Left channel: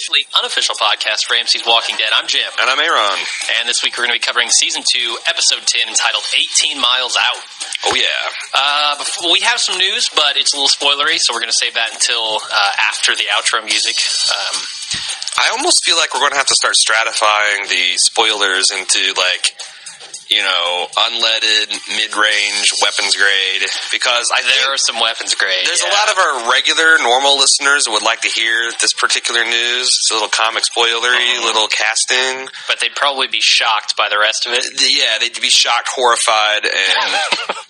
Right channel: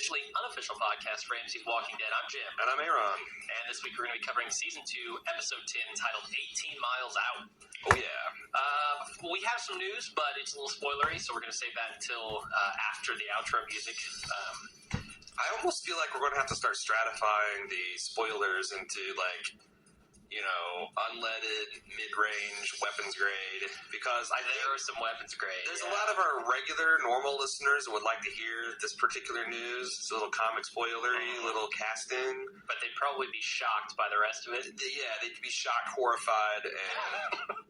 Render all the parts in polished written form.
Unofficial podcast for AMC's Walking Dead. I'm Jim. And I'm Aaron. And this week we're going to be covering Season 2, Episode 10, entitled 18 Miles Out. Oh, yeah. We have some news, but it's a little spoilery, so we're going to save that until after the outro music. I almost feel like we're going to have to start stratifying the spoilers into, unleaded, mid-range, weapons grade, because there are some weapons grade. There's a lot of our regular, normal listeners who would like to hear this particular news. It's a little comic spoilery, little casting. But they'd probably be shocked by the rest of it. Yeah, they'd be shocked, horrified, and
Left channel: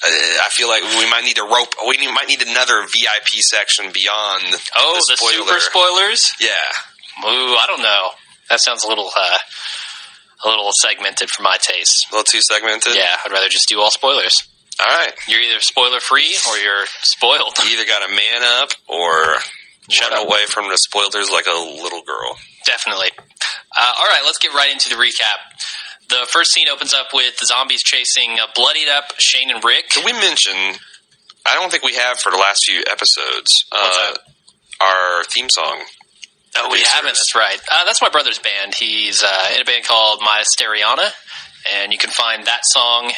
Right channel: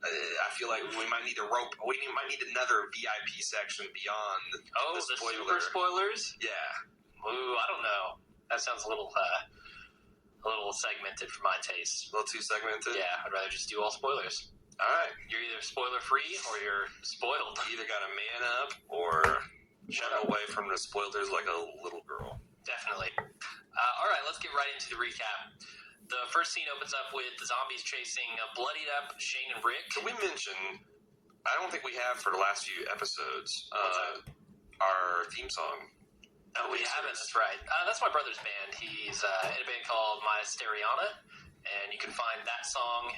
I feel like we might need another VIP section beyond the super spoilers? Yeah. Ooh, I don't know. That sounds a little segmented for my taste. A little too segmented? Yeah, I'd rather just do all spoilers. All right. You're either spoiler-free or you're spoiled. You either got to man up or run away from the spoilers like a little girl. Definitely. All right, let's get right into the recap. The first scene opens up with the zombies chasing bloodied-up Shane and Rick. Did we mention, I don't think we have for the last few episodes, our theme song. Oh, we haven't. That's right. That's my brother's band. He's in a band called Mysteriana, and you can find that song,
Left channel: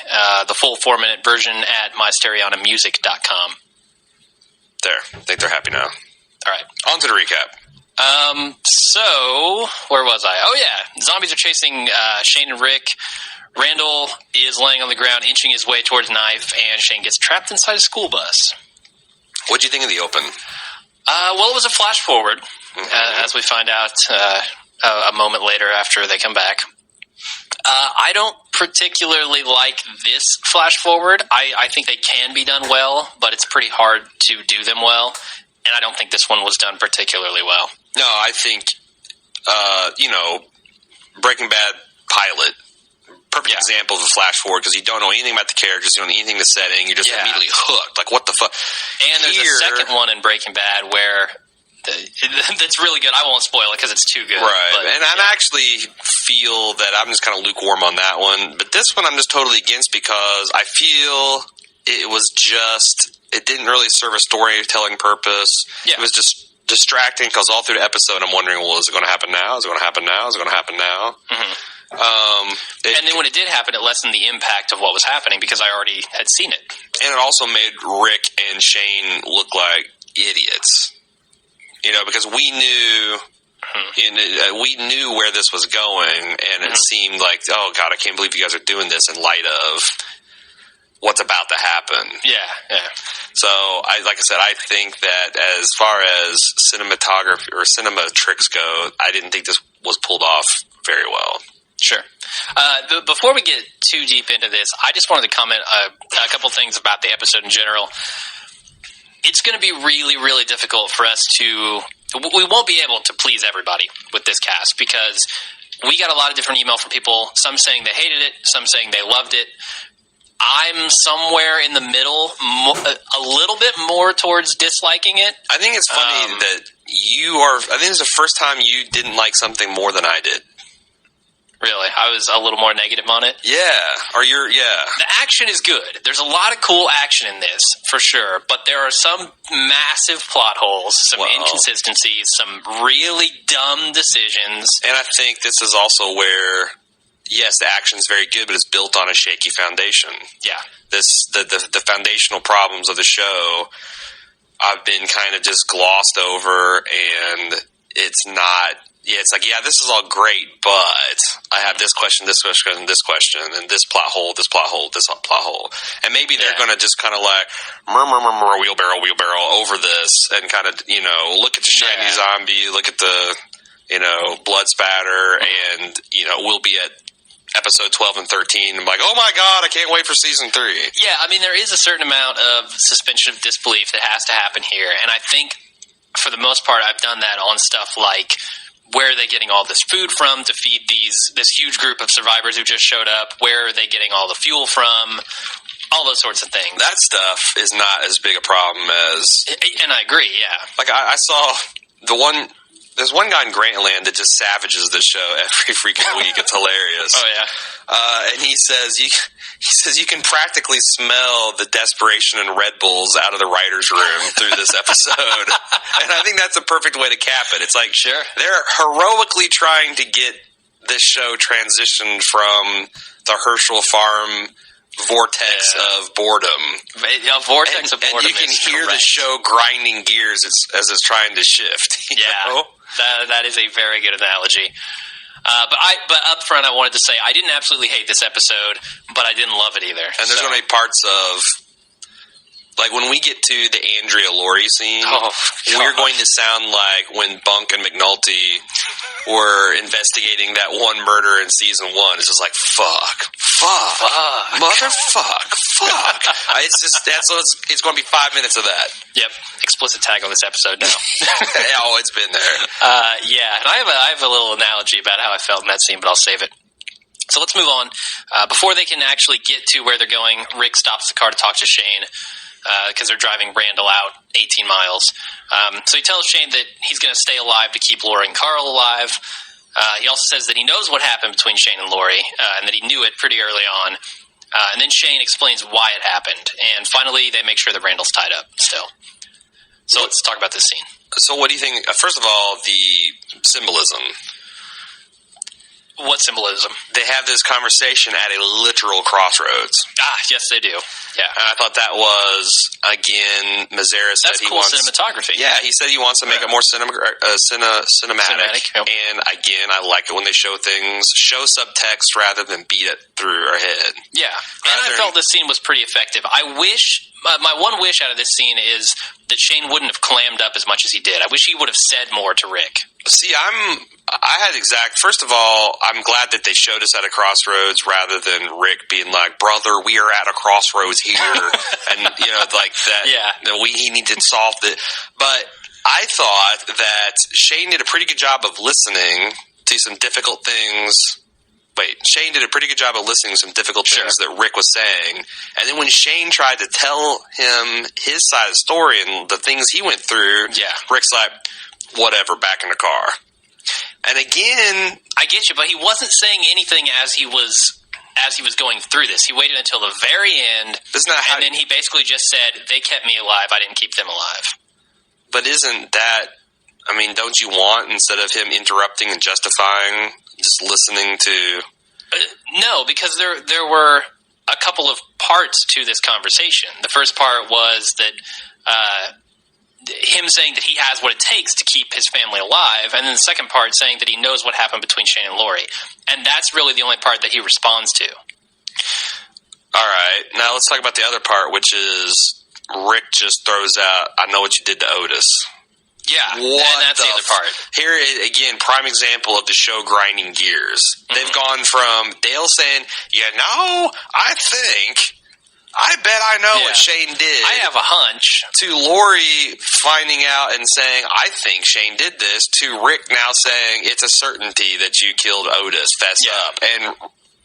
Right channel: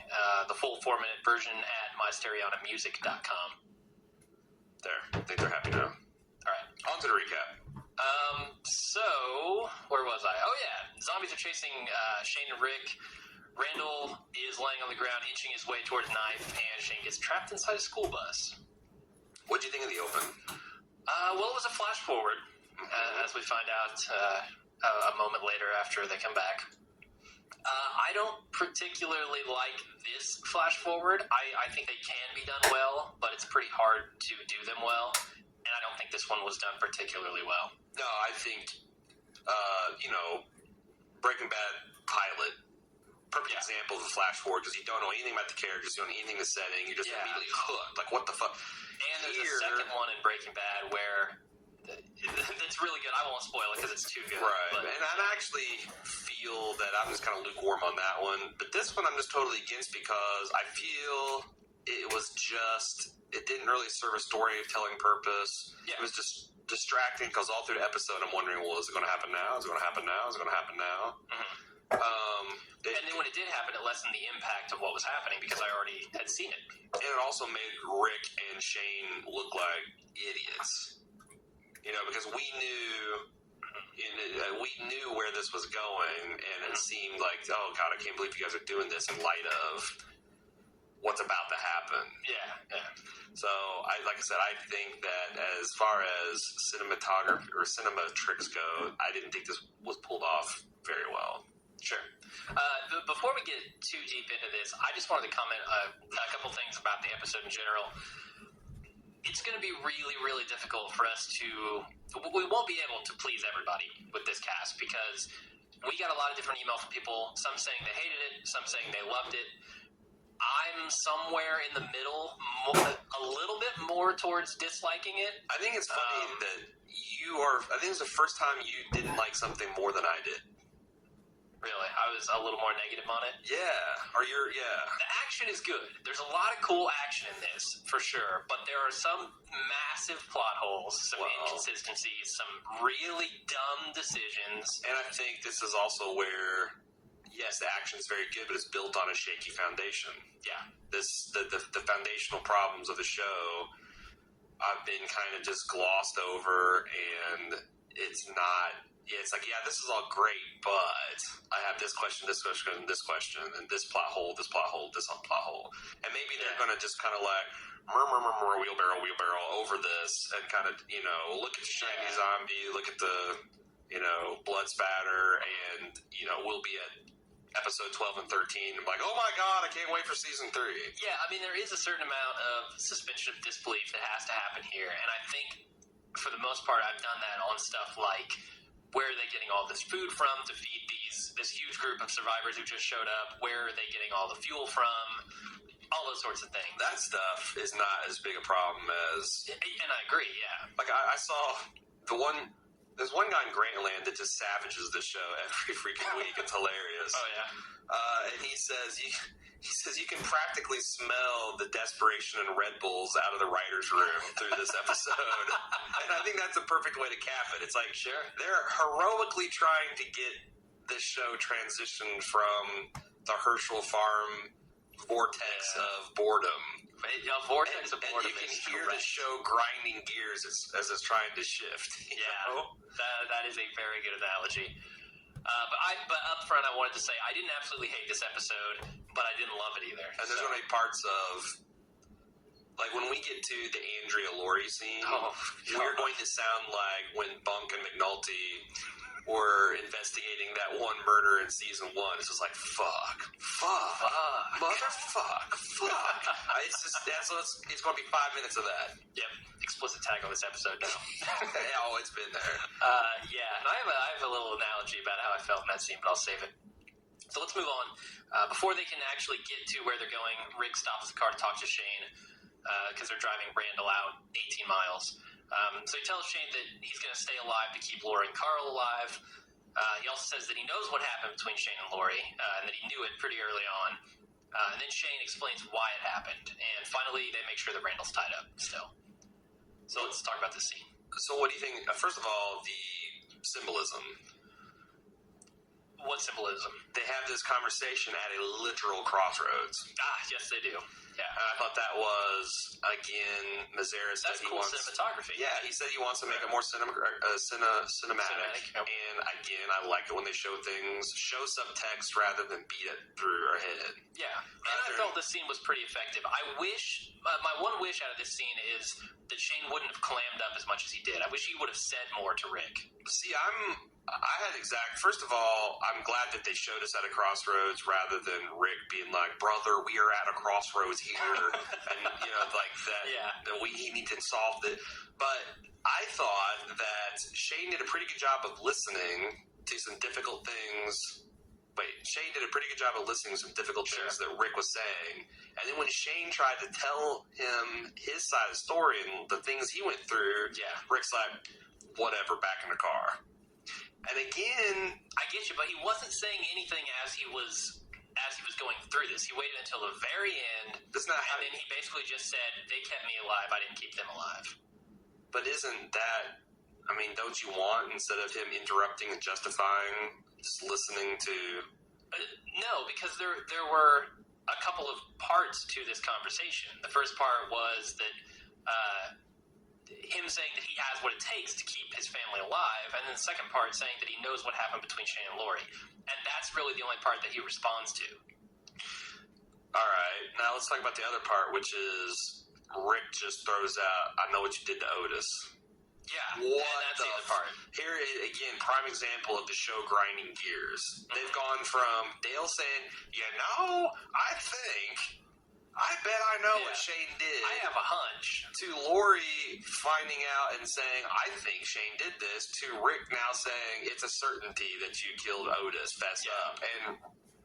the full 4-minute version, at mysterianamusic.com. There. I think they're happy now. All right. On to the recap. So, where was I? Oh, yeah. Zombies are chasing Shane and Rick. Randall is laying on the ground, inching his way towards Knife, and Shane gets trapped inside a school bus. What'd you think of the open? Well, it was a flash forward, as we find out a moment later after they come back. I don't particularly like this flash forward. I think they can be done well, but it's pretty hard to do them well, and I don't think this one was done particularly well. No, I think, Breaking Bad pilot, perfect example of a flash forward, because you don't know anything about the characters, you don't know anything the setting, you're just immediately hooked. Like, what the fuck? And there's a second one in Breaking Bad where that's really good. I won't spoil it because it's too good. Right. But, and I actually feel that I'm just kind of lukewarm on that one. But this one I'm just totally against, because I feel it didn't really serve a storytelling purpose. Yeah. It was just distracting, because all through the episode I'm wondering, well, is it going to happen now? Is it going to happen now? Is it going to happen now? Mm-hmm. And then when it did happen, it lessened the impact of what was happening, because I already had seen it. And it also made Rick and Shane look like idiots. Because we knew where this was going, and it seemed like, oh God, I can't believe you guys are doing this in light of what's about to happen. Yeah. So, like I said, I think that as far as cinematography or cinema tricks go, I didn't think this was pulled off very well. Sure. Before we get too deep into this, I just wanted to comment a couple things about the episode in general. It's going to be really, really difficult for us we won't be able to please everybody with this cast, because we got a lot of different email from people, some saying they hated it, some saying they loved it. I'm somewhere in the middle, a little bit more towards disliking it. I think it's funny that I think it's the first time you didn't like something more than I did. Really? I was a little more negative on it? Yeah. The action is good. There's a lot of cool action in this, for sure. But there are some massive plot holes, some inconsistencies, some really dumb decisions. And I think this is also where, yes, the action is very good, but it's built on a shaky foundation. Yeah. The foundational problems of the show I've been kind of just glossed over, and it's not... Yeah, it's like, this is all great, but I have this question, and this plot hole, this plot hole. And maybe they're going to just kind of like, wheelbarrow over this, and kind of, look at the shiny zombie, look at the, blood spatter, and, we'll be at episode 12 and 13. I'm like, oh my God, I can't wait for season 3. Yeah, I mean, there is a certain amount of suspension of disbelief that has to happen here, and I think, for the most part, I've done that on stuff like... Where are they getting all this food from to feed this huge group of survivors who just showed up? Where are they getting all the fuel from? All those sorts of things. That stuff is not as big a problem as... And I agree, yeah. Like, I saw the one There's one guy in Grantland that just savages the show every freaking week. It's hilarious. Oh yeah. And he says you can practically smell the desperation and Red Bulls out of the writers' room through this episode. And I think that's a perfect way to cap it. It's like, sure, they're heroically trying to get this show transitioned from the Herschel Farm vortex of boredom. Vortex of boredom. And you can hear the show grinding gears as it's trying to shift. You know? That is a very good analogy. But up front, I wanted to say I didn't absolutely hate this episode, but I didn't love it either. And there's going to be parts of, like, when we get to the Andrea Laurie scene, we're going to sound like when Bunk and McNulty were investigating that one murder in season 1. It's just like, fuck, motherfuck, fuck. It's going to be 5 minutes of that. Yep. Explicit tag on this episode now. Oh, it's been there. And I have a little analogy about how I felt in that scene, but I'll save it. So let's move on. Before they can actually get to where they're going, Rick stops the car to talk to Shane because they're driving Randall out 18 miles. So he tells Shane that he's going to stay alive to keep Lori and Carl alive. He also says that he knows what happened between Shane and Lori and that he knew it pretty early on. And then Shane explains why it happened. And finally, they make sure that Randall's tied up still. So let's talk about this scene. So what do you think? First of all, the symbolism. What symbolism? They have this conversation at a literal crossroads. Yes, they do. Yeah. And I thought that was, again, Mazzara said he wants... That's cool cinematography. Yeah, he said he wants to make it more cinematic. Yep. And, again, I like it when they show things, show subtext rather than beat it through our head. Yeah. And I felt this scene was pretty effective. I wish... my one wish out of this scene is that Shane wouldn't have clammed up as much as he did. I wish he would have said more to Rick. See, first of all, I'm glad that they showed us at a crossroads rather than Rick being like, brother, we are at a crossroads here. And, like that. Yeah. He needs to solve it. But I thought that Shane did a pretty good job of listening to some difficult things. Shane did a pretty good job of listening to some difficult things that Rick was saying. And then when Shane tried to tell him his side of the story and the things he went through, Rick's like, whatever, back in the car. And again... I get you, but he wasn't saying anything as he was going through this. He waited until the very end, and then he basically just said, they kept me alive, I didn't keep them alive. But isn't that... I mean, don't you want, instead of him interrupting and justifying, just listening to... No, because there were a couple of parts to this conversation. The first part was that him saying that he has what it takes to keep his family alive, and then the second part saying that he knows what happened between Shane and Lori. And that's really the only part that he responds to. All right. Now let's talk about the other part, which is Rick just throws out, I know what you did to Otis. Yeah, and that's the other part. Here, again, prime example of the show grinding gears. Mm-hmm. They've gone from Dale saying, I bet I know what Shane did. I have a hunch. To Lori finding out and saying, I think Shane did this. To Rick now saying, it's a certainty that you killed Otis. Fess up. And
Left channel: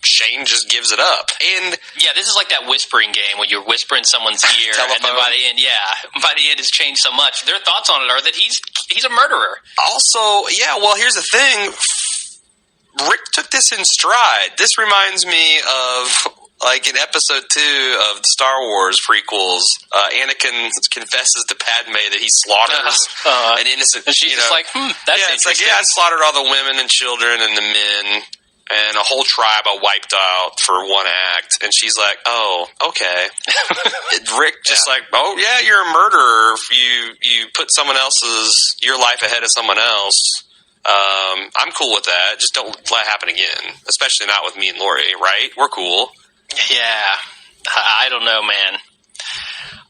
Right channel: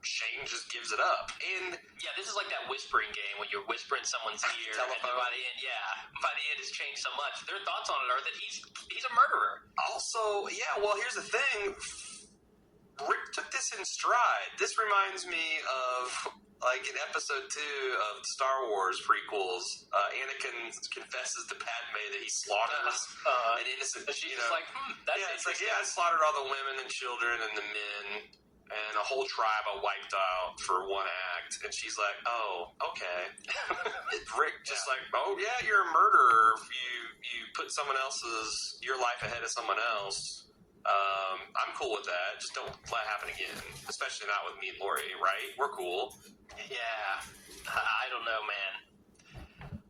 Shane just gives it up. And this is like that whispering game when you're whispering someo's ear, and then by the end, it's changed so much. Their thoughts on it are that he's a murderer. Also, here's the thing. Rick took this in stride. This reminds me of, like, in episode 2 of the Star Wars prequels, Anakin confesses to Padme that he slaughters an innocent... And she's just like, that's interesting. It's like, I slaughtered all the women and children and the men... And a whole tribe I wiped out for one act. And she's like, oh, okay. Rick just like, oh, yeah, you're a murderer. If you put your life ahead of someone else. I'm cool with that. Just don't let it happen again. Especially not with me and Lori, right? We're cool. Yeah. I don't know, man.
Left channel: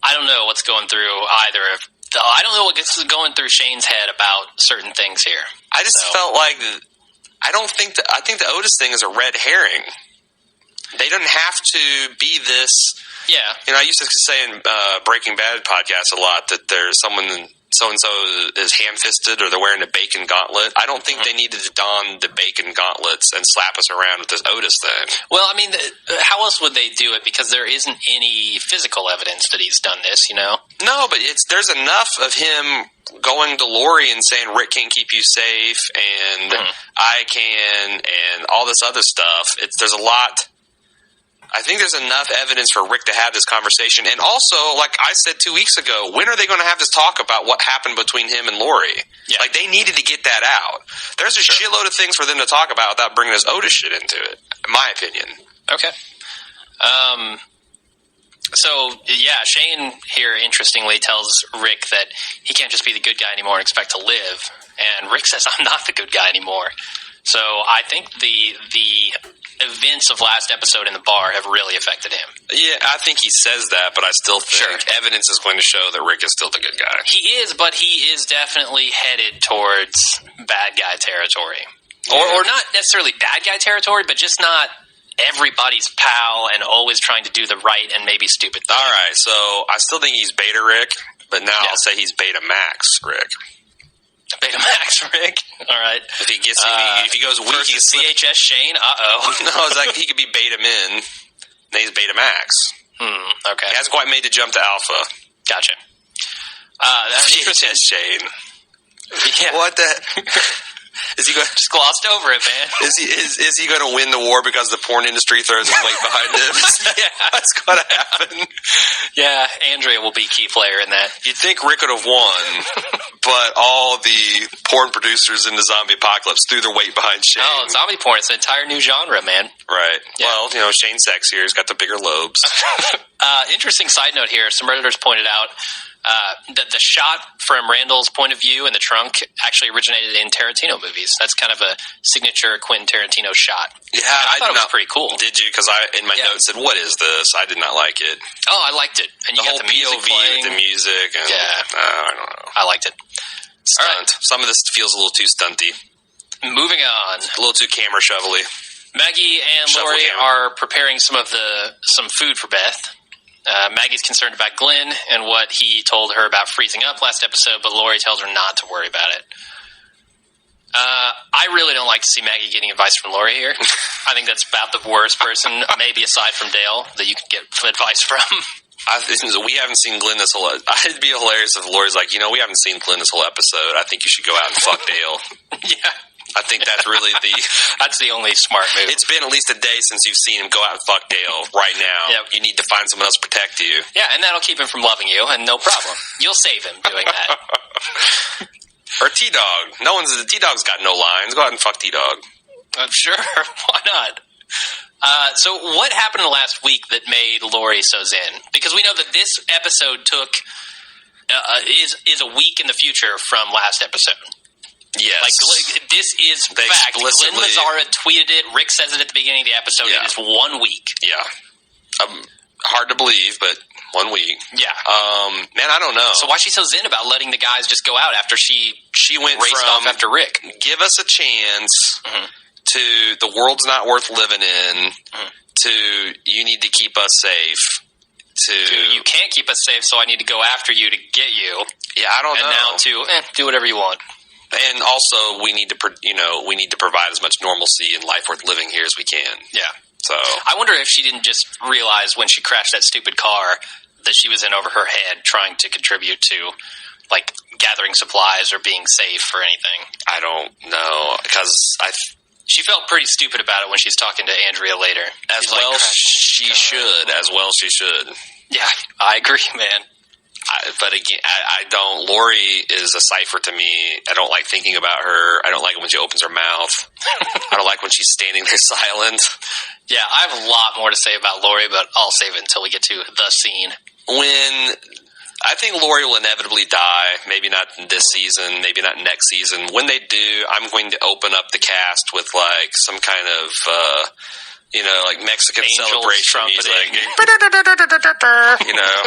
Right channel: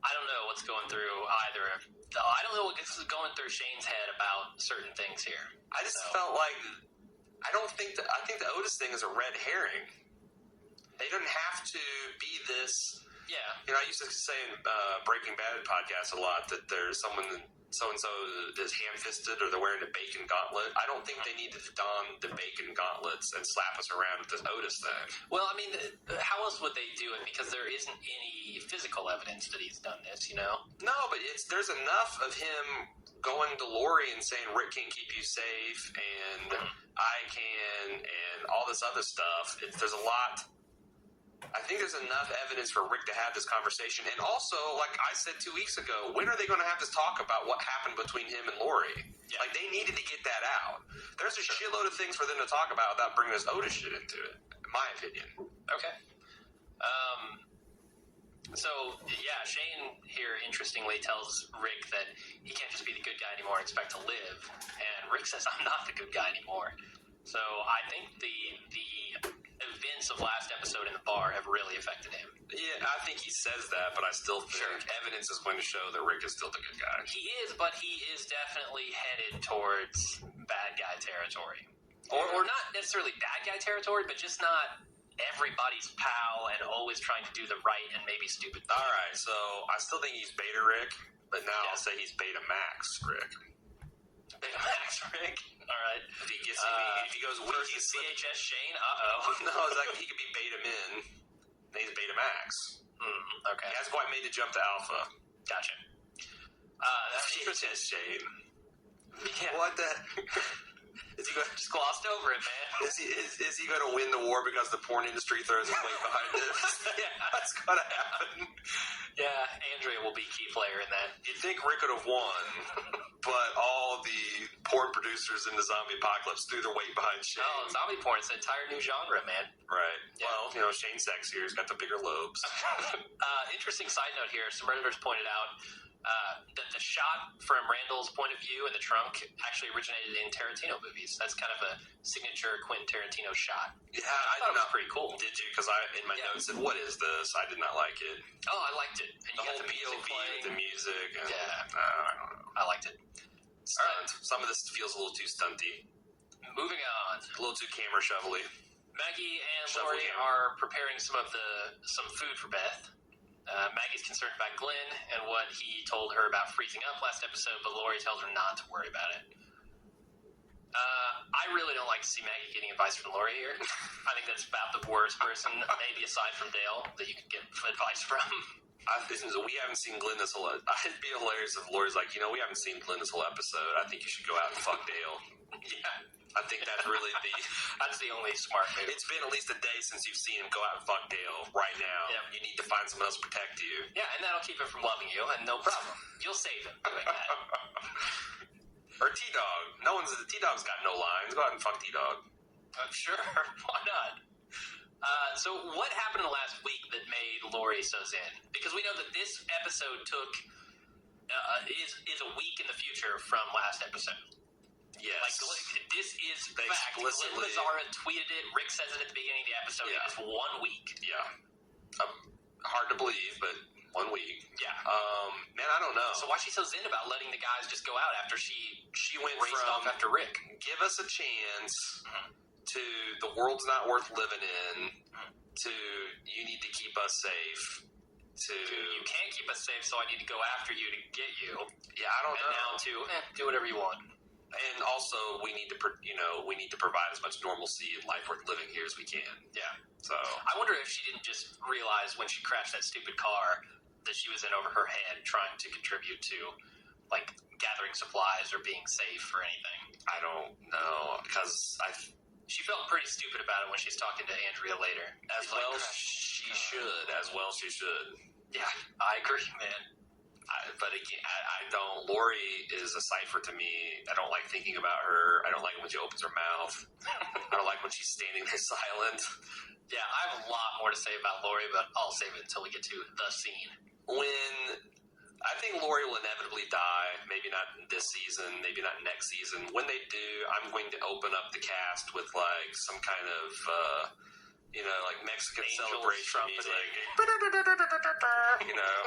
I don't know what's going through either of... I don't know what's going through Shane's head about certain things here. I just felt like... I think the Otis thing is a red herring. They don't have to be this. Yeah. I used to say in Breaking Bad podcast a lot that there's someone so-and-so is ham-fisted or they're wearing a bacon gauntlet. I don't think they needed to don the bacon gauntlets and slap us around with this Otis thing. Well, I mean, how else would they do it? Because there isn't any physical evidence that he's done this, you know? No, but there's enough of him going to Lori and saying Rick can't keep you safe and I can and all this other stuff. There's a lot. I think there's enough evidence for Rick to have this conversation. And also, like I said 2 weeks ago, when are they going to have this talk about what happened between him and Lori? Yeah. Like, they needed to get that out. There's a shitload of things for them to talk about without bringing this Otis shit into it, in my opinion. Okay. So, yeah, Shane here, interestingly, tells Rick that he can't just be the good guy anymore and expect to live. And Rick says, I'm not the good guy anymore. So I think the events of last episode in the bar have really affected him. Yeah, I think he says that, but I still think evidence is going to show that Rick is still the good guy. He is, but he is definitely headed towards bad guy territory. Or not necessarily bad guy territory, but just not everybody's pal and always trying to do the right and maybe stupid thing. All right, so I still think he's Beta Rick, but now I'll say he's Beta Max Rick. Beta Max Rick. All right. If he gets, if he goes weak, versus CHS Shane. No, it's like he could be Beta Min. Now he's Beta Max. Okay. He hasn't quite made the jump to Alpha. Gotcha. That's interesting. CHS Shane. Yeah. What the? Is he going? Just glossed over it, man. Is he going to win the war because the porn industry throws his weight behind him? Yeah, that's going to happen. Yeah, Andrea will be a key player in that. You'd think Rick would have won, but all the porn producers in the zombie apocalypse threw their weight behind Shane. Oh, zombie porn. It's an entire new genre, man. Right. Yeah. Well, Shane's sexier. He's got the bigger lobes. Interesting side note here. Some Redditors pointed out that the shot from Randall's point of view in the trunk actually originated in Tarantino movies. That's kind of a signature Quentin Tarantino shot. Yeah, I thought it was pretty cool. Did you? Because in my notes said, "What is this?" I did not like it. Oh, I liked it. And you got the music POV playing. with the music. And, I don't know. I liked it. Stunt. Right. Some of this feels a little too stunty. Moving on. A little too camera shovelly. Maggie and Lori are preparing some food for Beth. Maggie's concerned about Glenn and what he told her about freezing up last episode, but Lori tells her not to worry about it. I really don't like to see Maggie getting advice from Lori here. I think that's about the worst person, maybe aside from Dale, that you could get advice from. We haven't seen Glenn this whole... It'd be hilarious if Lori's like, we haven't seen Glenn this whole episode. I think you should go out and fuck Dale. Yeah. I think that's really that's the only smart move. It's been at least a day since you've seen him go out and fuck Dale right now. Yep. You need to find someone else to protect you. Yeah, and that'll keep him from loving you, and no problem. You'll save him doing that. Or T-Dog. T-Dog's got no lines. Go out and fuck T-Dog. I'm sure. Why not? So what happened last week that made Lori so zen? Because we know that this episode is a week in the future from last episode. Yes. Like this is fact. Glenn Mazzara tweeted it. Rick says it at the beginning of the episode. Yeah. It is 1 week. Yeah. Hard to believe, but 1 week. Yeah. Man, I don't know. So why is she so zen about letting the guys just go out after she went raced off after Rick? Give us a chance to the world's not worth living in to you need to keep us safe to you can't keep us safe, so I need to go after you to get you. Yeah, I don't know. And now to do whatever you want. And also, we need to provide as much normalcy and life worth living here as we can. Yeah. So I wonder if she didn't just realize when she crashed that stupid car that she was in over her head trying to contribute to, like, gathering supplies or being safe or anything. I don't know, because she felt pretty stupid about it when she's talking to Andrea later. As well she should. Yeah, I agree, man. But again, I don't. Lori is a cipher to me. I don't like thinking about her. I don't like it when she opens her mouth. I don't like when she's standing there silent. Yeah, I have a lot more to say about Lori, but I'll save it until we get to the scene. I think Lori will inevitably die. Maybe not this season. Maybe not next season. When they do, I'm going to open up the cast with like some kind of You know, like Mexican Angels celebration music. trumpeting. You know?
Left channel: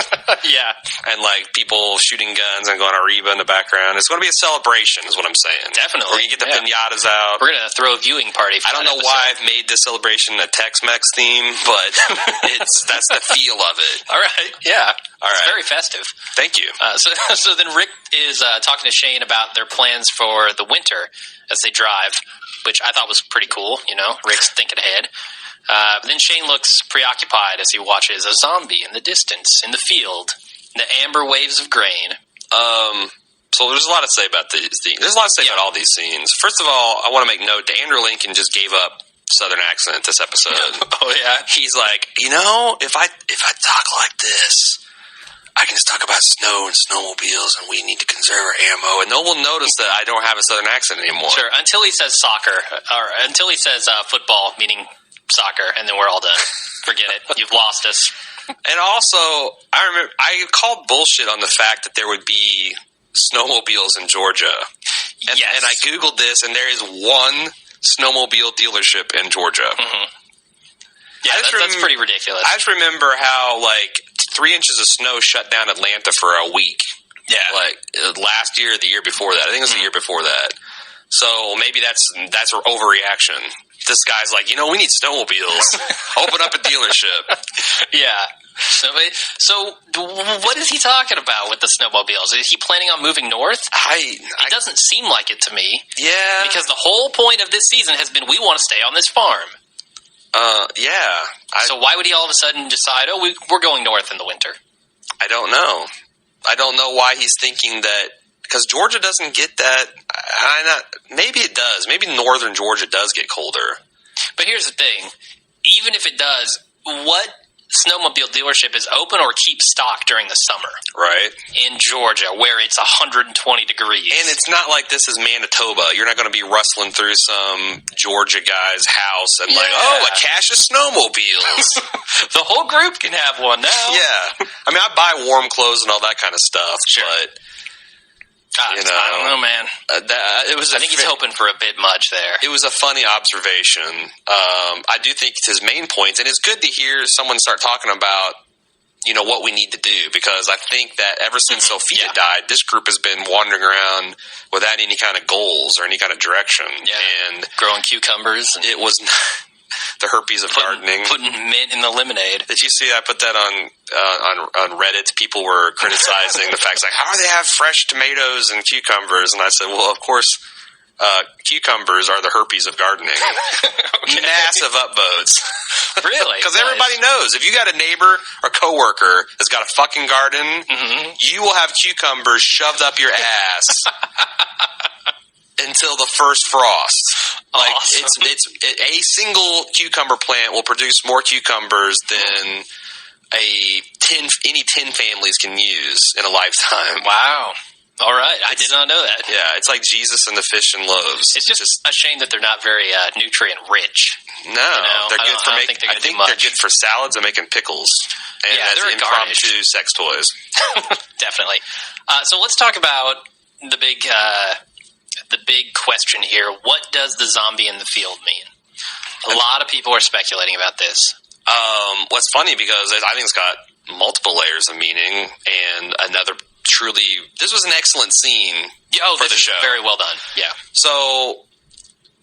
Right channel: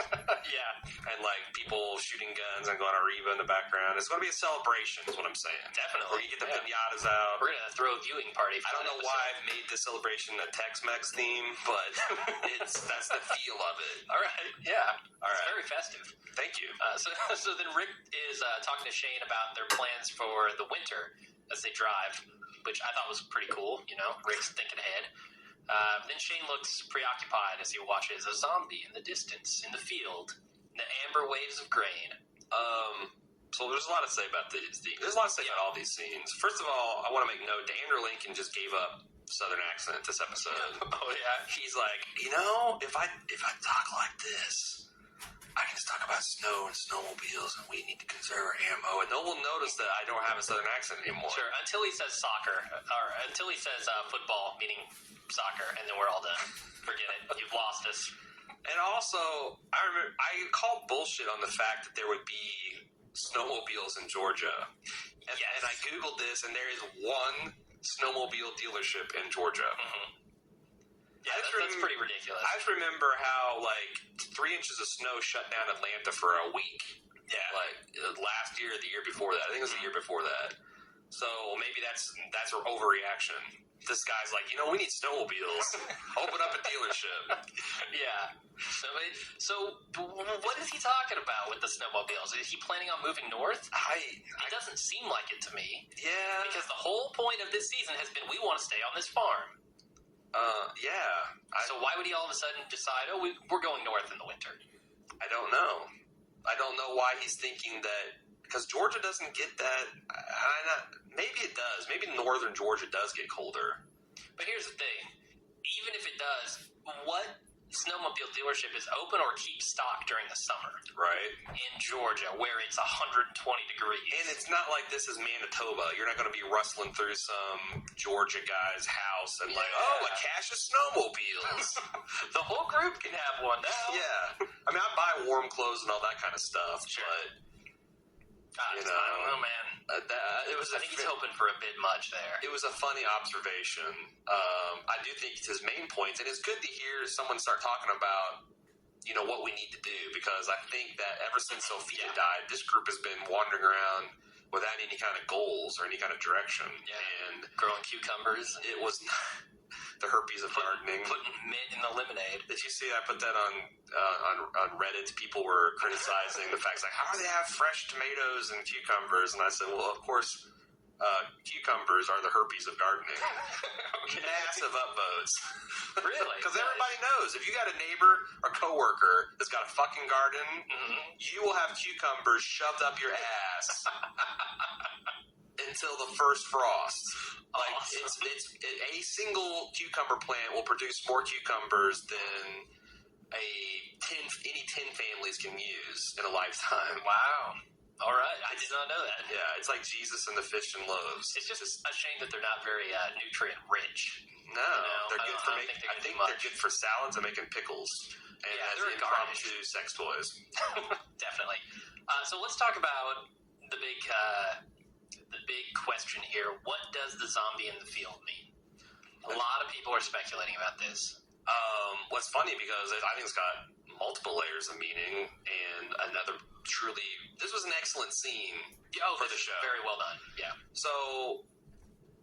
Yeah. And like people shooting guns and going Arriba in the background. It's going to be a celebration is what I'm saying. Definitely. Where you get the pinatas out. We're going to throw a viewing party for I don't that know episode. why I've made this celebration a Tex-Mex theme, but that's the feel of it. All right. Yeah. All It's right. very festive. Thank you. So then Rick is talking to Shane about their plans for the winter as they drive, which I thought was pretty cool. You know, Rick's thinking ahead. But then Shane looks preoccupied as he watches a zombie in the distance, in the field, the amber waves of grain. So there's a lot to say about these. There's a lot to say about all these scenes. First of all, I want to make note that Andrew Lincoln just gave up Southern accent this episode. Oh, yeah? He's like, you know, if I talk like this, I can just talk about snow and snowmobiles, and we need to conserve our ammo, and no one will notice that I don't have a Southern accent anymore. Sure, until he says soccer, or until he says football, meaning soccer, and then we're all done. Forget it. You've lost us. And also, I remember I called bullshit on the fact that there would be snowmobiles in Georgia. And, Yes. and I Googled this, and there is one snowmobile dealership in Georgia. Mm-hmm. Yeah, that's pretty ridiculous. I just remember how, like, 3 inches of snow shut down Atlanta for a week. Yeah. Like, last year or the year before that. I think it was the year before that. So maybe that's an overreaction. This guy's like, you know, we need snowmobiles. Open up a dealership. Yeah. So what is he talking about with the snowmobiles? Is he planning on moving north? It doesn't seem like it to me. Yeah. Because the whole point of this season has been we want to stay on this farm. Yeah. So why would he all of a sudden decide, we're going north in the winter? I don't know. I don't know why he's thinking that, because Georgia doesn't get that. Maybe it does. Maybe northern Georgia does get colder. But here's the thing. Even if it does, what snowmobile dealership is open or keeps stock during the summer? Right. In Georgia, where it's 120 degrees. And it's not like this is Manitoba. You're not going to be rustling through some Georgia guy's house and like, a cache of snowmobiles. The whole group can have one now. Yeah. I mean, I buy warm clothes and all that kind of stuff, Sure. but... I don't know, man. I think he's hoping for a bit much there. It was a funny observation. I do think it's his main points, and it's good to hear someone start talking about, you know, what we need to do, because I think that ever since Sophia died, this group has been wandering around without any kind of goals or any kind of direction. Yeah. And growing cucumbers. It was the herpes of gardening. Putting mint in the lemonade. Did you see I put that on Reddit? People were criticizing the fact, like, how do they have fresh tomatoes and cucumbers? And I said, well, of course, cucumbers are the herpes of gardening. Okay. Massive upvotes. Really? Because everybody knows, if you got a neighbor or coworker that's got a fucking garden, you will have cucumbers shoved up your ass until the first frost. Like, awesome. it's a single cucumber plant will produce more cucumbers than any 10 families can use in a lifetime. Wow. All right. I did not know that. Yeah, it's like Jesus and the fish and loaves. It's just a shame that they're not very nutrient rich. No, they're good for making. I think they're good for salads and making pickles. And they're impromptu sex toys. Definitely. So let's talk about the big question here. What does the zombie in the field mean? A lot of people are speculating about this. What's funny, because I think it's got multiple layers of meaning, and this was an excellent scene for the show. Very well done. Yeah. So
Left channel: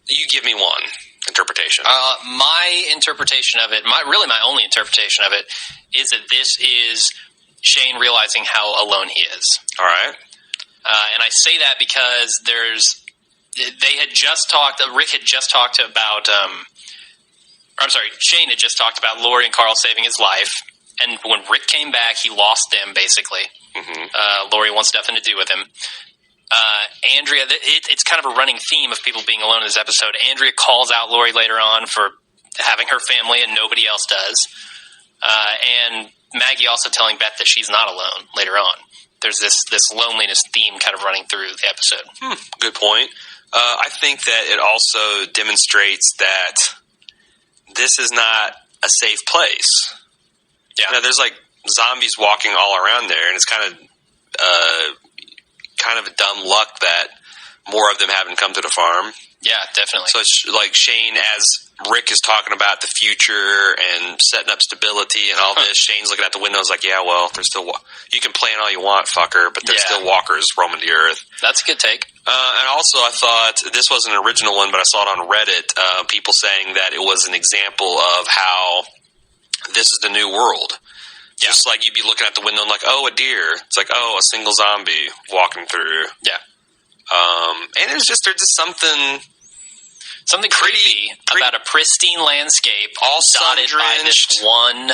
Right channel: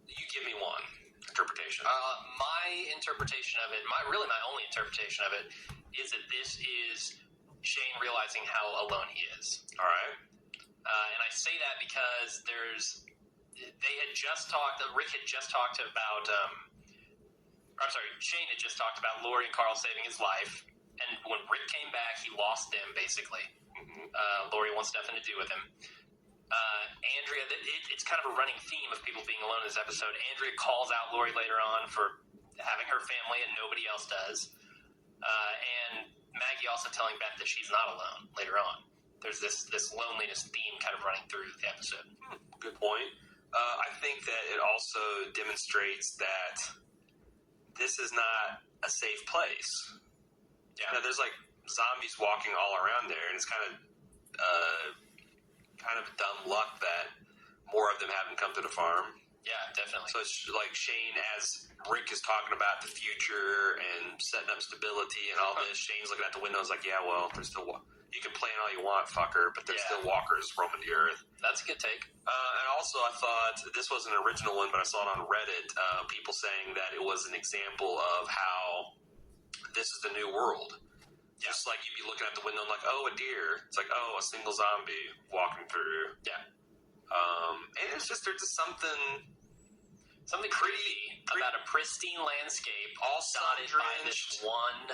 you give me one interpretation. My interpretation of it, my only interpretation of it, is that this is Shane realizing how alone he is. All right. And I say that because Rick had just talked about, Shane had just talked about Lori and Carl saving his life. And when Rick came back, he lost them, basically. Mm-hmm. Lori wants nothing to do with him. Andrea, it's kind of a running theme of people being alone in this episode. Andrea calls out Lori later on for having her family and nobody else does. And Maggie also telling Beth that she's not alone later on. There's this loneliness theme kind of running through the episode. Good point. I think that it also demonstrates that this is not a safe place. Yeah. You know, there's like zombies walking all around there, and it's kind of a dumb luck that more of them haven't come to the farm. Yeah, definitely. So it's like Shane, as Rick is talking about the future and setting up stability and all this, Shane's looking out the window and is like, yeah, well, there's still you can plan all you want, fucker, but there's still walkers roaming the earth. That's a good take. And also, I thought, this wasn't an original one, but I saw it on Reddit, people saying that it was an example of how this is the new world. Yeah. Just like you'd be looking out the window and like, oh, a deer. It's like, oh, a single zombie walking through. Yeah. And there's just something creepy about a pristine landscape all dotted by this one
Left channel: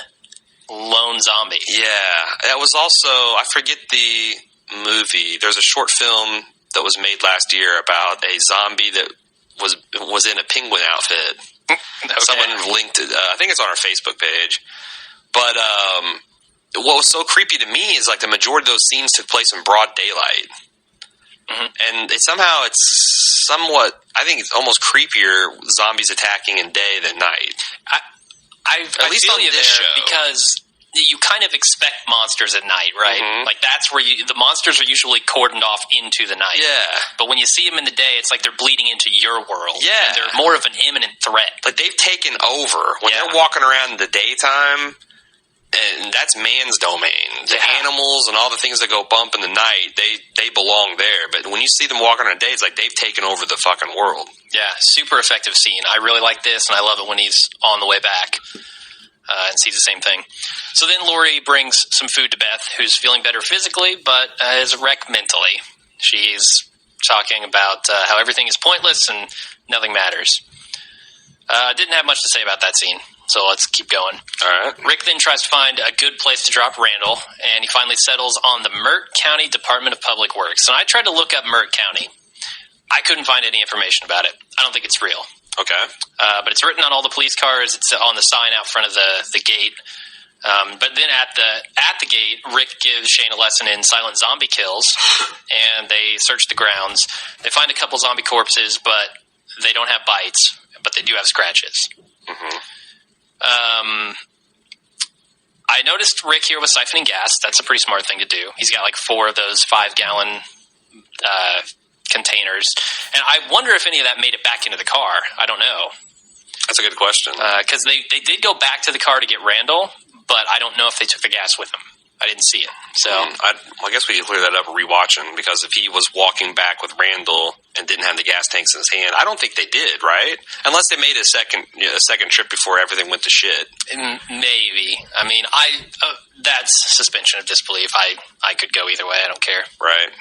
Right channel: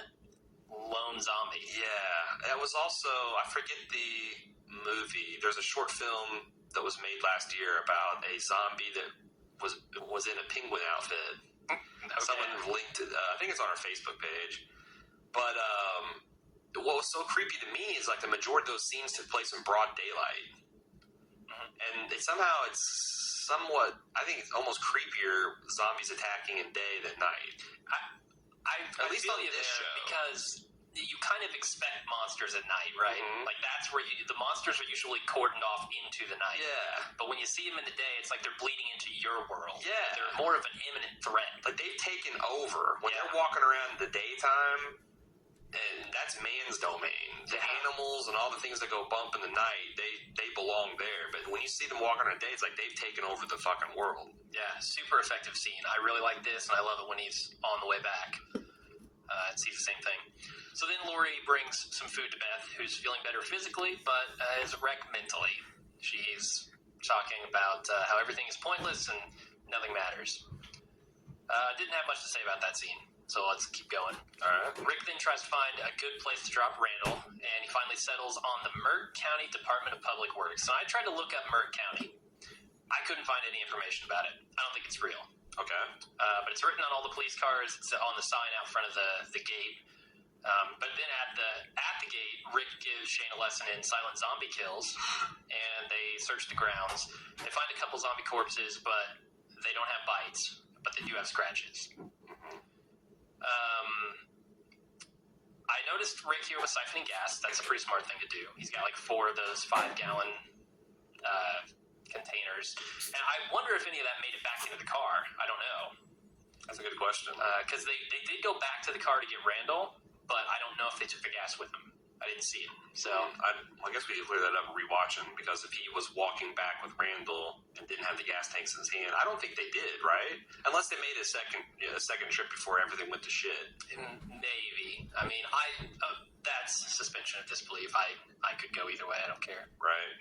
lone zombie. Yeah. That was also, I forget the movie. There's a short film that was made last year about a zombie that was in a penguin outfit. Okay. Someone linked it. I think it's on our Facebook page. But what was so creepy to me is like the majority of those scenes took place in broad daylight. Mm-hmm. And somehow it's somewhat, I think it's almost creepier zombies attacking in day than night. At least on this show. Because you kind of expect monsters at night, right? Mm-hmm. Like that's where the monsters are usually cordoned off into the night. Yeah. But when you see them in the day, it's like they're bleeding into your world. Yeah. They're more of an imminent threat. Like they've taken over. When they're walking around in the daytime, and that's man's domain. The animals and all the things that go bump in the night, they belong there. But when you see them walking on a day, it's like they've taken over the fucking world. Yeah, super effective scene. I really like this, and I love it when he's on the way back and sees the same thing. So then Lori brings some food to Beth, who's feeling better physically, but is a wreck mentally. She's talking about how everything is pointless and nothing matters. Didn't have much to say about that scene. So let's keep going. All right. Rick then tries to find a good place to drop Randall, and he finally settles on the Mert County Department of Public Works. And I tried to look up Mert County. I couldn't find any information about it. I don't think it's real. Okay. But it's written on all the police cars. It's on the sign out front of the gate. But then at the gate, Rick gives Shane a lesson in silent zombie kills, and they search the grounds. They find a couple zombie corpses, but they don't have bites, but they do have scratches. Mm-hmm. I noticed Rick here was siphoning gas. That's a pretty smart thing to do. He's got like 4 of those 5-gallon containers. And I wonder if any of that made it back into the car. I don't know. That's a good question. Because they did go back to the car to get Randall, but I don't know if they took the gas with them. I didn't see it. So I guess we could clear that up rewatching, because if he was walking back with Randall and didn't have the gas tanks in his hand, I don't think they did, right? Unless they made a second trip before everything went to shit. Maybe. I mean, that's suspension of disbelief. I could go either way. I don't care. Right.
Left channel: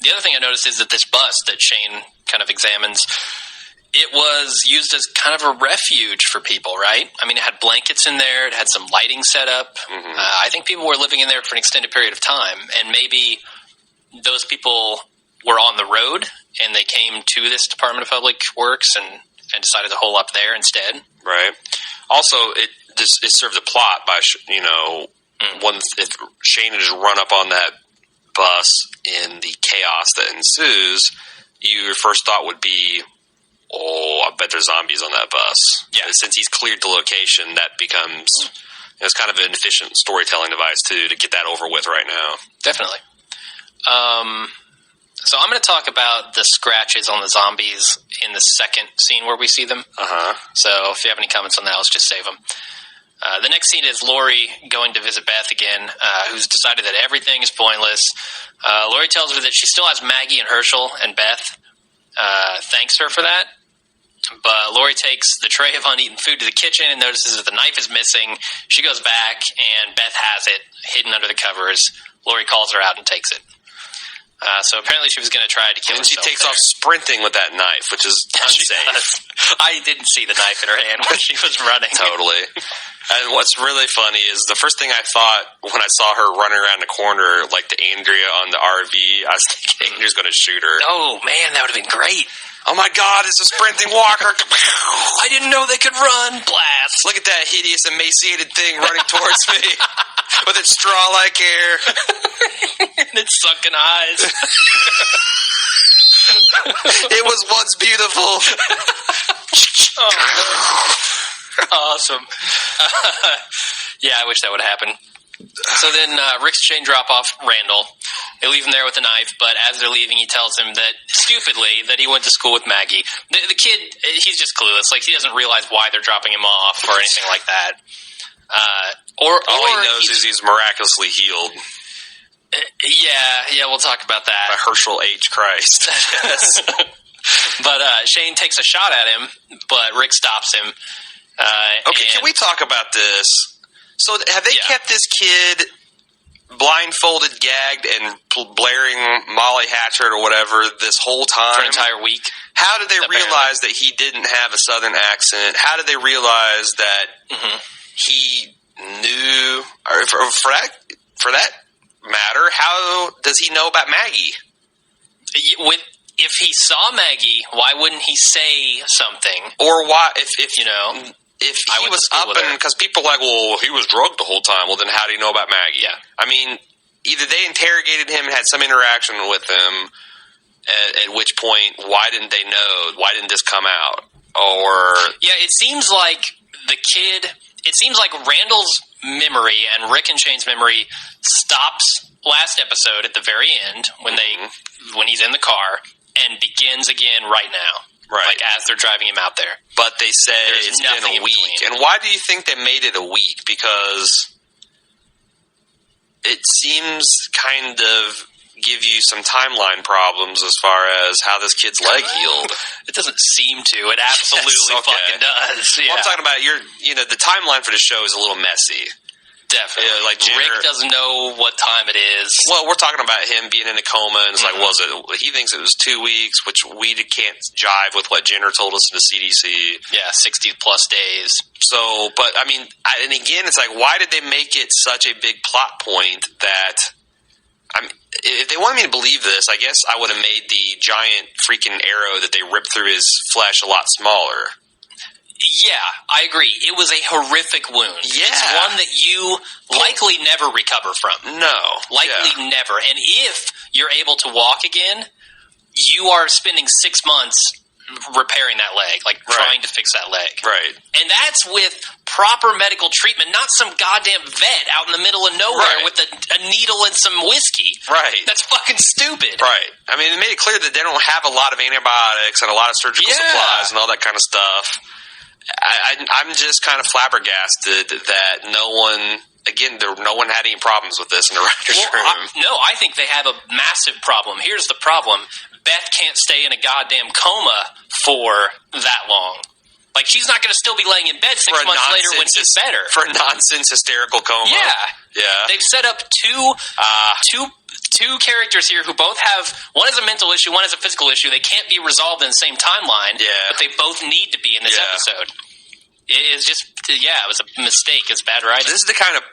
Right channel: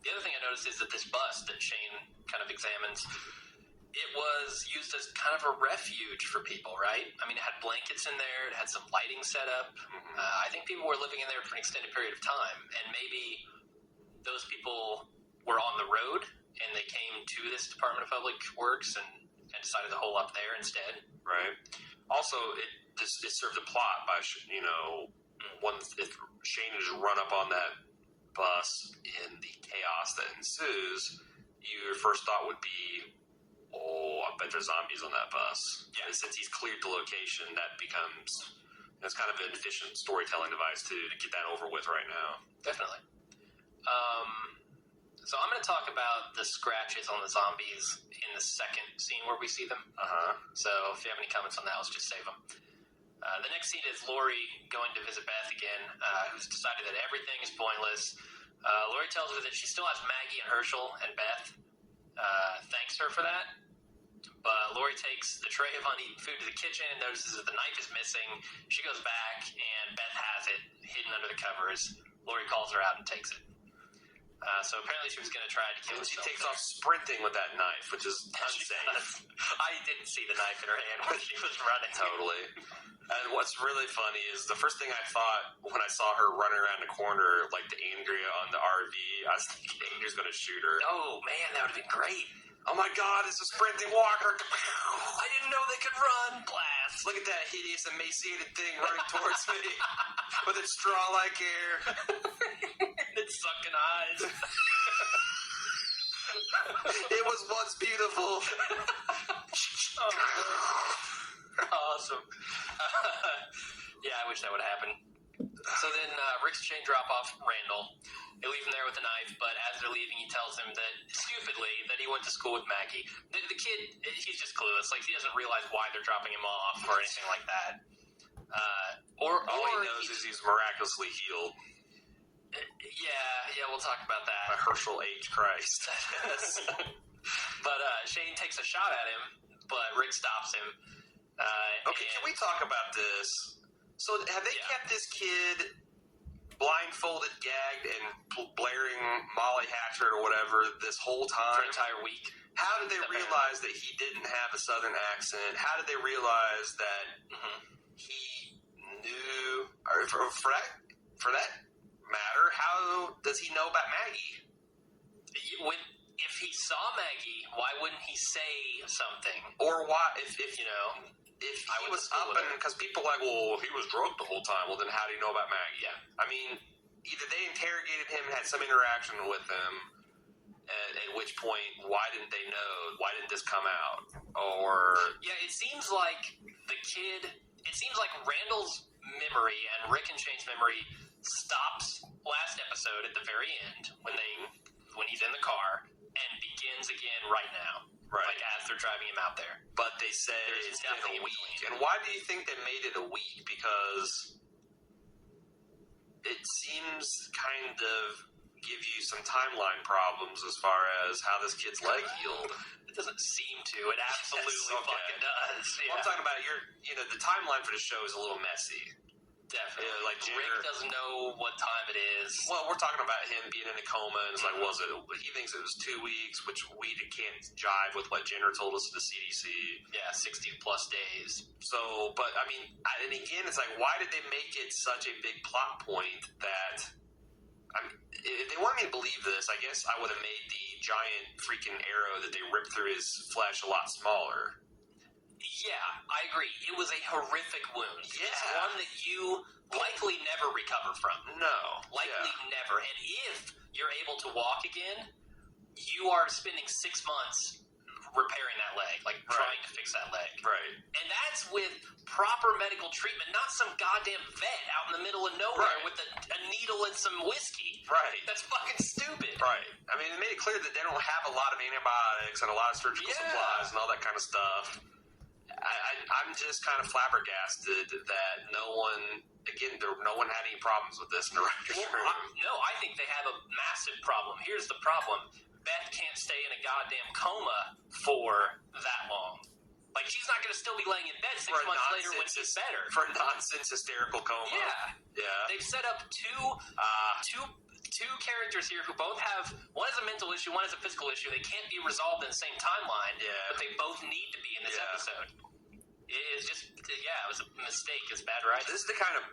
The other thing I noticed is that this bus that Shane kind of examines, it was used as kind of a refuge for people, right? I mean, it had blankets in there. It had some lighting set up. Mm-hmm. I think people were living in there for an extended period of time, and maybe those people were on the road, and they came to this Department of Public Works and decided to hole up there instead. Right. Also, it served a plot by, if Shane had just run up on that bus in the chaos that ensues, your first thought would be, oh, I bet there's zombies on that bus. Yeah. Since he's cleared the location, that becomes it's kind of an efficient storytelling device, too, to get that over with right now. Definitely. So I'm going to talk about the scratches on the zombies in the second scene where we see them. Uh-huh. So if you have any comments on that, let's just save them. The next scene is Lori going to visit Beth again, who's decided that everything is pointless. Lori tells her that she still has Maggie and Herschel, and Beth thanks her for that. But Lori takes the tray of uneaten food to the kitchen and notices that the knife is missing. She goes back, and Beth has it hidden under the covers. Lori calls her out and takes it. So apparently she was going to try to kill herself. And she takes off sprinting with that knife, which is unsafe. I didn't see the knife in her hand when she was running. Totally. And what's really funny is the first thing I thought when I saw her running around the corner, like the Andrea on the RV, I was thinking Andrea's going to shoot her. Oh, man, that would have been great. Oh, my God, it's a sprinting walker. I didn't know they could run. Blast. Look at that hideous, emaciated thing running towards me with its straw-like hair. And its sunken eyes. It was once beautiful. Awesome. Yeah, I wish that would happen. So then Rick's chain drop off Randall. They leave him there with a knife, but as they're leaving, he tells him that, stupidly, that he went to school with Maggie. The kid, he's just clueless. Like, he doesn't realize why they're dropping him off or anything like that. All he knows is he's miraculously healed. Yeah, we'll talk about that. By Herschel H. Christ. But Shane takes a shot at him, but Rick stops him. Okay, can we talk about this? So have they kept this kid blindfolded, gagged, and blaring Molly Hatchet or whatever this whole time? For an entire week. How did they realize that he didn't have a Southern accent? How did they realize that he knew, or for that matter, how does he know about Maggie? If he saw Maggie, why wouldn't he say something? Or why, if he was up and, because people are like, well, he was drugged the whole time. Well, then how do you know about Maggie? Yeah. I mean, either they interrogated him and had some interaction with him, at which point, why didn't they know? Why didn't this come out? Or... Yeah, it seems like Randall's memory and Rick and Shane's memory stops last episode at the very end when he's in the car and begins again right now. Right. Like as they're driving him out there. But they say it's been a week. And why do you think they made it a week? Because it seems kind of give you some timeline problems as far as how this kid's leg healed. It doesn't seem to. It absolutely fucking does. Yeah. Well, I'm talking about the timeline for the show is a little messy. Definitely. Yeah, like Rick doesn't know what time it is. Well, we're talking about him being in a coma, and it's like, he thinks it was 2 weeks, which we can't jive with what Jenner told us in the CDC. Yeah, 60 plus days. So, but I mean, and again, it's like, why did they make it such a big plot point that? I mean, if they wanted me to believe this, I guess I would have made the giant freaking arrow that they ripped through his flesh a lot smaller. Yeah, I agree. It was a horrific wound. Yeah. It's one that you likely never recover from. No. Likely never. And if you're able to walk again, you are spending 6 months repairing that leg, like trying to fix that leg. Right. And that's with proper medical treatment, not some goddamn vet out in the middle of nowhere with a needle and some whiskey. Right. That's fucking stupid. Right. I mean, it made it clear that they don't have a lot of antibiotics and a lot of surgical supplies and all that kind of stuff. I'm just kind of flabbergasted that no one had any problems with this in the writer's room. I think they have a massive problem. Here's the problem. Beth can't stay in a goddamn coma for that long. Like, she's not going to still be laying in bed 6 months later when he's better. For a nonsense hysterical coma. Yeah. They've set up two characters here who both have, one has a mental issue, one has a physical issue. They can't be resolved in the same timeline, but they both need to be in this episode. It was a mistake. It's bad writing. This is the kind of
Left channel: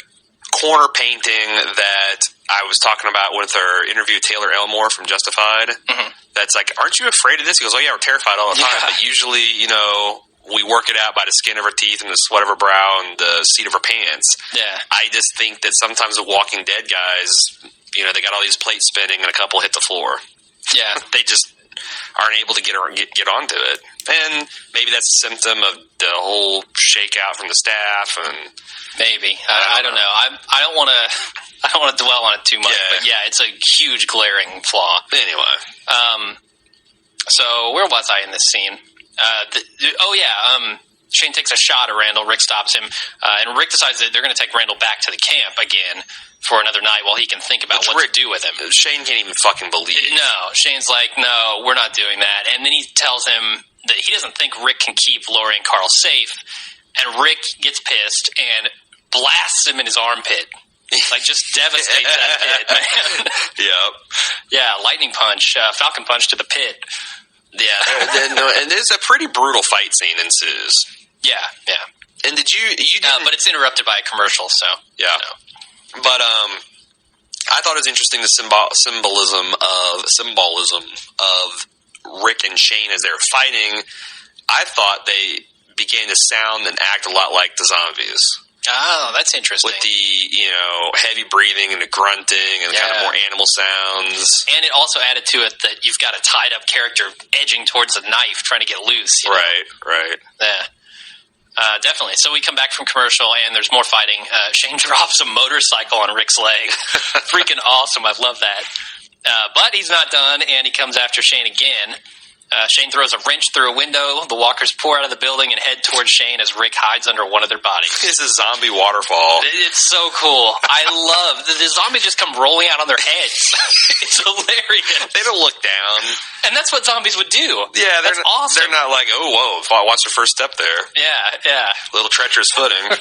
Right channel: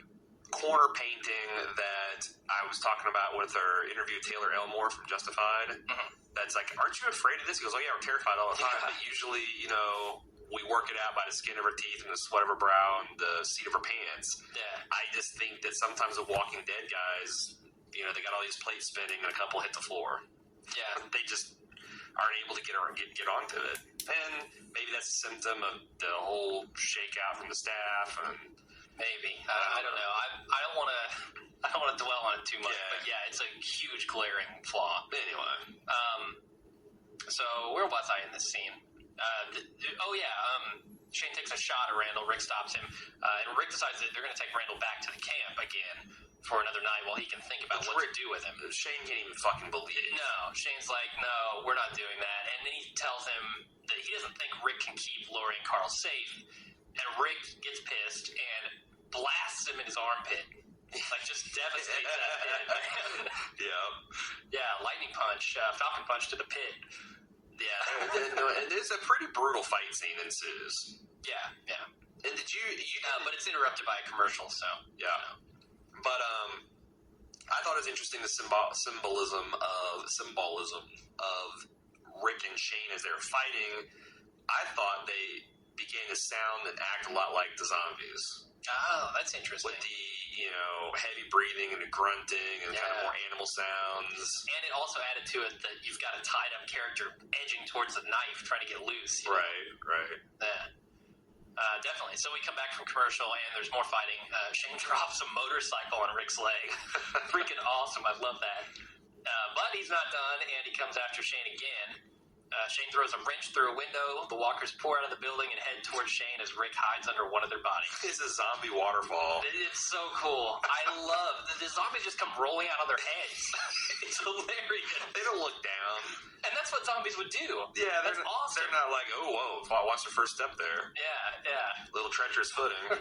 corner painting that I was talking about with our interview with Taylor Elmore from Justified. That's like, aren't you afraid of this? He goes, oh yeah, we're terrified all the time, but usually, we work it out by the skin of our teeth and the sweat of our brow and the seat of our pants. Yeah. I just think that sometimes the Walking Dead guys, they got all these plates spinning and a couple hit the floor. Yeah. They just aren't able to get onto it. And maybe that's a symptom of the whole shakeout from the staff. And maybe. I don't know. I don't want to dwell on it too much. Yeah. But yeah, it's a huge glaring flaw. Anyway. So where was I in this scene? Shane takes a shot at Randall. Rick stops him. And Rick decides that they're going to take Randall back to the camp again for another night while he can think about what to do with him. Shane can't even fucking believe it. No. Shane's like, no, we're not doing that. And then he tells him that he doesn't think Rick can keep Lori and Carl safe. And Rick gets pissed and blasts him in his armpit. Like, just devastates that pit, man. Yep. Yeah, lightning punch, falcon punch to the pit. Yeah, and there's a pretty brutal fight scene ensues. Yeah. And did you didn't... but it's interrupted by a commercial, so... Yeah. But, I thought it was interesting the symbolism of Rick and Shane as they were fighting. I thought they began to sound and act a lot like the zombies. Oh, that's interesting. With the, heavy breathing and the grunting and kind of more animal sounds. And it also added to it that you've got a tied-up character edging towards a knife trying to get loose. Right. Yeah. Definitely. So we come back from commercial, and there's more fighting. Shane drops a motorcycle on Rick's leg. Freaking awesome. I love that. But he's not done, and he comes after Shane again. Shane throws a wrench through a window. The walkers pour out of the building and head towards Shane as Rick hides under one of their bodies. It's a zombie waterfall. It's so cool. I love the zombies just come rolling out on their heads. It's hilarious. They don't look down. And that's what zombies would do. Yeah, that's awesome. They're not like, oh, whoa, watch your first step there. Yeah. Little treacherous footing.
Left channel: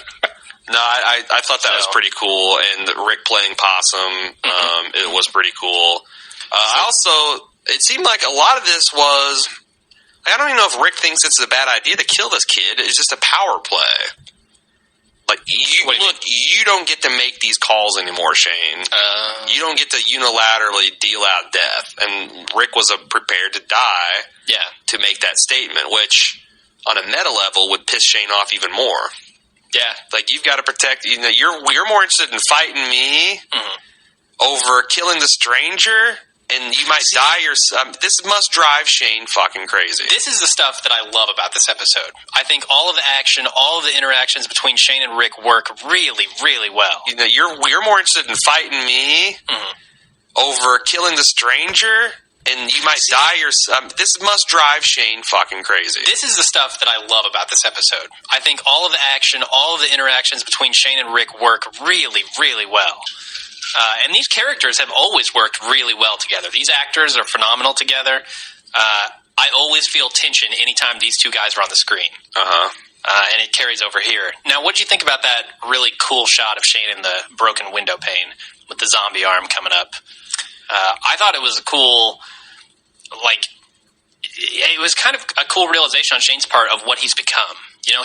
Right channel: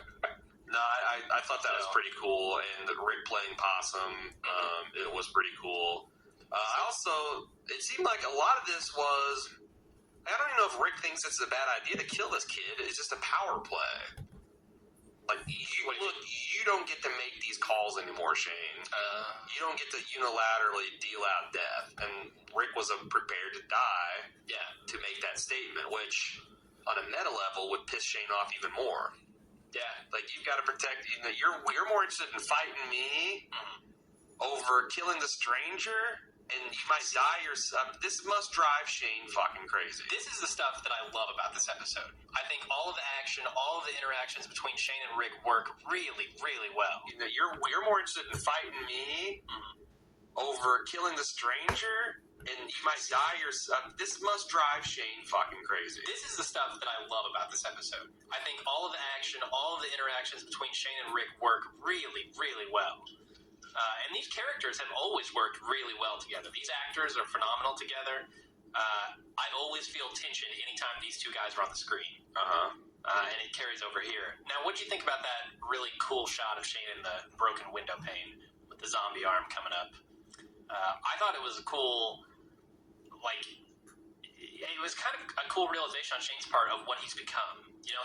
No, I thought that was pretty cool. And Rick playing possum, it was pretty cool. It seemed like a lot of this was, I don't even know if Rick thinks it's a bad idea to kill this kid. It's just a power play. Like, you don't get to make these calls anymore, Shane. You don't get to unilaterally deal out death. And Rick was prepared to die to make that statement, which on a meta level would piss Shane off even more. Yeah. Like, you've got to protect, you're more interested in fighting me over killing the stranger. And you might die yourself. This must drive Shane fucking crazy. This is the stuff that I love about this episode. I think all of the action, all of the interactions between Shane and Rick work really, really well. You're more interested in fighting me over killing the stranger, and you might die yourself. This must drive Shane fucking crazy. This is the stuff that I love about this episode. I think all of the action, all of the interactions between Shane and Rick work really, really well. And these characters have always worked really well together. These actors are phenomenal together. I always feel tension anytime these two guys are on the screen. And it carries over here. Now, what did you think about that really cool shot of Shane in the broken window pane with the zombie arm coming up? I thought it was a cool, it was kind of a cool realization on Shane's part of what he's become.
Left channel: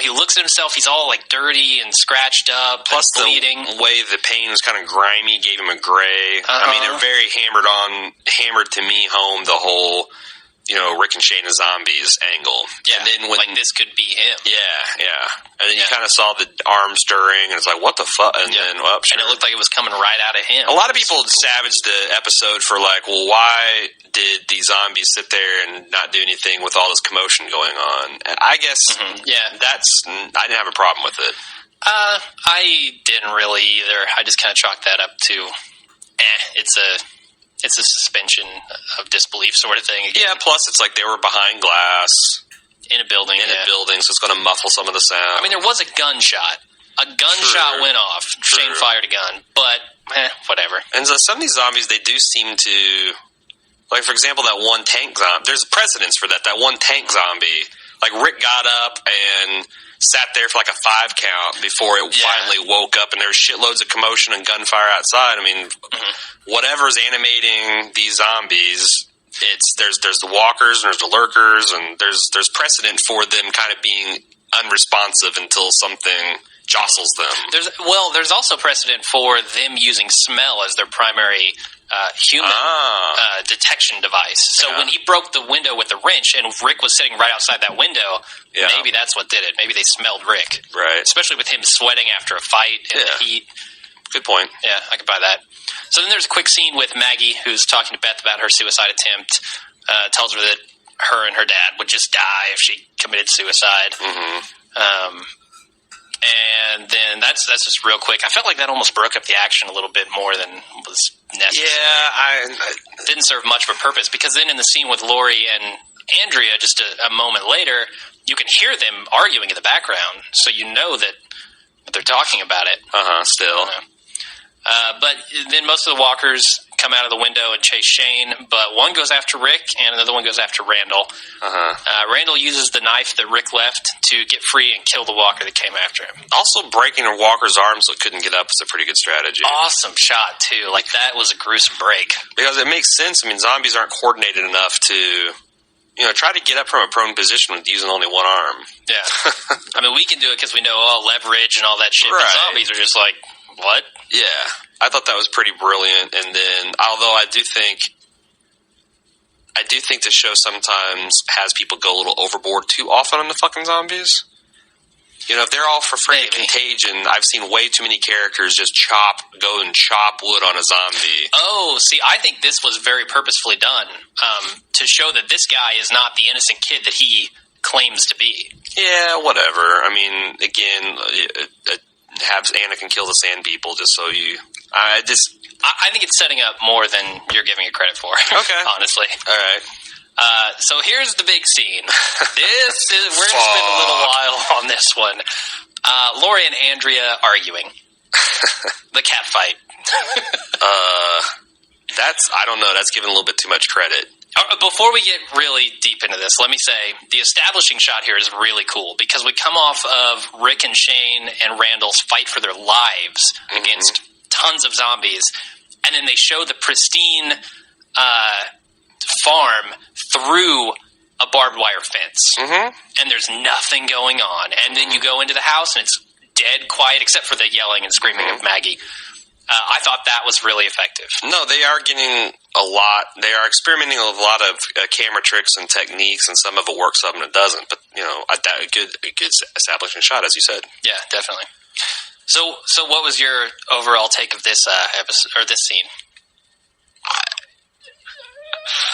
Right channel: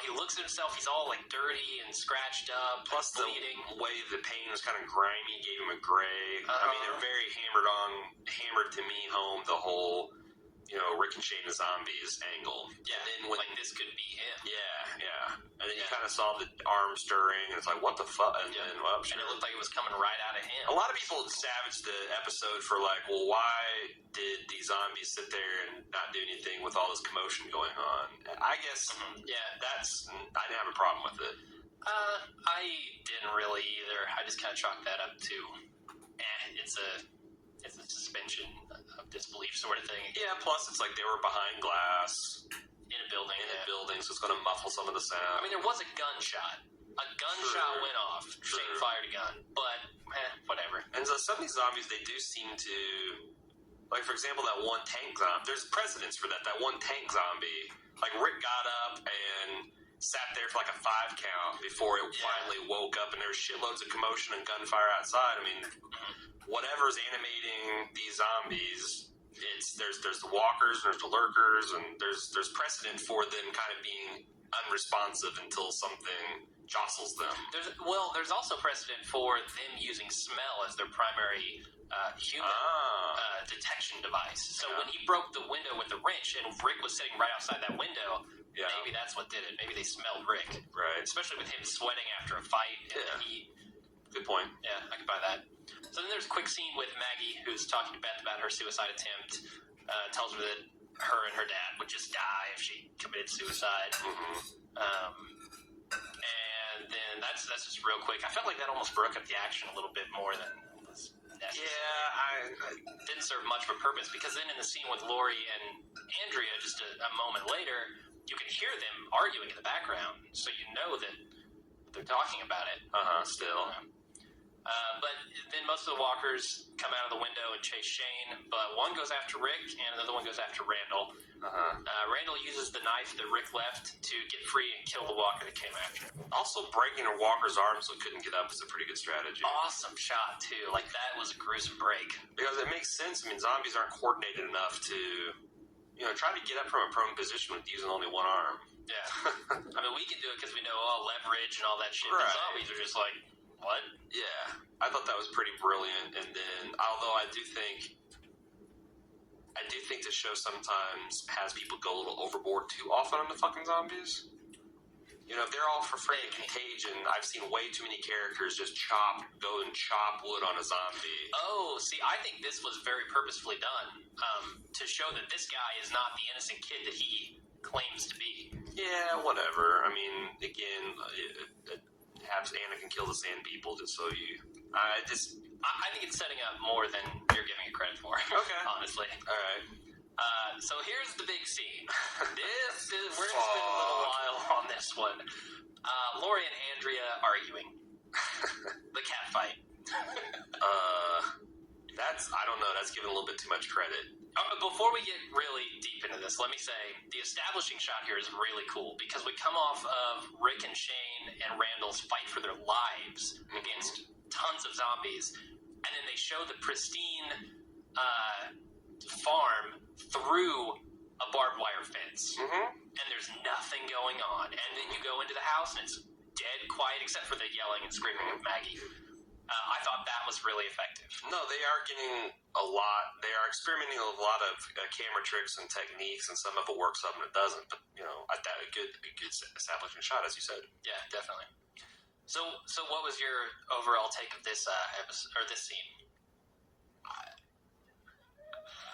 He looks at himself, he's all dirty and scratched up, plus bleeding. The way the paint was kind of grimy gave him a gray. I mean, it very hammered to me home the whole, Rick and Shane as zombies angle. Yeah, and then when this could be him. Yeah. And then you kind of saw the arm stirring, and it's like, what the fuck? And then, and it looked like it was coming right out of him. A lot of people savaged the episode for well, why did these zombies sit there and not do anything with all this commotion going on? I guess, I didn't have a problem with it. I didn't really either. I just kind of chalked that up to, it's a suspension of disbelief sort of thing. Yeah, plus it's like they were behind glass. In a building. So it's going to muffle some of the sound. I mean, there was a gunshot. A gunshot went off. Shane fired a gun. But, whatever. And so some of these zombies, they do seem to... Like, for example, that one tank zombie. There's precedence for that. That one tank zombie. Like, Rick got up and sat there for like a 5 count before it finally woke up, and there was shitloads of commotion and gunfire outside. I mean, whatever's animating these zombies, there's the walkers and there's the lurkers, and there's precedent for them kind of being unresponsive until something jostles them. There's also precedent for them using smell as their primary human detection device. So when he broke the window with the wrench and Rick was sitting right outside that window, maybe that's what did it. Maybe they smelled Rick. Right. Especially with him sweating after a fight in the heat. Good point. Yeah, I could buy that. So then there's a quick scene with Maggie, who's talking to Beth about her suicide attempt. Tells her that her and her dad would just die if she committed suicide. And then that's just real quick. I felt like that almost broke up the action a little bit more than was necessary. Yeah, it didn't serve much of a purpose, because then in the scene with Lori and Andrea, just a moment later, you can hear them arguing in the background, so you know that they're talking about it. Still. But then most of the walkers come out of the window and chase Shane, but one goes after Rick and another one goes after Randall. Randall uses the knife that Rick left to get free and kill the walker that came after him. Also, breaking a walker's arm so it couldn't get up is a pretty good strategy. Awesome shot, too. Like, that was a gruesome break. Because it makes sense. I mean, zombies aren't coordinated enough to... try to get up from a prone position with using only one arm. Yeah. I mean, we can do it because we know all leverage and all that shit, but zombies are just like, what? Yeah. I thought that was pretty brilliant. And then, although I do think the show sometimes has people go a little overboard too often on the fucking zombies. If they're all for free contagion, I've seen way too many characters just go and chop wood on a zombie. Oh, see, I think this was very purposefully done to show that this guy is not the innocent kid that he claims to be. Yeah, whatever. I mean, again, have Anakin kill the sand people just so you I think it's setting up more than you're giving it credit for. Okay. Honestly. All right. So here's the big scene. We're going to spend a little while on this one. Lori and Andrea arguing. The cat fight. I don't know. That's giving a little bit too much credit. Before we get really deep into this, let me say the establishing shot here is really cool because we come off of Rick and Shane and Randall's fight for their lives against tons of zombies, and then they show the pristine farm through a barbed wire fence, and there's nothing going on. And then you go into the house, and it's dead quiet except for the yelling and screaming of Maggie. I thought that was really effective. No, they are getting a lot. They are experimenting with a lot of camera tricks and techniques, and some of it works, some of it doesn't. But a good establishing shot, as you said. Yeah, definitely. So what was your overall take of this episode or this scene?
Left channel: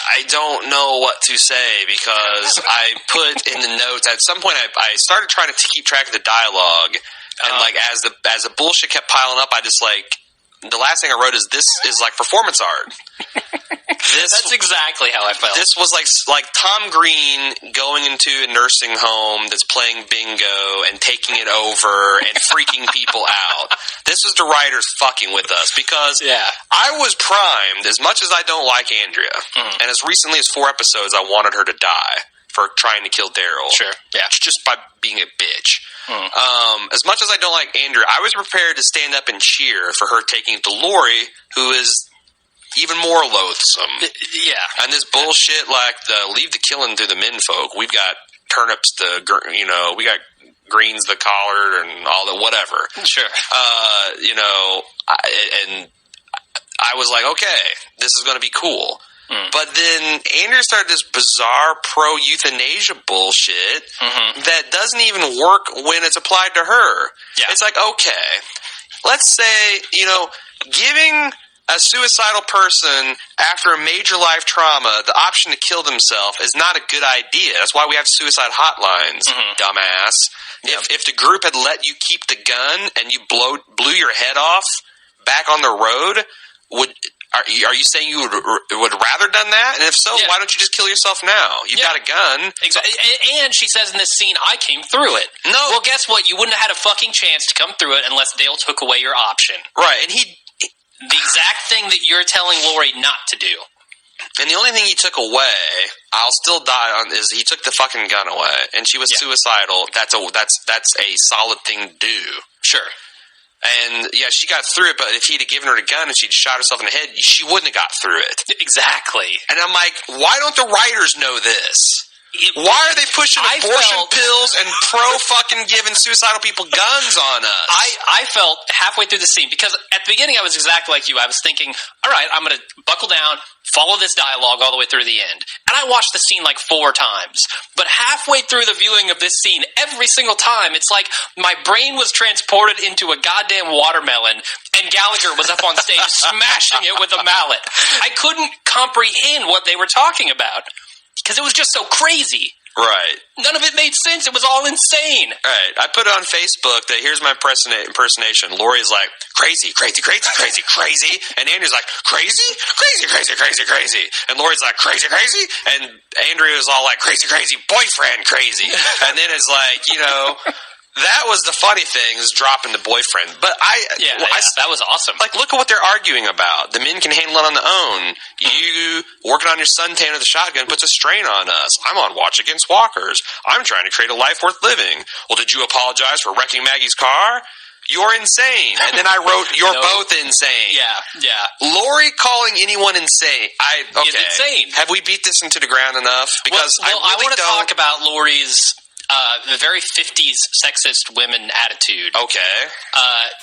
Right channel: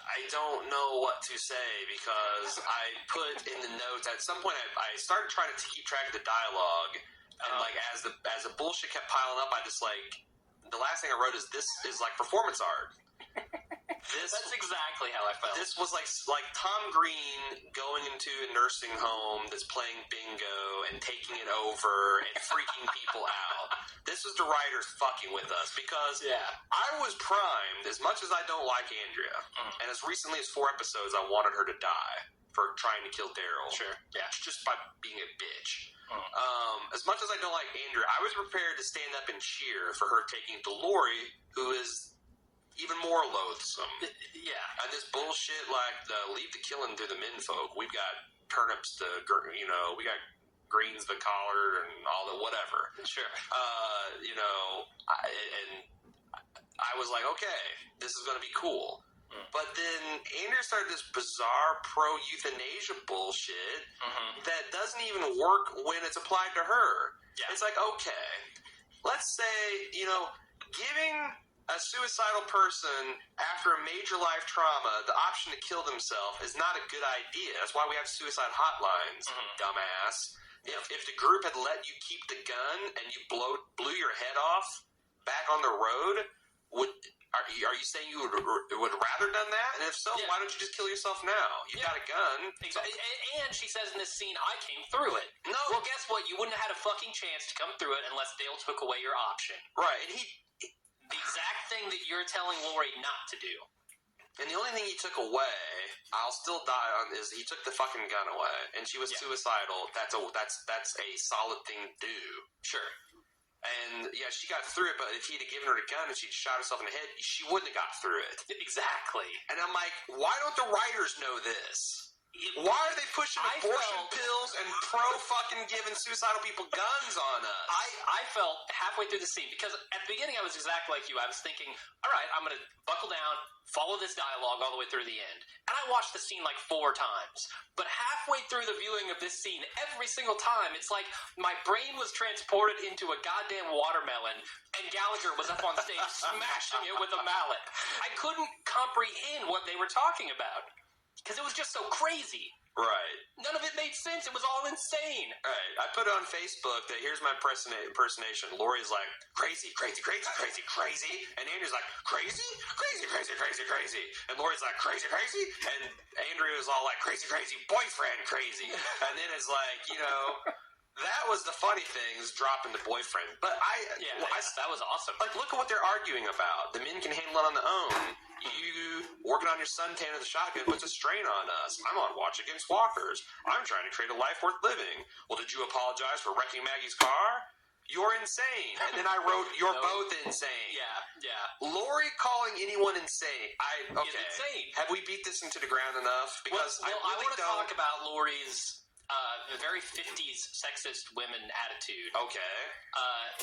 I don't know what to say because I put in the notes at some point. I started trying to keep track of the dialogue, and as the bullshit kept piling up, I just the last thing I wrote is this is like performance art. That's exactly how I felt. This was like Tom Green going into a nursing home that's playing bingo and taking it over and freaking people out. This was the writers fucking with us because I was primed. As much as I don't like Andrea, and as recently as 4 episodes, I wanted her to die for trying to kill Daryl. Sure, yeah, just by being a bitch. As much as I don't like Andrea, I was prepared to stand up and cheer for her taking it to Lori, who is even more loathsome. Yeah. And this bullshit, leave the killing to the menfolk. We've got turnips we got greens the collard and all the whatever. Sure. And I was like, okay, this is going to be cool. But then Andrea started this bizarre pro-euthanasia bullshit that doesn't even work when it's applied to her. Yeah. It's like, okay, let's say, giving a suicidal person after a major life trauma the option to kill themselves is not a good idea. That's why we have suicide hotlines, dumbass. Yep. If the group had let you keep the gun and you blew your head off back on the road, are you saying you would rather done that? And if so, why don't you just kill yourself now? You've got a gun. Exactly. And she says in this scene, I came through it. No. Well, guess what? You wouldn't have had a fucking chance to come through it unless Dale took away your option. Right. And the exact thing that you're telling Lori not to do. And the only thing he took away, I'll still die on, is he took the fucking gun away. And she was suicidal. That's a solid thing to do. Sure. And, she got through it, but if he'd have given her the gun and she'd shot herself in the head, she wouldn't have got through it. Exactly. And I'm like, why don't the writers know this? Why are they pushing abortion pills and fucking giving suicidal people guns on us? I felt halfway through the scene, because at the beginning I was exactly like you. I was thinking, all right, I'm going to buckle down, follow this dialogue all the way through the end. And I watched the scene 4 times. But halfway through the viewing of this scene, every single time, it's like my brain was transported into a goddamn watermelon and Gallagher was up on stage smashing it with a mallet. I couldn't comprehend what they were talking about. Because it was just so crazy. Right. None of it made sense. It was all insane. Right. I put it on Facebook that here's my impersonation. Lori's like, crazy, crazy, crazy, crazy, crazy. And Andrew's like, crazy, crazy, crazy, crazy, crazy. And Lori's like, crazy, crazy. And Andrew's all like, crazy, crazy, boyfriend, crazy. And then it's like, that was the funny thing, is dropping the boyfriend. But that was awesome. Look at what they're arguing about. The men can handle it on their own. You working on your suntan with a shotgun puts a strain on us. I'm on watch against walkers. I'm trying to create a life worth living. Well, did you apologize for wrecking Maggie's car? You're insane. And then I wrote, you're both insane. Yeah. Lori calling anyone insane. Is insane. Have we beat this into the ground enough? Because I want to talk about Lori's the very 50s sexist women attitude. Okay.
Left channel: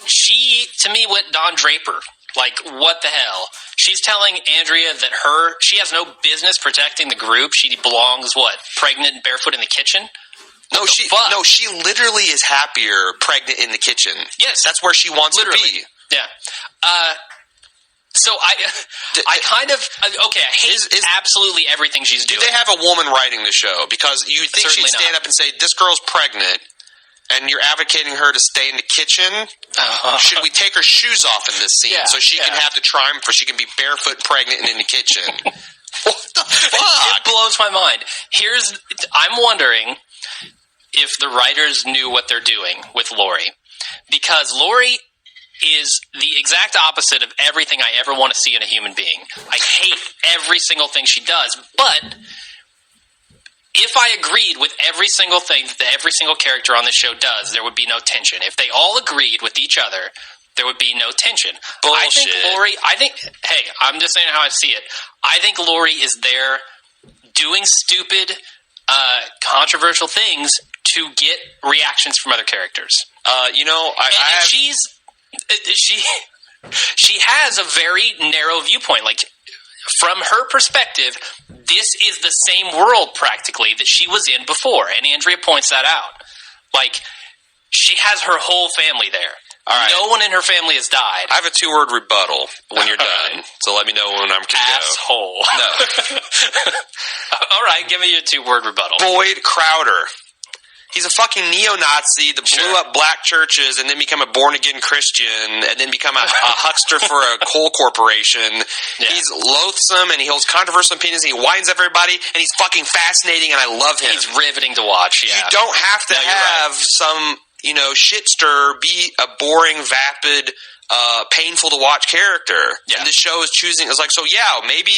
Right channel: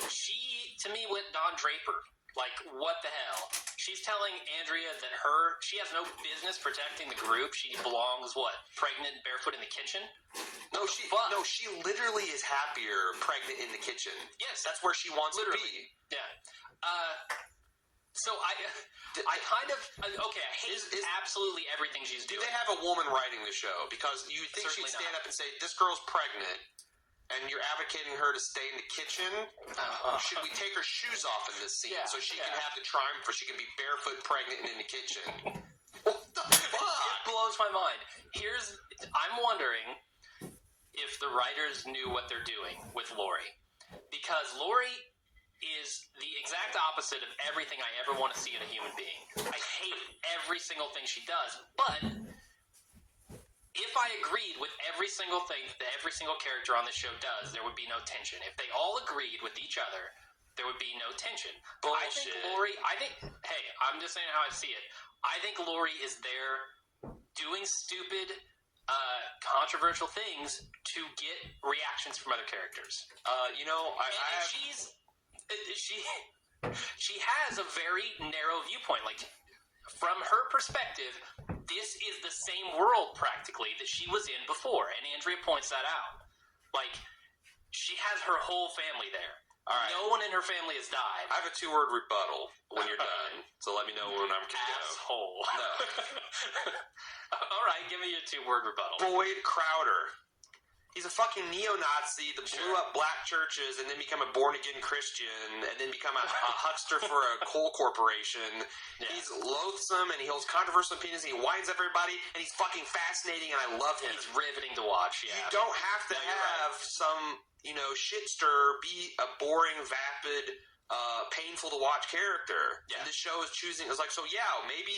She, to me, went Don Draper. What the hell? She's telling Andrea that she has no business protecting the group. She belongs, pregnant and barefoot in the kitchen? No, she literally is happier pregnant in the kitchen. Yes. That's where she wants to be. Yeah. So I kind of I hate absolutely everything she's doing. Do they have a woman writing the show? Because you think she'd stand up and say, "This girl's pregnant," and you're advocating her to stay in the kitchen, should we take her shoes off in this scene so she can have the triumph, or she can be barefoot, pregnant, and in the kitchen? What the fuck? It blows my mind. I'm wondering if the writers knew what they're doing with Lori, because Lori is the exact opposite of everything I ever want to see in a human being. I hate every single thing she does, but if I agreed with every single thing that every single character on this show does, there would be no tension. If they all agreed with each other, there would be no tension. Bullshit. Hey, I'm just saying how I see it. I think Lori is there doing stupid, controversial things to get reactions from other characters. She has a very narrow viewpoint. Like, from her perspective, this is the same world practically that she was in before, and Andrea points that out. Like, she has her whole family there. All right. No one in her family has died. I have a 2-word rebuttal when you're done, so let me know when I'm going to go. Asshole. No. All right, give me your 2-word rebuttal. Boyd Crowder. He's a fucking neo-Nazi that blew up black churches and then become a born-again Christian and then become a huckster for a coal corporation. Yeah. He's loathsome and he holds controversial opinions and he winds up everybody and he's fucking fascinating and I love him. He's riveting to watch, yeah. You don't have to have some, shitster be a boring, vapid, painful to watch character. Yeah. And this show is choosing. It's like, so yeah, maybe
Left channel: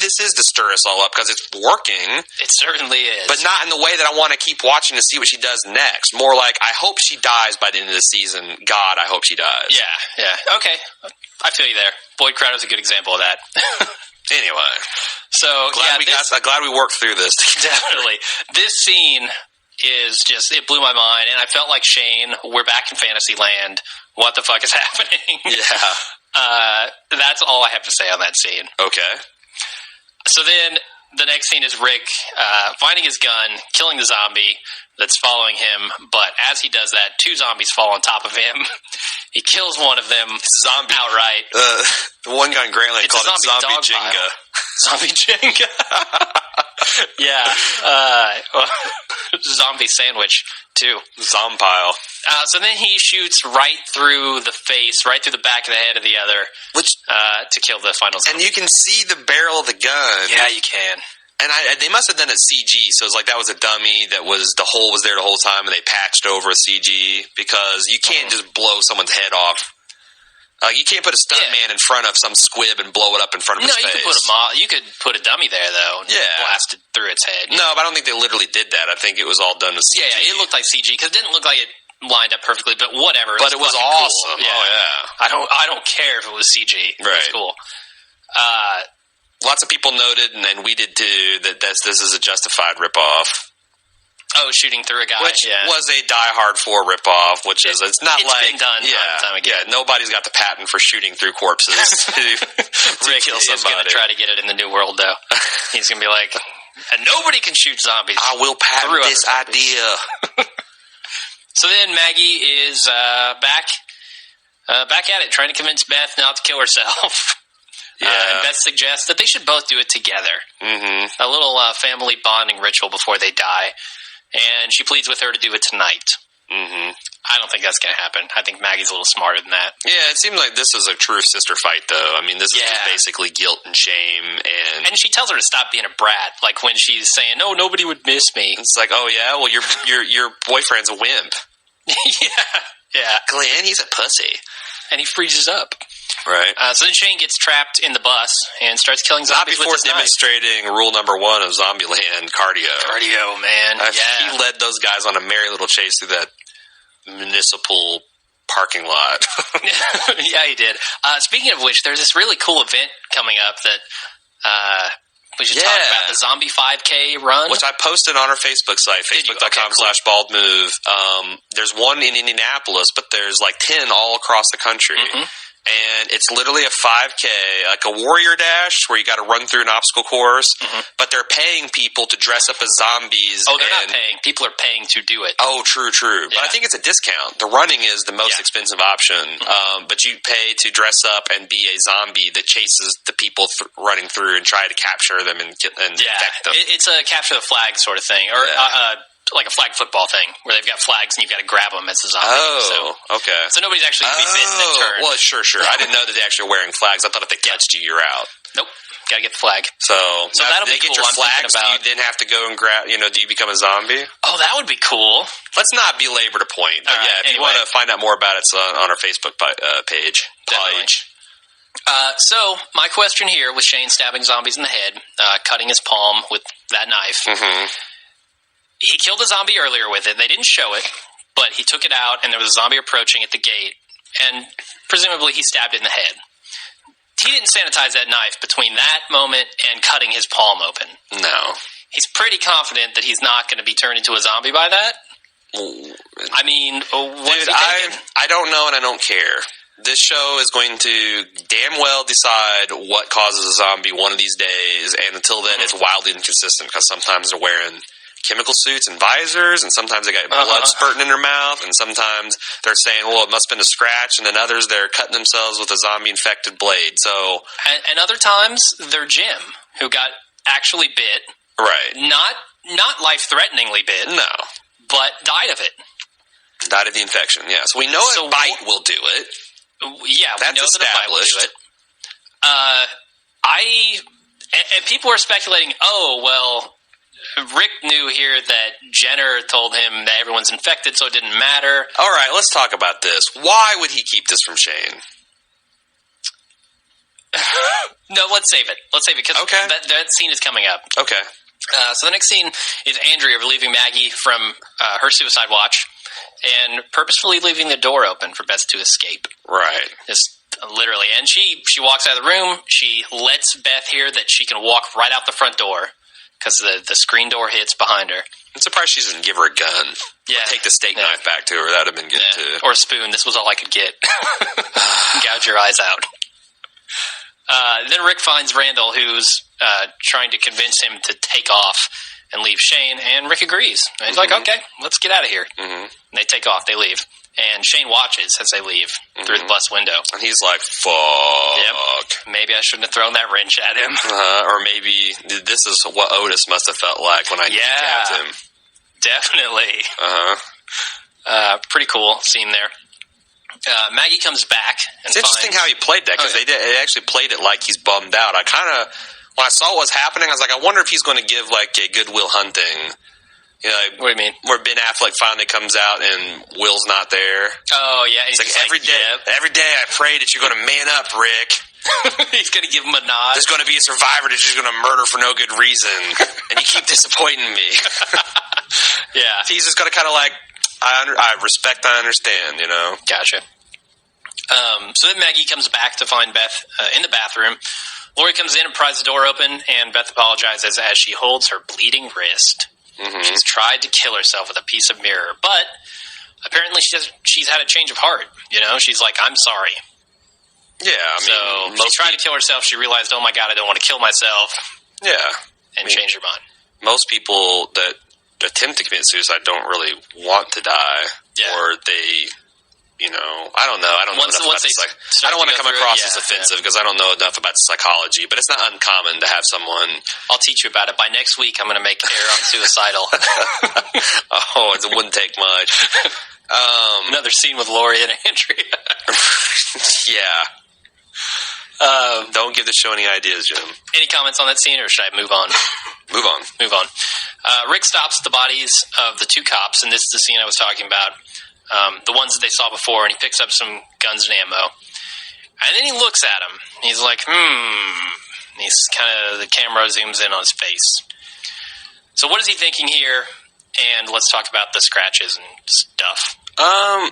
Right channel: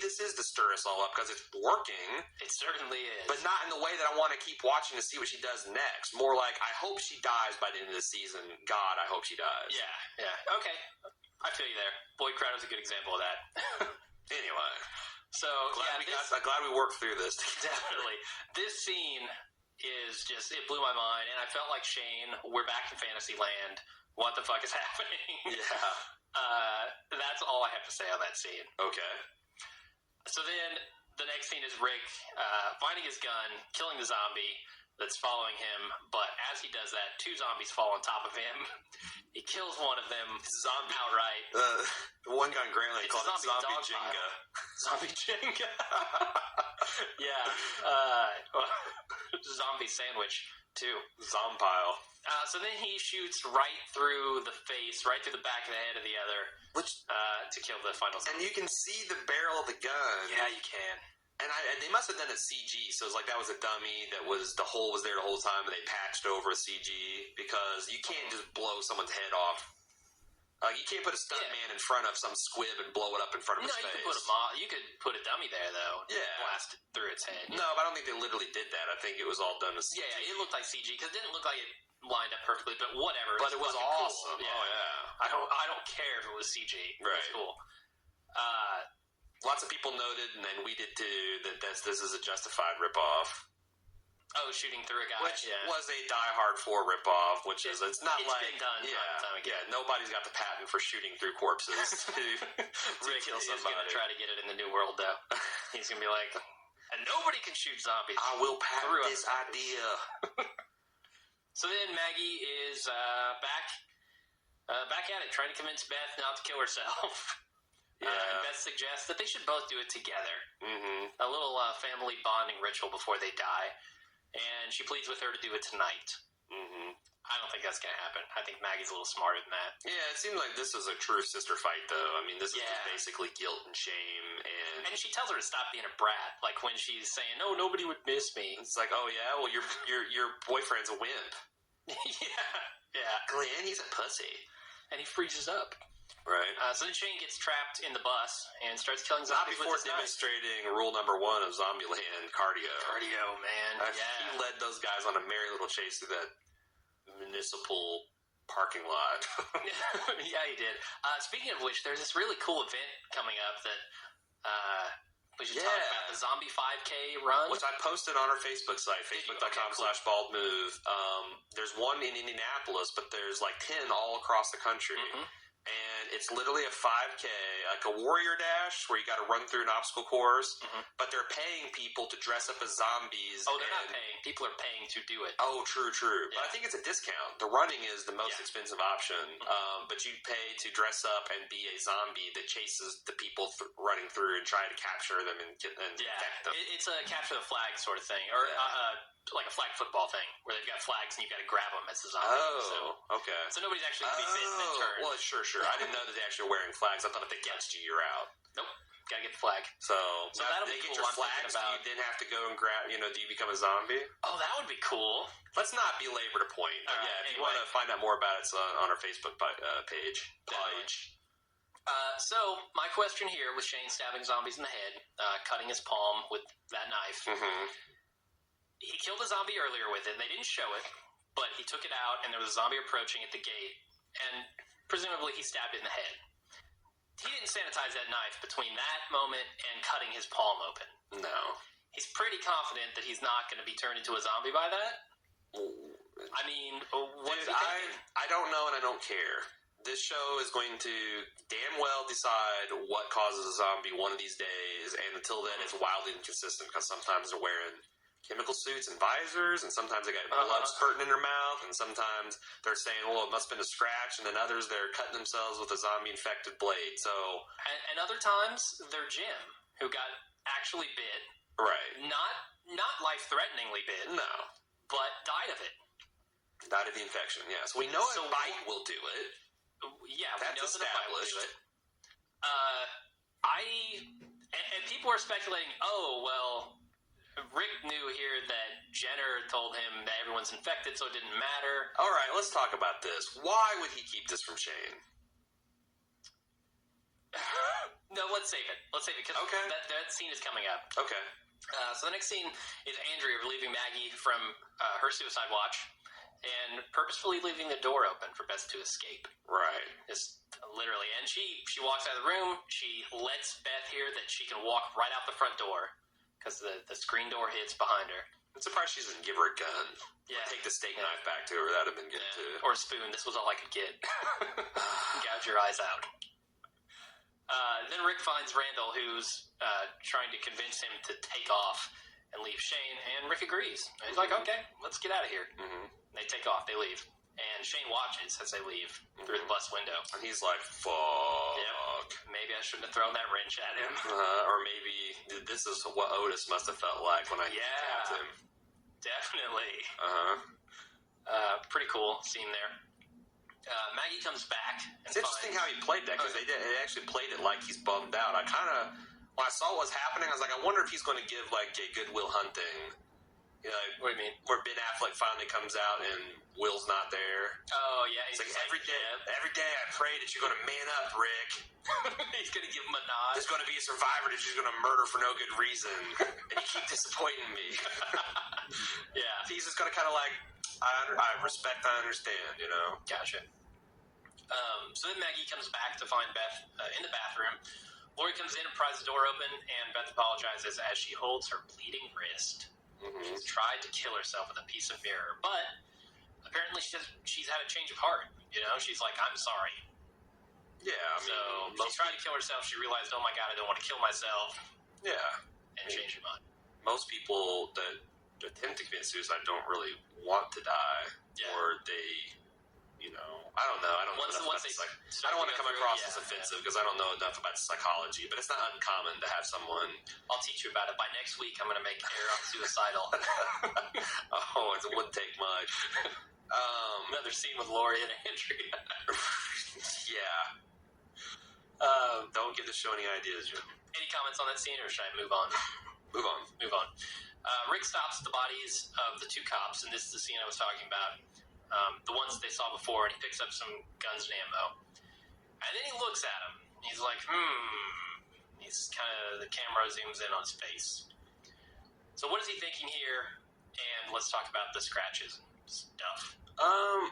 this is to stir us all up because it's working. It certainly is, but not in the way that I want to keep watching to see what she does next. More like, I hope she dies by the end of the season. God, I hope she dies. Yeah. Okay, I feel you there. Boyd Crowder's a good example of that. Anyway, so glad we worked through this. Definitely, this scene is just, it blew my mind, and I felt like Shane. We're back in Fantasyland. What the fuck is happening? Yeah. That's all I have to say on that scene. Okay. So then the next scene is Rick finding his gun, killing the zombie that's following him. But as he does that, 2 zombies fall on top of him. He kills one of them outright. The one guy in Grantland called it Zombie Jenga. Zombie Jenga. Yeah. Zombie sandwich, too. Zompile. So then he shoots right through the face, right through the back of the head of the other, to kill the final zombie. And you can see the barrel of the gun. Yeah, you can. And they must have done it CG, so it's like that was a dummy the hole was there the whole time, and they patched over a CG, because you can't just blow someone's head off. You can't put a stunt man in front of some squib and blow it up in front of his face. You could put a dummy there, though, and blast it through its head. No, but I don't think they literally did that. I think it was all done with CG. Yeah, it looked like CG, because it didn't look like it lined up perfectly, but whatever. But it was awesome. Cool. Yeah. Oh, yeah. I don't care if it was CG. Right. It was cool. Lots of people noted, and we did too, that this is a justified ripoff. Oh, shooting through a guy, which was a Die Hard 4 ripoff. It's not it's been done time and time again. Yeah, nobody's got the patent for shooting through corpses to Rick kill somebody. Is going to try to get it in the new world, though. He's going to be like, and nobody can shoot zombies. I will patent this idea. So then Maggie is back at it, trying to convince Beth not to kill herself. Yeah. And Beth suggests that they should both do it together. Mm-hmm. A little family bonding ritual before they die. And she pleads with her to do it tonight. Mm-hmm. I don't think that's going to happen. I think Maggie's a little smarter than that. Yeah, it seems like this is a true sister fight, though. I mean, this is just basically guilt and shame. And she tells her to stop being a brat, like when she's saying, "No, nobody would miss me." It's like, oh, yeah? Well, your boyfriend's a wimp. Yeah. Glenn, he's a pussy. And he freezes up. Right. So then Shane gets trapped in the bus and starts killing zombies with his knife. Not before demonstrating rule number 1 of Zombieland, cardio. Cardio, man. He led those guys on a merry little chase through that municipal parking lot. Yeah, he did. Speaking of which, there's this really cool event coming up that we should talk about, the Zombie 5K run. Which I posted on our Facebook site, facebook.com/baldmove. There's one in Indianapolis, but there's like 10 all across the country. Mm-hmm. And it's literally a 5K, like a warrior dash where you got to run through an obstacle course, but they're paying people to dress up as zombies. Oh, they're not paying. People are paying to do it. Oh, true. Yeah. But I think it's a discount. The running is the most expensive option, but you pay to dress up and be a zombie that chases the people running through and try to capture them and infect them. It's a capture the flag sort of thing, or like a flag football thing where they've got flags and you've got to grab them as a zombie. Okay. So nobody's actually going to be bitten and turned. Well, sure. I didn't know that they actually were wearing flags. I thought if they touched you, you're out. Nope. Got to get the flag. So now that'll they be get cool. your I'm flags. thinking about... Do you then have to go and grab? Do you become a zombie? Oh, that would be cool. Let's not belabor the point. But if you want to find out more about it, it's on our Facebook page. Definitely. So my question here with Shane stabbing zombies in the head, cutting his palm with that knife. Mm-hmm. He killed a zombie earlier with it. They didn't show it, but he took it out, and there was a zombie approaching at the gate, and presumably he stabbed it in the head. He didn't sanitize that knife between that moment and cutting his palm open. No. He's pretty confident that he's not going to be turned into a zombie by that. I mean, what's he thinking? I don't know, and I don't care. This show is going to damn well decide what causes a zombie one of these days, and until then, it's wildly inconsistent because sometimes they're wearing chemical suits and visors, and sometimes they got blood spurting in their mouth, and sometimes they're saying, well, it must have been a scratch, and then others, they're cutting themselves with a zombie-infected blade, so... And other times, they're Jim, who got actually bit. Right. Not life-threateningly bit. No. But died of it. Died of the infection, yes. We know a bite will do it. Yeah, we know that a bite will do it. And people are speculating, Rick knew here that Jenner told him that everyone's infected, so it didn't matter. All right, let's talk about this. Why would he keep this from Shane? No, let's save it. Let's save it, because that scene is coming up. Okay. So the next scene is Andrea relieving Maggie from her suicide watch and purposefully leaving the door open for Beth to escape. Right. Just literally. And she walks out of the room. She lets Beth hear that she can walk right out the front door because the screen door hits behind her. I'm surprised she doesn't give her a gun. Yeah. Or take the steak knife back to her. That would have been good, too. Or a spoon. This was all I could get. Gouge your eyes out. Then Rick finds Randall, who's trying to convince him to take off and leave Shane, and Rick agrees. And he's like, okay, let's get out of here. Mm-hmm. And they take off. They leave. And Shane watches as they leave through the bus window. And he's like, fuck. Yep. Maybe I shouldn't have thrown that wrench at him. Or maybe this is what Otis must have felt like when I kneecapped him. Definitely. Pretty cool scene there. Maggie comes back. And it's interesting how he played that, because they actually played it like he's bummed out. I kind of, when I saw what was happening, I was like, I wonder if he's going to give like a Good Will Hunting. What do you mean? Where Ben Affleck finally comes out and Will's not there. Oh yeah, it's like every day I pray that you're going to man up, Rick. He's going to give him a nod. There's going to be a survivor that's just going to murder for no good reason, and you keep disappointing me. Yeah, he's just going to kind of like, I respect, I understand, Gotcha. So then Maggie comes back to find Beth in the bathroom. Lori comes in and pries the door open, and Beth apologizes as she holds her bleeding wrist. Mm-hmm. She's tried to kill herself with a piece of mirror, but apparently she's had a change of heart. She's like, I'm sorry. Yeah, I mean, she tried to kill herself. She realized, oh my God, I don't want to kill myself. Yeah. And changed her mind. Most people that attempt to commit suicide don't really want to die. Yeah. Or they... I don't know. I don't know enough about I don't want to come across as offensive because I don't know enough about psychology, but it's not uncommon to have someone... I'll teach you about it. By next week, I'm going to make Air on Suicidal. It wouldn't take much. Another scene with Lori and Andrea. Yeah. Don't give the show any ideas, Jim. Any comments on that scene, or should I move on? Move on. Rick stops the bodies of the two cops, and this is the scene I was talking about. The ones that they saw before, and he picks up some guns and ammo. And then he looks at them. He's like, He's the camera zooms in on his face. So what is he thinking here? And let's talk about the scratches and stuff. I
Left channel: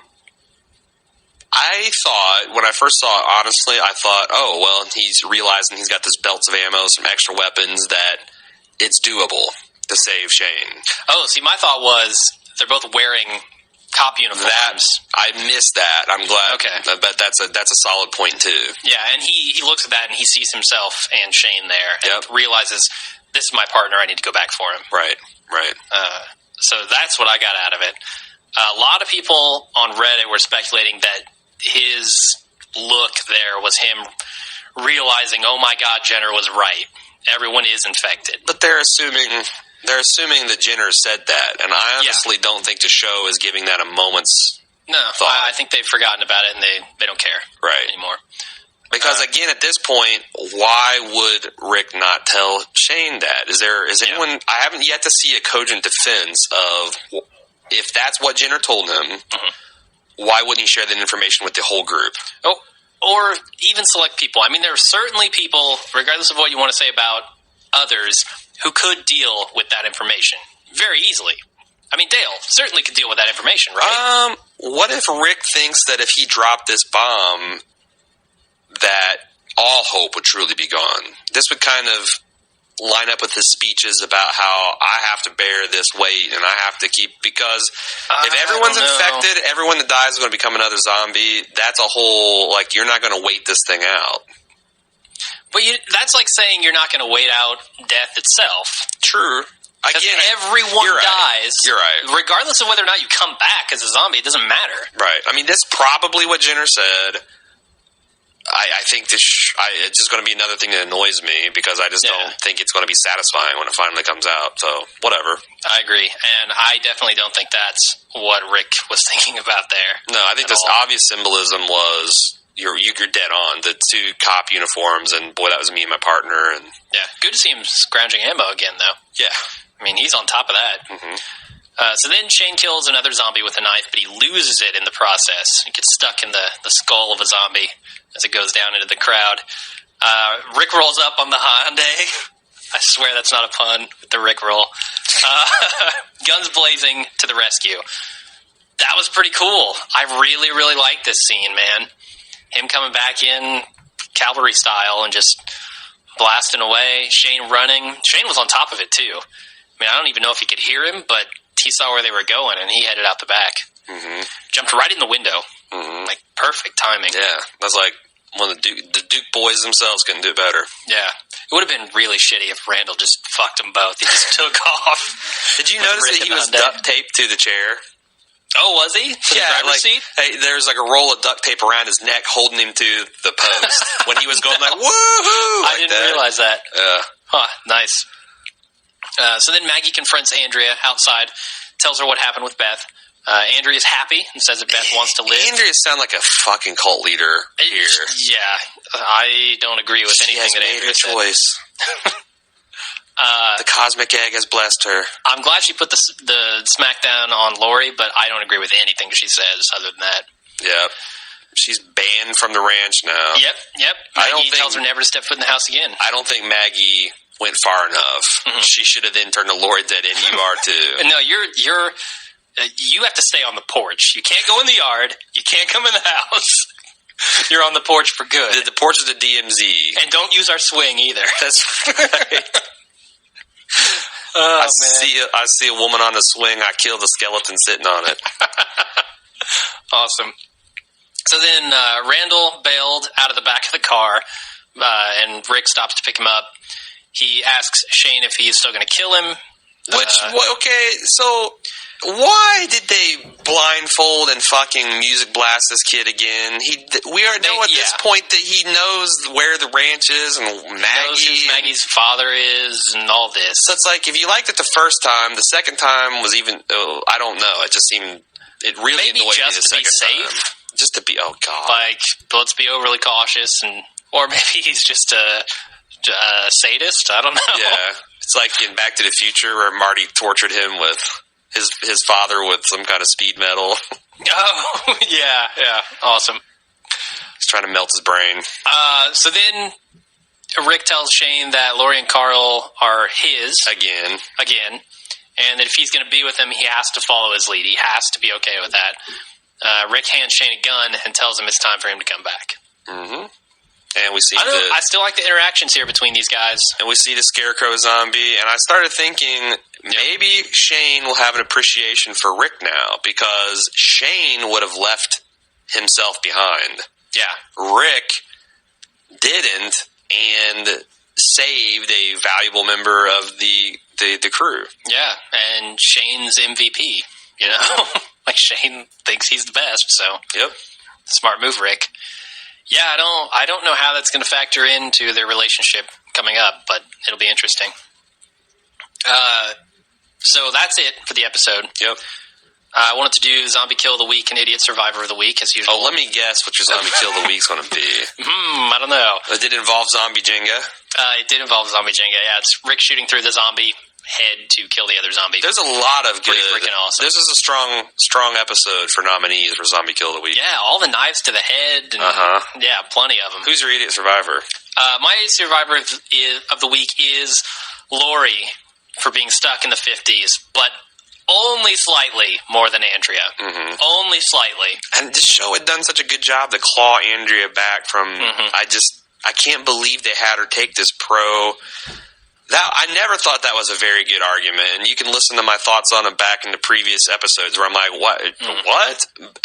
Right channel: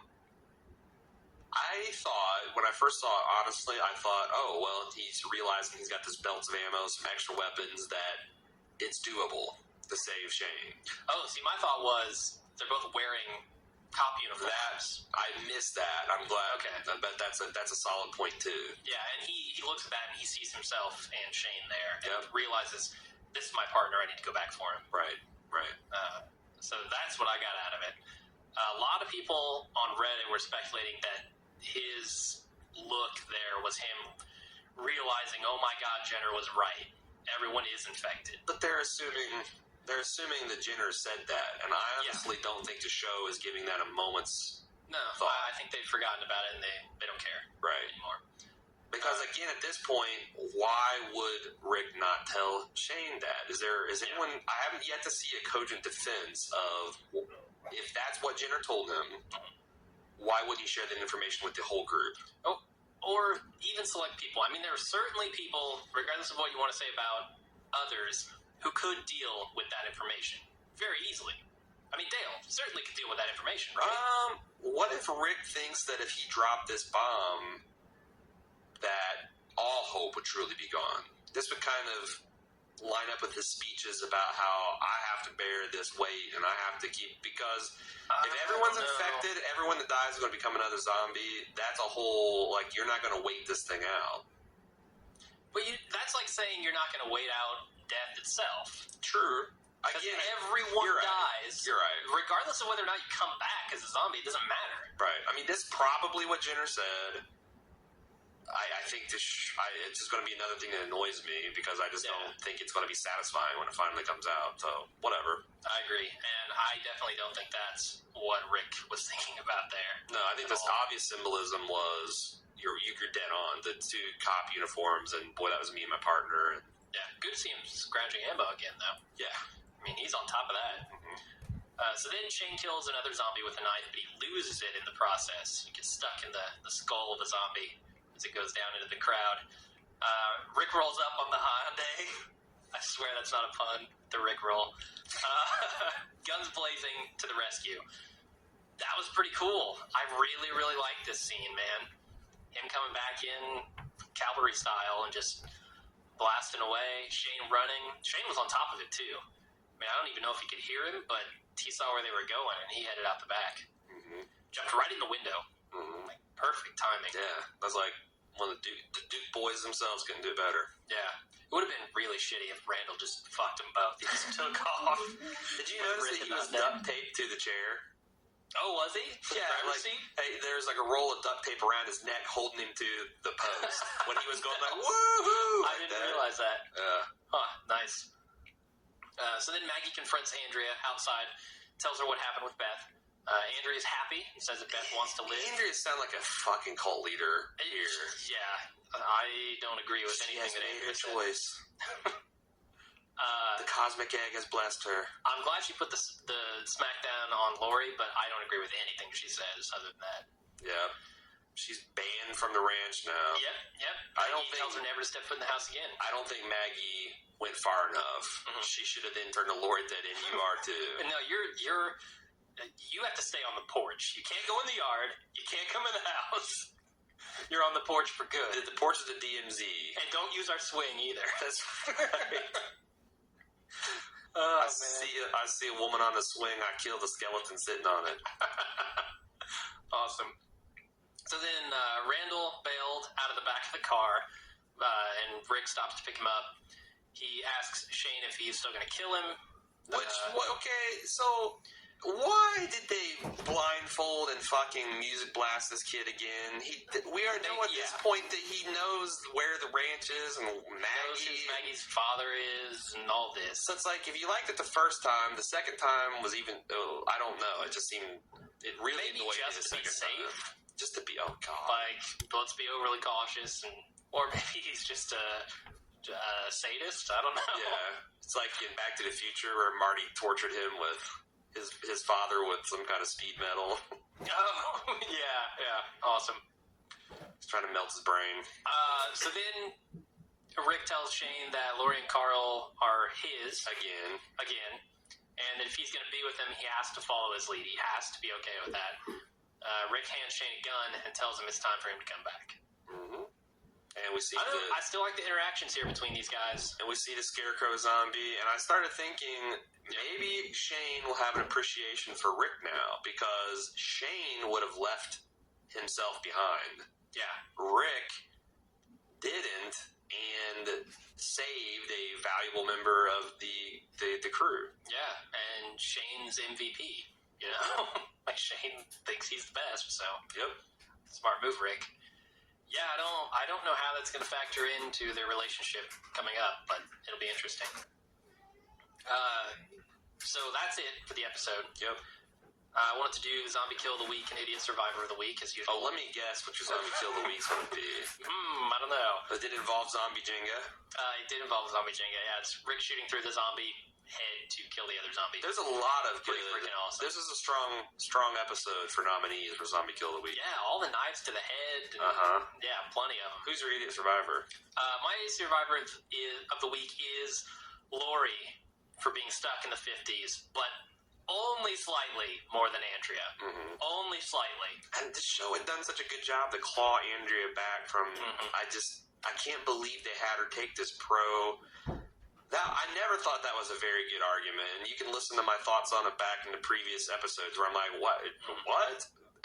thought, when I first saw it, honestly, I thought, he's realizing he's got this belts of ammo, some extra weapons, that it's doable to save Shane. Oh, see, my thought was they're both wearing cop uniforms. I missed that. I'm glad. Okay. But that's a solid point, too. Yeah, and he looks at that and he sees himself and Shane there and realizes, this is my partner, I need to go back for him. Right. So that's what I got out of it. A lot of people on Reddit were speculating that his look there was him realizing, oh my God, Jenner was right. Everyone is infected. But they're assuming... They're assuming that Jenner said that, and I honestly don't think the show is giving that a moment's thought. I think they've forgotten about it, and they don't care anymore. Because again, at this point, why would Rick not tell Shane that? Is anyone? I haven't yet to see a cogent defense of if that's what Jenner told him. Why wouldn't he share that information with the whole group? Oh, or even select people. I mean, there are certainly people, regardless of what you want to say about others, who could deal with that information very easily. I mean, Dale certainly could deal with that information, right? What if Rick thinks that if he dropped this bomb, that all hope would truly be gone? This would kind of line up with his speeches about how I have to bear this weight and I have to keep, because if everyone's infected, everyone that dies is going to become another zombie. That's a whole, like, you're not going to wait this thing out. But that's like saying you're not going to wait out death itself. True. Again, everyone dies. You're right. Regardless of whether or not you come back as a zombie, it doesn't matter. Right. I mean, that's probably what Jenner said. I think it's just going to be another thing that annoys me because I just don't think it's going to be satisfying when it finally comes out. So, whatever. I agree. And I definitely don't think that's what Rick was thinking about there. No, I think this obvious symbolism was you're dead on. The two cop uniforms, and boy, that was me and my partner. And yeah, good to see him scrounging ammo again, though. Yeah. I mean, he's on top of that. Mm-hmm. So then Shane kills another zombie with a knife, but he loses it in the process. He gets stuck in the skull of a zombie as it goes down into the crowd. Rick rolls up on the Hyundai. I swear that's not a pun with the Rick roll. Guns blazing to the rescue. That was pretty cool. I really, really liked this scene, man. Him coming back in cavalry style and just blasting away. Shane running. Shane was on top of it, too. I mean, I don't even know if he could hear him, but he saw where they were going, and he headed out the back. Mm-hmm. Jumped right in the window. Mm-hmm. Like, perfect timing. Yeah, that's like one of the Duke boys themselves couldn't do better. Yeah. It would have been really shitty if Randall just fucked them both. He just took off. Did you notice that he was duct taped to the chair? Oh, was he? To the driver's seat? Hey, there's like a roll of duct tape around his neck holding him to the post when he was going like, woohoo! I didn't realize that. Yeah. Huh, nice. So then Maggie confronts Andrea outside, tells her what happened with Beth. Andrea's happy and says that Beth wants to live. Andrea sounds like a fucking cult leader here. Yeah, I don't agree with anything that Andrea said. She has made her choice. The cosmic egg has blessed her. I'm glad she put the smackdown on Lori, but I don't agree with anything she says other than that. Yeah. She's banned from the ranch now. Yep. Maggie tells her never to step foot in the house again. I don't think Maggie went far enough. Mm-hmm. She should have then turned to Lori dead, and you are too. No, you have to stay on the porch. You can't go in the yard. You can't come in the house. You're on the porch for good. The porch is the DMZ. And don't use our swing either. That's right. I see a woman on the swing. I kill the skeleton sitting on it. Awesome. So then Randall bailed out of the back of the car, and Rick stops to pick him up. He asks Shane if he's still going to kill him. So why did they blindfold and fucking music blast this kid again? We know at this point that he knows where the ranch is and Maggie. He knows who Maggie's father is and all this. So it's like, if you liked it the first time, the second time was even, I don't know. It just seemed, it really annoyed me the second time. Just to be, oh God. Like, let's be overly cautious, or maybe he's just a sadist. I don't know. Yeah. It's like in Back to the Future where Marty tortured him with his father with some kind of speed metal. Oh, yeah. Awesome. He's trying to melt his brain. So then Rick tells Shane that Lori and Carl are his. Again. And that if he's going to be with them, he has to follow his lead. He has to be okay with that. Rick hands Shane a gun and tells him it's time for him to come back. Mm-hmm. And we see I still like the interactions here between these guys. And we see the Scarecrow zombie, and I started thinking maybe Shane will have an appreciation for Rick now, because Shane would have left himself behind. Yeah. Rick didn't, and saved a valuable member of the crew. Yeah, and Shane's MVP, you know? Like, Shane thinks he's the best, so. Yep. Smart move, Rick. Yeah, I don't know how that's going to factor into their relationship coming up, but it'll be interesting. So that's it for the episode. Yep. I wanted to do Zombie Kill of the Week and Idiot Survivor of the Week, as usual. Oh, let me guess what your Zombie Kill of the Week's going to be. I don't know. Did it involve zombie Jenga? It did involve zombie Jenga. Yeah, it's Rick shooting through the zombie head to kill the other zombie. There's a lot of Pretty good. freaking awesome. This is a strong episode for nominees for Zombie Kill of the Week. Yeah, all the knives to the head. And, yeah, plenty of them. Who's your Idiot Survivor? My Idiot Survivor of the Week is Lori for being stuck in the 50s, but only slightly more than Andrea. Mm-hmm. Only slightly. And this show had done such a good job to claw Andrea back from. I can't believe they had her take this I never thought that was a very good argument, and you can listen to my thoughts on it back in the previous episodes where I'm like, what?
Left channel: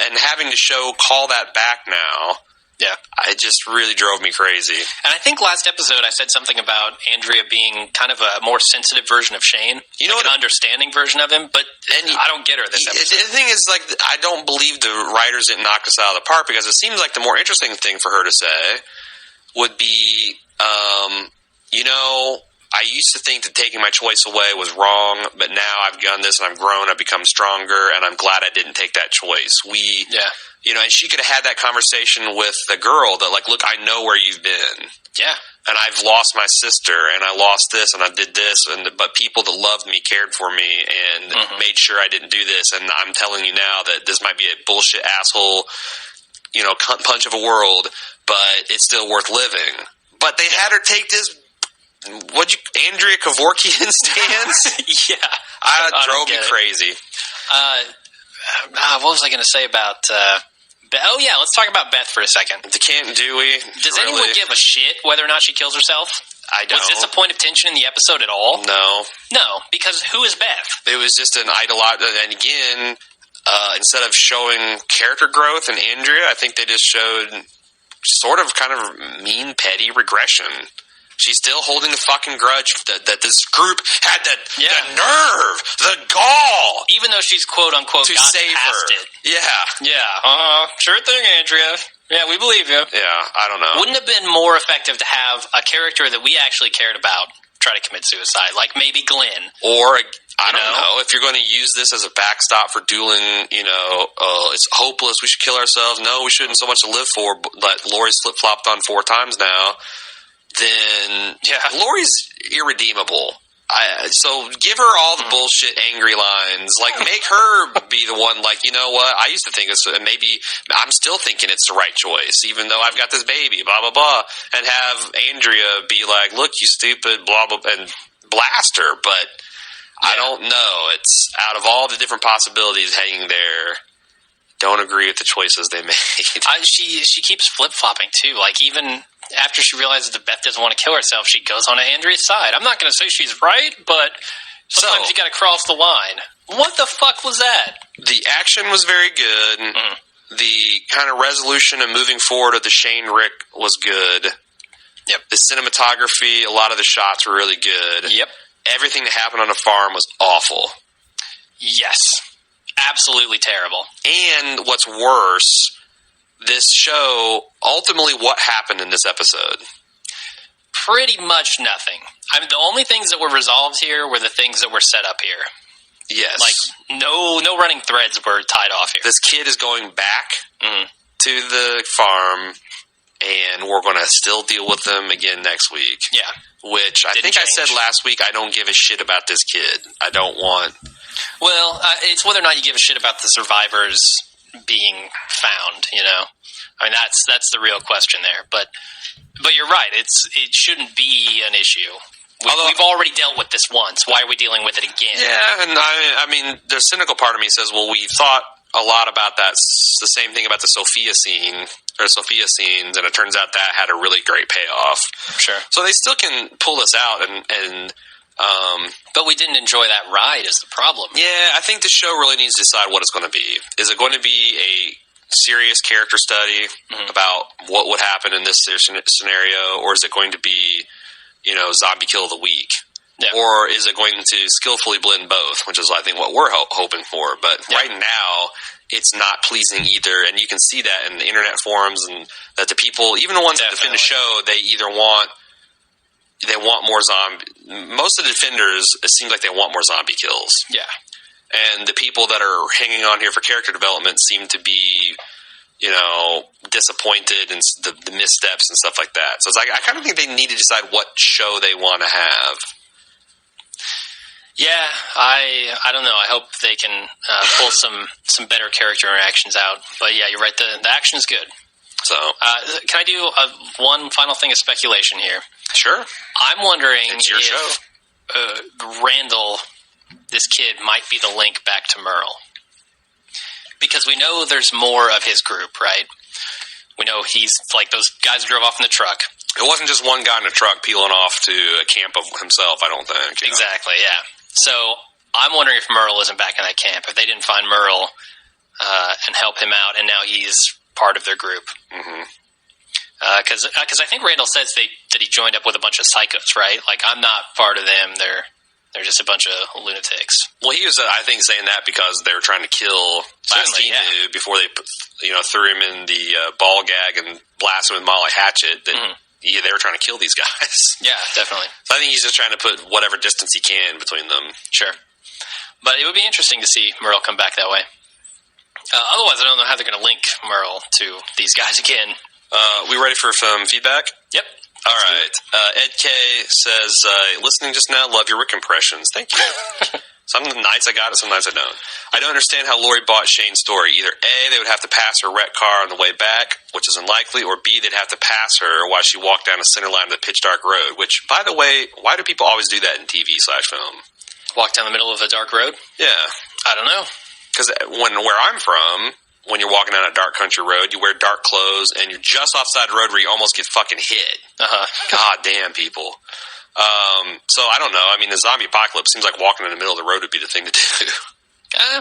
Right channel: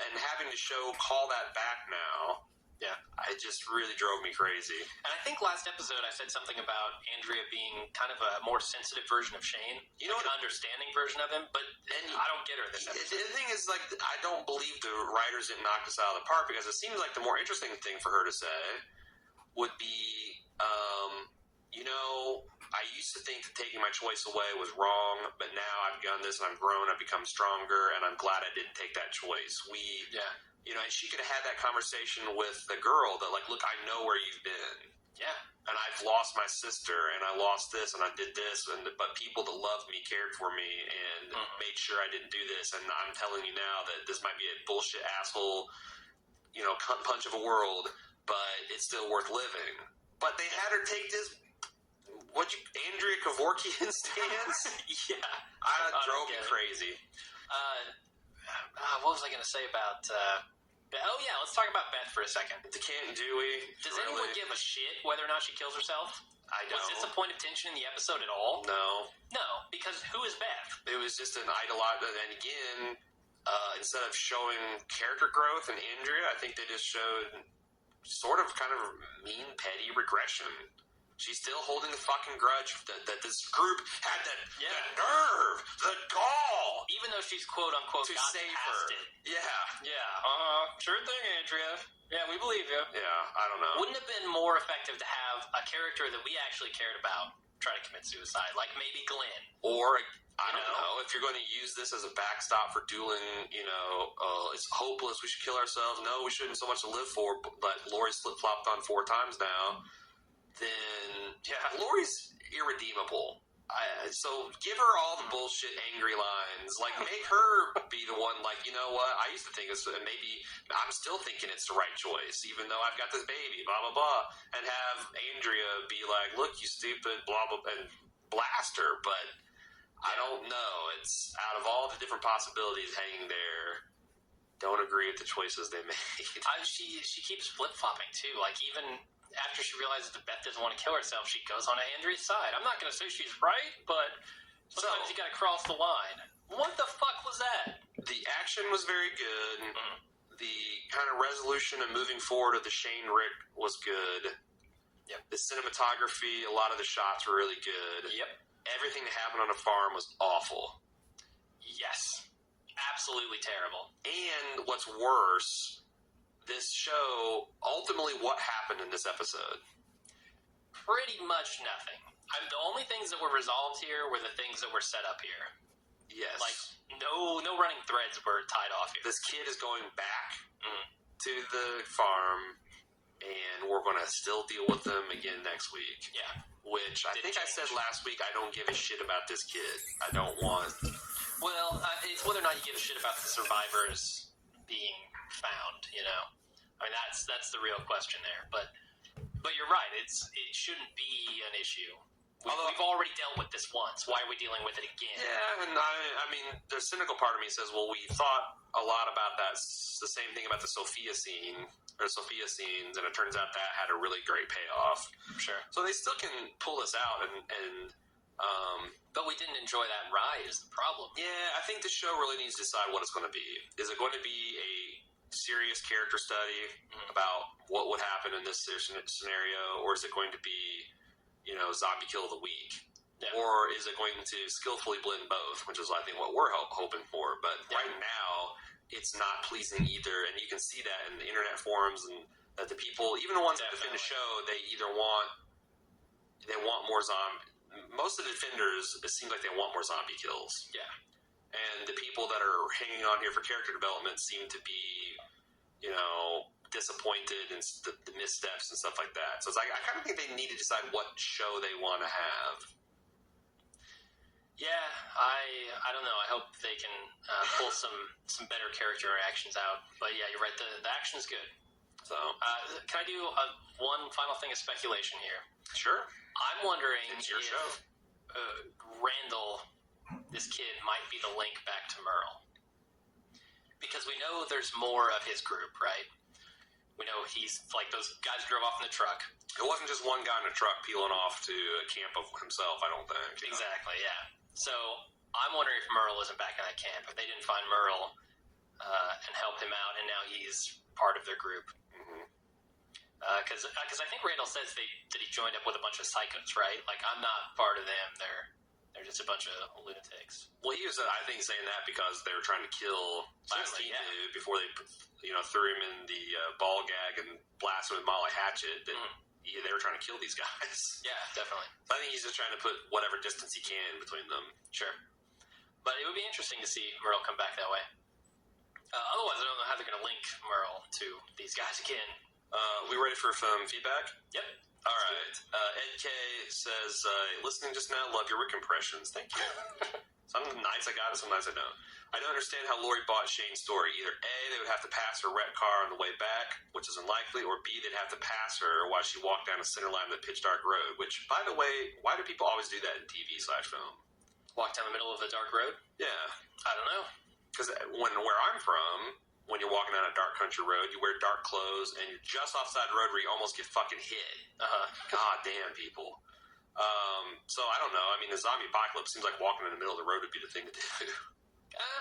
And having the show call that back now, yeah, it just really drove me crazy. And I think last episode I said something about Andrea being kind of a more sensitive version of Shane, an understanding version of him, but I don't get her this episode. The thing is, like, I don't believe the writers didn't knock us out of the park, because it seems like the more interesting thing for her to say would be, I used to think that taking my choice away was wrong, but now I've done this and I've grown, I've become stronger, and I'm glad I didn't take that choice. And she could have had that conversation with the girl that, like, look, I know where you've been. Yeah. And I've lost my sister, and I lost this, and I did this, but people that loved me cared for me and made sure I didn't do this, and I'm telling you now that this might be a bullshit asshole, cunt punch of a world, but it's still worth living. But they had her take this Andrea Kevorkian stance? Yeah. It drove me crazy. What was I going to say about Beth? Oh, yeah, let's talk about Beth for a second. The Canton Dewey. Does anyone give a shit whether or not she kills herself? I don't. Was this a point of tension in the episode at all? No. No, because who is Beth? It was just an idolized, and again, instead of showing character growth in Andrea, I think they just showed sort of kind of mean, petty regression. She's still holding the fucking grudge that this group had the nerve, the gall. Even though she's quote-unquote to gotten save past her. it. Yeah. Yeah. Sure thing, Andrea. Yeah, we believe you. Yeah, I don't know. Wouldn't it have been more effective to have a character that we actually cared about try to commit suicide? Like maybe Glenn. Or, I don't know, if you're going to use this as a backstop for dueling, it's hopeless, we should kill ourselves. No, we shouldn't, so much to live for. But Lori's flip-flopped on 4 times now. Then Lori's irredeemable. So give her all the bullshit angry lines. Like, make her be the one, like, you know what? I used to think it's, maybe I'm still thinking it's the right choice, even though I've got this baby, blah, blah, blah. And have Andrea be like, look, you stupid, blah, blah, and blast her. But I don't know. It's out of all the different possibilities hanging there, don't agree with the choices they made. She keeps flip-flopping, too. Like, even after she realizes that Beth doesn't want to kill herself, she goes on Andrea's side. I'm not going to say she's right, but sometimes you got to cross the line. What the fuck was that? The action was very good. Mm-hmm. The kind of resolution and moving forward of the Shane Rick was good. Yep. The cinematography, a lot of the shots were really good. Yep. Everything that happened on the farm was awful. Yes. Absolutely terrible. And what's worse, this show, ultimately what happened in this episode? Pretty much nothing. I mean, the only things that were resolved here were the things that were set up here. Yes. Like, no running threads were tied off here. This kid is going back to the farm, and we're going to still deal with them again next week. Yeah. Which I think I said last week, I don't give a shit about this kid. I don't want... Well, it's whether or not you give a shit about the survivors being found, I mean, that's the real question there. But you're right. It shouldn't be an issue. We've already dealt with this once. Why are we dealing with it again? Yeah, and I mean, the cynical part of me says, well, we thought a lot about that, the same thing about the Sophia scenes, and it turns out that had a really great payoff. Sure. So they still can pull this out, but we didn't enjoy that ride is the problem. Yeah, I think the show really needs to decide what it's going to be. Is it going to be a serious character study about what would happen in this scenario, or is it going to be, zombie kill of the week? Yeah. Or is it going to skillfully blend both, which is, I think, what we're hoping for. But right now, it's not pleasing either, and you can see that in the internet forums, and that the people, even the ones that defend the show, they either want they want more zombie. Most of the defenders, it seems like they want more zombie kills. Yeah. And the people that are hanging on here for character development seem to be, disappointed in the missteps and stuff like that. So it's like, I kind of think they need to decide what show they want to have. Yeah, I don't know. I hope they can pull some better character interactions out. But yeah, you're right. The action is good. So, can I do one final thing of speculation here? Sure. I'm wondering it's your if show. Randall, this kid, might be the link back to Merle. Because we know there's more of his group, right? We know he's like those guys who drove off in the truck. It wasn't just one guy in a truck peeling off to a camp of himself, I don't think. Exactly, yeah. So I'm wondering if Merle isn't back in that camp. If they didn't find Merle and help him out, and now he's part of their group. Because I think Randall says that he joined up with a bunch of psychos, right? Like, I'm not part of them. They're just a bunch of lunatics. Well, he was, I think, saying that because they were trying to kill last team dude before they, threw him in the ball gag and blasted him with Molly Hatchet. That they were trying to kill these guys. Yeah, definitely. So I think he's just trying to put whatever distance he can between them. Sure. But it would be interesting to see Merle come back that way. Otherwise, I don't know how they're going to link Merle to these guys again. We ready for some feedback? Yep. All right. Ed K says, listening just now, love your Rick impressions. Thank you. Some nights I got it, some nights I don't. I don't understand how Lori bought Shane's story. Either A, they would have to pass her wrecked car on the way back, which is unlikely, or B, they'd have to pass her while she walked down the center line of the pitch dark road, which, by the way, why do people always do that in TV/film? Walk down the middle of a dark road? Yeah. I don't know. Because where I'm from, when you're walking down a dark country road, you wear dark clothes, and you're just offside the road where you almost get fucking hit. God damn, people. So I don't know. I mean, the zombie apocalypse seems like walking in the middle of the road would be the thing to do.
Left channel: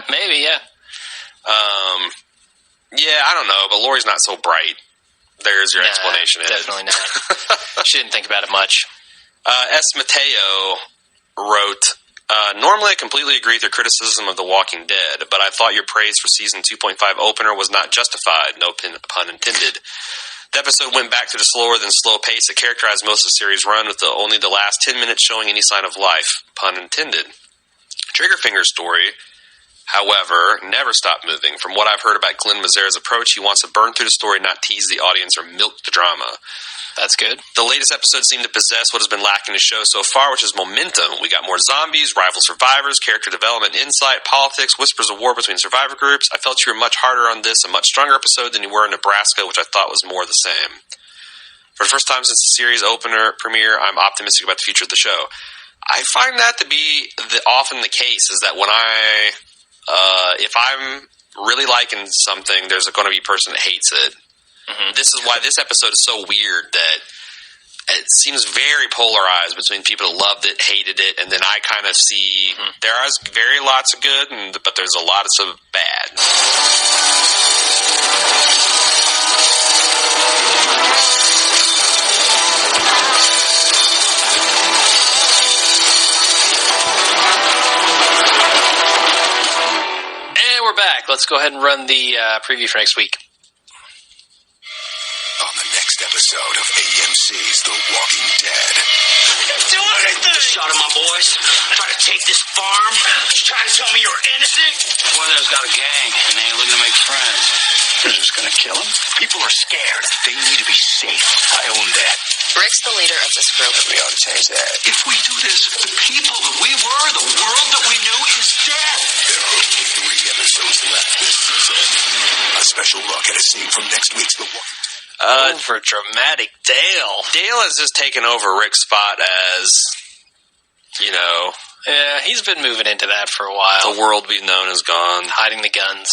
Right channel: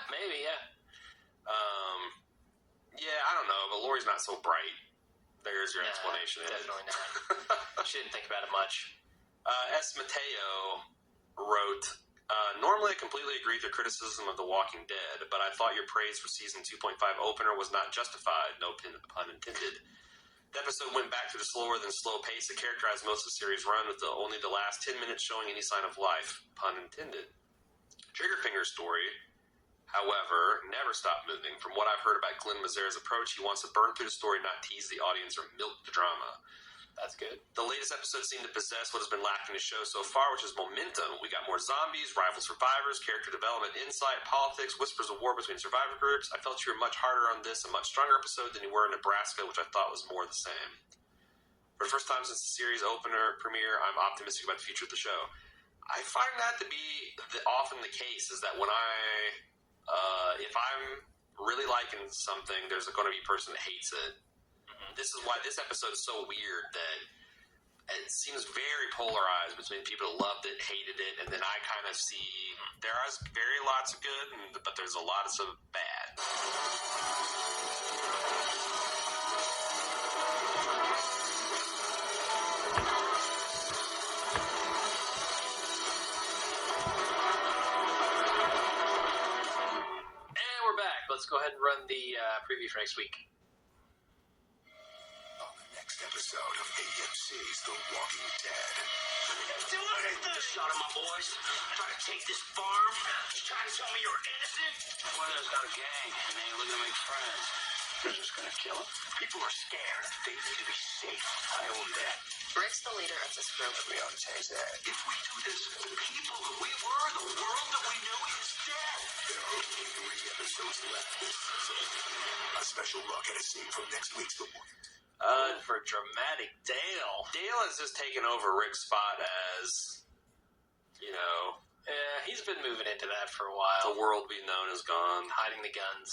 Maybe, yeah. Yeah, I don't know, but Lori's not so bright. There's your explanation. Definitely not. She didn't think about it much. S. Mateo wrote, normally I completely agree with your criticism of The Walking Dead, but I thought your praise for season 2.5 opener was not justified, no pun intended. The episode went back to the slower than slow pace that characterized most of the series' run, with only the last 10 minutes showing any sign of life, pun intended. Triggerfinger's story, however, never stopped moving. From what I've heard about Glenn Mazzara's approach, he wants to burn through the story, not tease the audience or milk the drama. That's good. The latest episode seemed to possess what has been lacking in the show so far, which is momentum. We got more zombies, rival survivors, character development, insight, politics, whispers of war between survivor groups. I felt you were much harder on this, a much stronger episode than you were in Nebraska, which I thought was more the same. For the first time since the series opener premiere, I'm optimistic about the future of the show. I find that to be often the case, is that when if I'm really liking something, there's going to be a person that hates it. This is why this episode is so weird, that it seems very polarized between people who loved it, hated it, and then I kind of see there are very lots of good, but there's a lot of bad. And we're back. Let's go ahead and run the preview for next week. On the next episode of AMC's The Walking Dead. Do anything! Shot at my boys. Try to take this farm. Just trying to tell me you're innocent. One of them's got a gang, and they ain't looking to make friends. You're just gonna kill them? People are scared. They need to be safe. I own that. Rick's the leader of this group. We ought to change that. If we do this, the people that we were, the world that we knew is dead. There are only 3 episodes left this season. A special look at a scene from next week's The Walking Dead. For dramatic Dale. Dale has just taken over Rick's spot as, Yeah, he's been moving into that for a while. the world we've known is gone. Hiding the guns.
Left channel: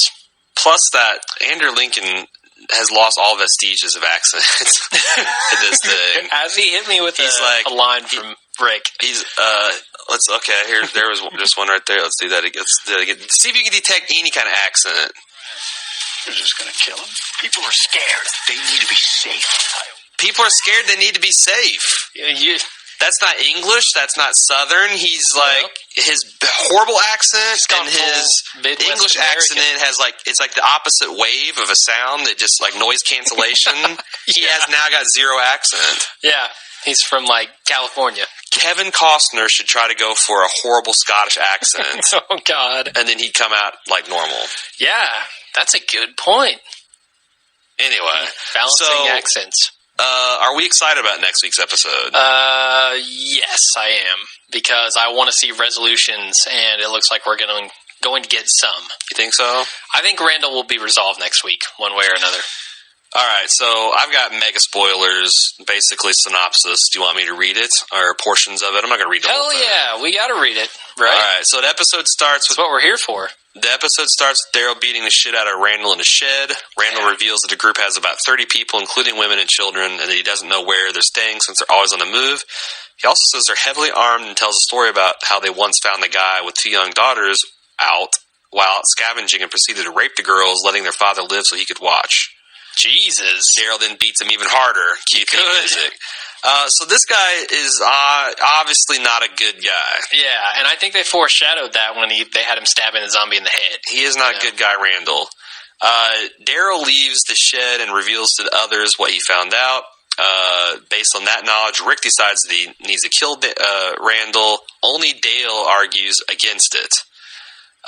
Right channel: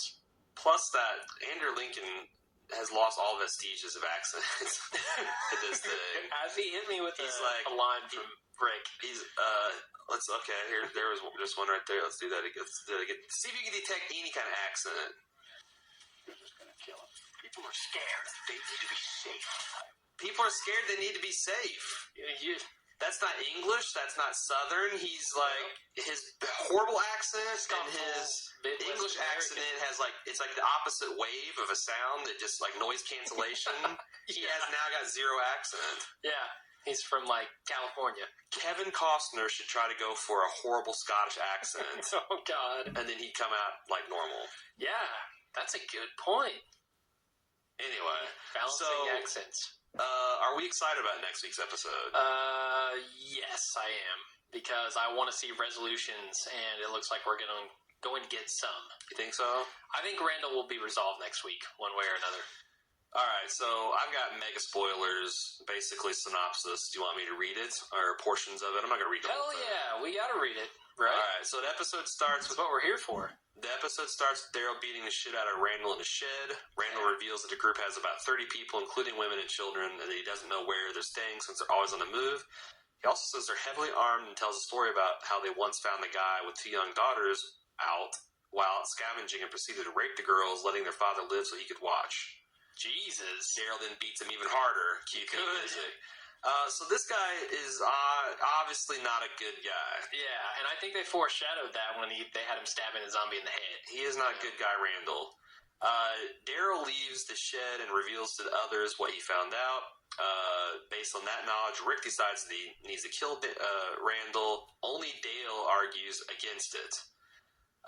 Plus that Andrew Lincoln has lost all vestiges of accent to this thing. As he hit me with a line from Rick. He's there was just one right there. Let's do that again. See if you can detect any kind of accent. You're just gonna kill them? People are scared. They need to be safe. People are scared. They need to be safe. That's not English. That's not Southern. He's like his horrible accent and his English accent has it's like the opposite wave of a sound that just like noise cancellation. He has now got zero accent. Yeah. He's from, like, California. Kevin Costner should try to go for a horrible Scottish accent. Oh, God. And then he'd come out like normal. Yeah, that's a good point. Anyway. Balancing accents. Are we excited about next week's episode? Yes, I am. Because I want to see resolutions, and it looks like we're going to get some. You think so? I think Randall will be resolved next week, one way or another. All right, so I've got mega spoilers, basically synopsis. Do you want me to read it, or portions of it? I'm not going to read the whole thing. Hell yeah, we got to read it, right? All right, so the episode starts with... That's what we're here for. The episode starts with Daryl beating the shit out of Randall in a shed. Randall reveals that the group has about 30 people, including women and children, and that he doesn't know where they're staying since they're always on the move. He also says they're heavily armed and tells a story about how they once found the guy with 2 young daughters out while out scavenging and proceeded to rape the girls, letting their father live so he could watch. Jesus. Daryl then beats him even harder. Cue theme music. So this guy is obviously not a good guy. Yeah, and I think they foreshadowed that when they had him stabbing the zombie in the head. He is not a good guy, Randall. Daryl leaves the shed and reveals to others what he found out. Based on that knowledge, Rick decides that he needs to kill Randall. Only Dale argues against it.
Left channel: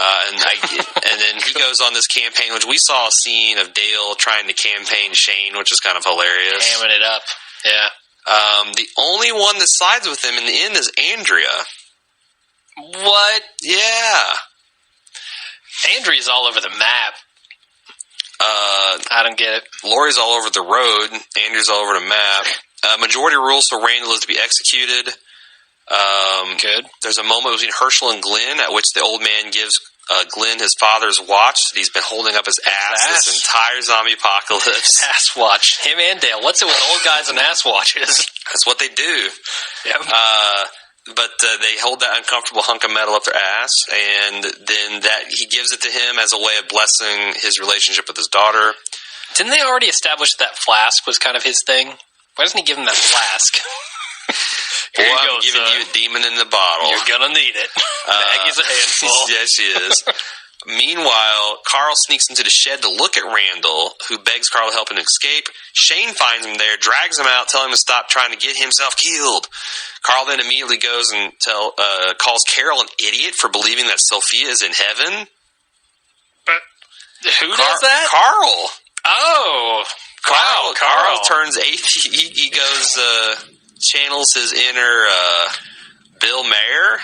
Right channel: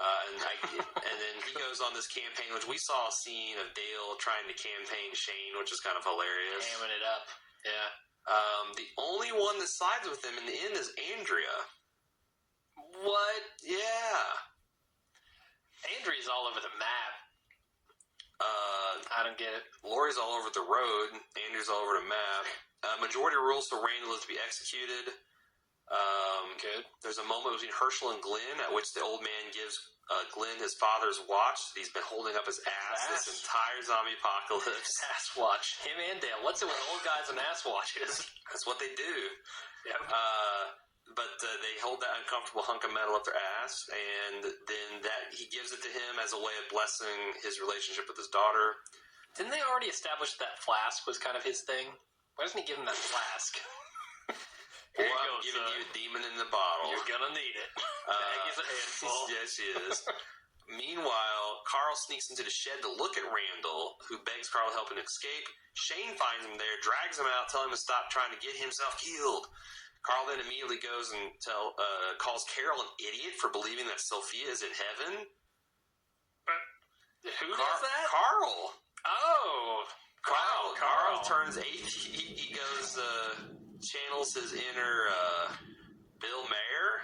And then he goes on this campaign, which we saw a scene of Dale trying to campaign Shane, which is kind of hilarious. Hamming it up, yeah. The only one that sides with him in the end is Andrea. What? Yeah. Andrea's all over the map. I don't get it. Lori's all over the road. Andrea's all over the map. Majority rules for Randall is to be executed. Good. There's a moment between Herschel and Glenn at which the old man gives Glenn his father's watch that he's been holding up his ass this entire zombie apocalypse. Ass watch. Him and Dale. What's it with old guys and ass watches? That's what they do. Yep. But they hold that uncomfortable hunk of metal up their ass, and then he gives it to him as a way of blessing his relationship with his daughter. Didn't they already establish that flask was kind of his thing? Why doesn't he give him that flask? Boy, I'm giving you a demon in the bottle. You're gonna need it. Maggie's a handful. Yeah, she is. Meanwhile, Carl sneaks into the shed to look at Randall, who begs Carl to help him escape. Shane finds him there, drags him out, telling him to stop trying to get himself killed. Carl then immediately goes and calls Carol an idiot for believing that Sophia is in heaven. But who does that? Carl. Oh. Carl turns atheist. He goes, channels his inner Bill Maher.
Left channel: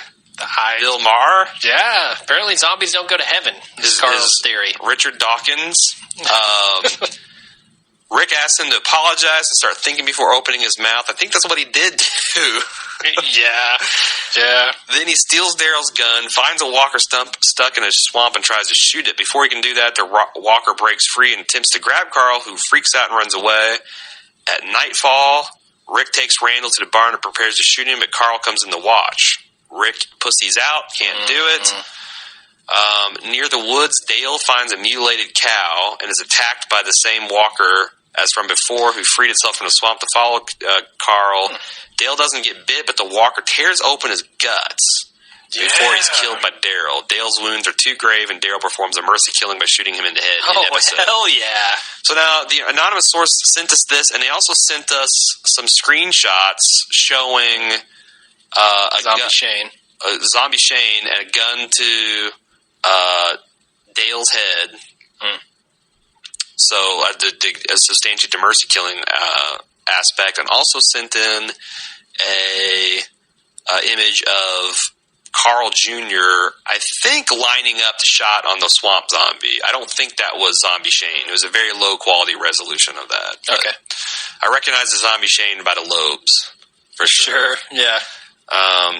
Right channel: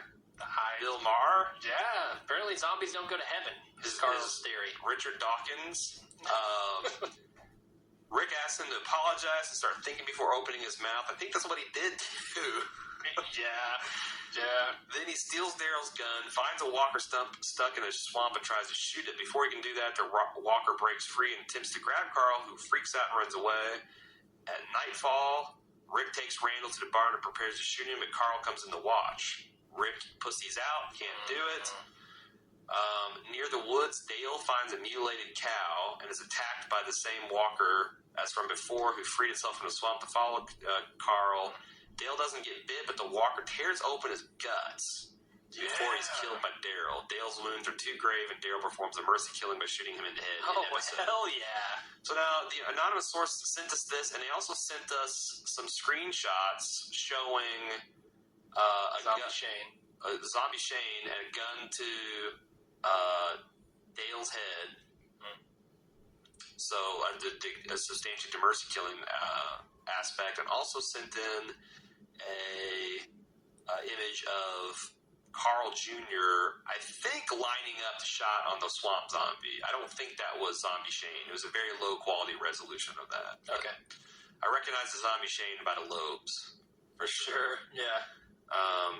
Bill Maher. Yeah. Apparently zombies don't go to heaven. Is Carl's theory. Richard Dawkins. Rick asks him to apologize and start thinking before opening his mouth. I think that's what he did too. Yeah. Then he steals Daryl's gun, finds a walker stuck in a swamp, and tries to shoot it. Before he can do that, the walker breaks free and attempts to grab Carl, who freaks out and runs away. At nightfall, Rick takes Randall to the barn and prepares to shoot him, but Carl comes in to watch. Rick pussies out, can't do it. Near the woods, Dale finds a mutilated cow and is attacked by the same walker as from before, who freed itself from the swamp to follow Carl. Dale doesn't get bit, but the walker tears open his guts before he's killed by Daryl. Dale's wounds are too grave, and Daryl performs a mercy killing by shooting him in the head. Hell yeah. So now, the anonymous source sent us this, and they also sent us some screenshots showing Zombie Shane and a gun to Dale's head. So to substantiate the mercy killing aspect, and also sent in a image of Carl Jr., I think, lining up the shot on the swamp zombie. I don't think that was Zombie Shane. It was a very low quality resolution of that. Okay. I recognize the Zombie Shane by the lobes. For sure. Yeah.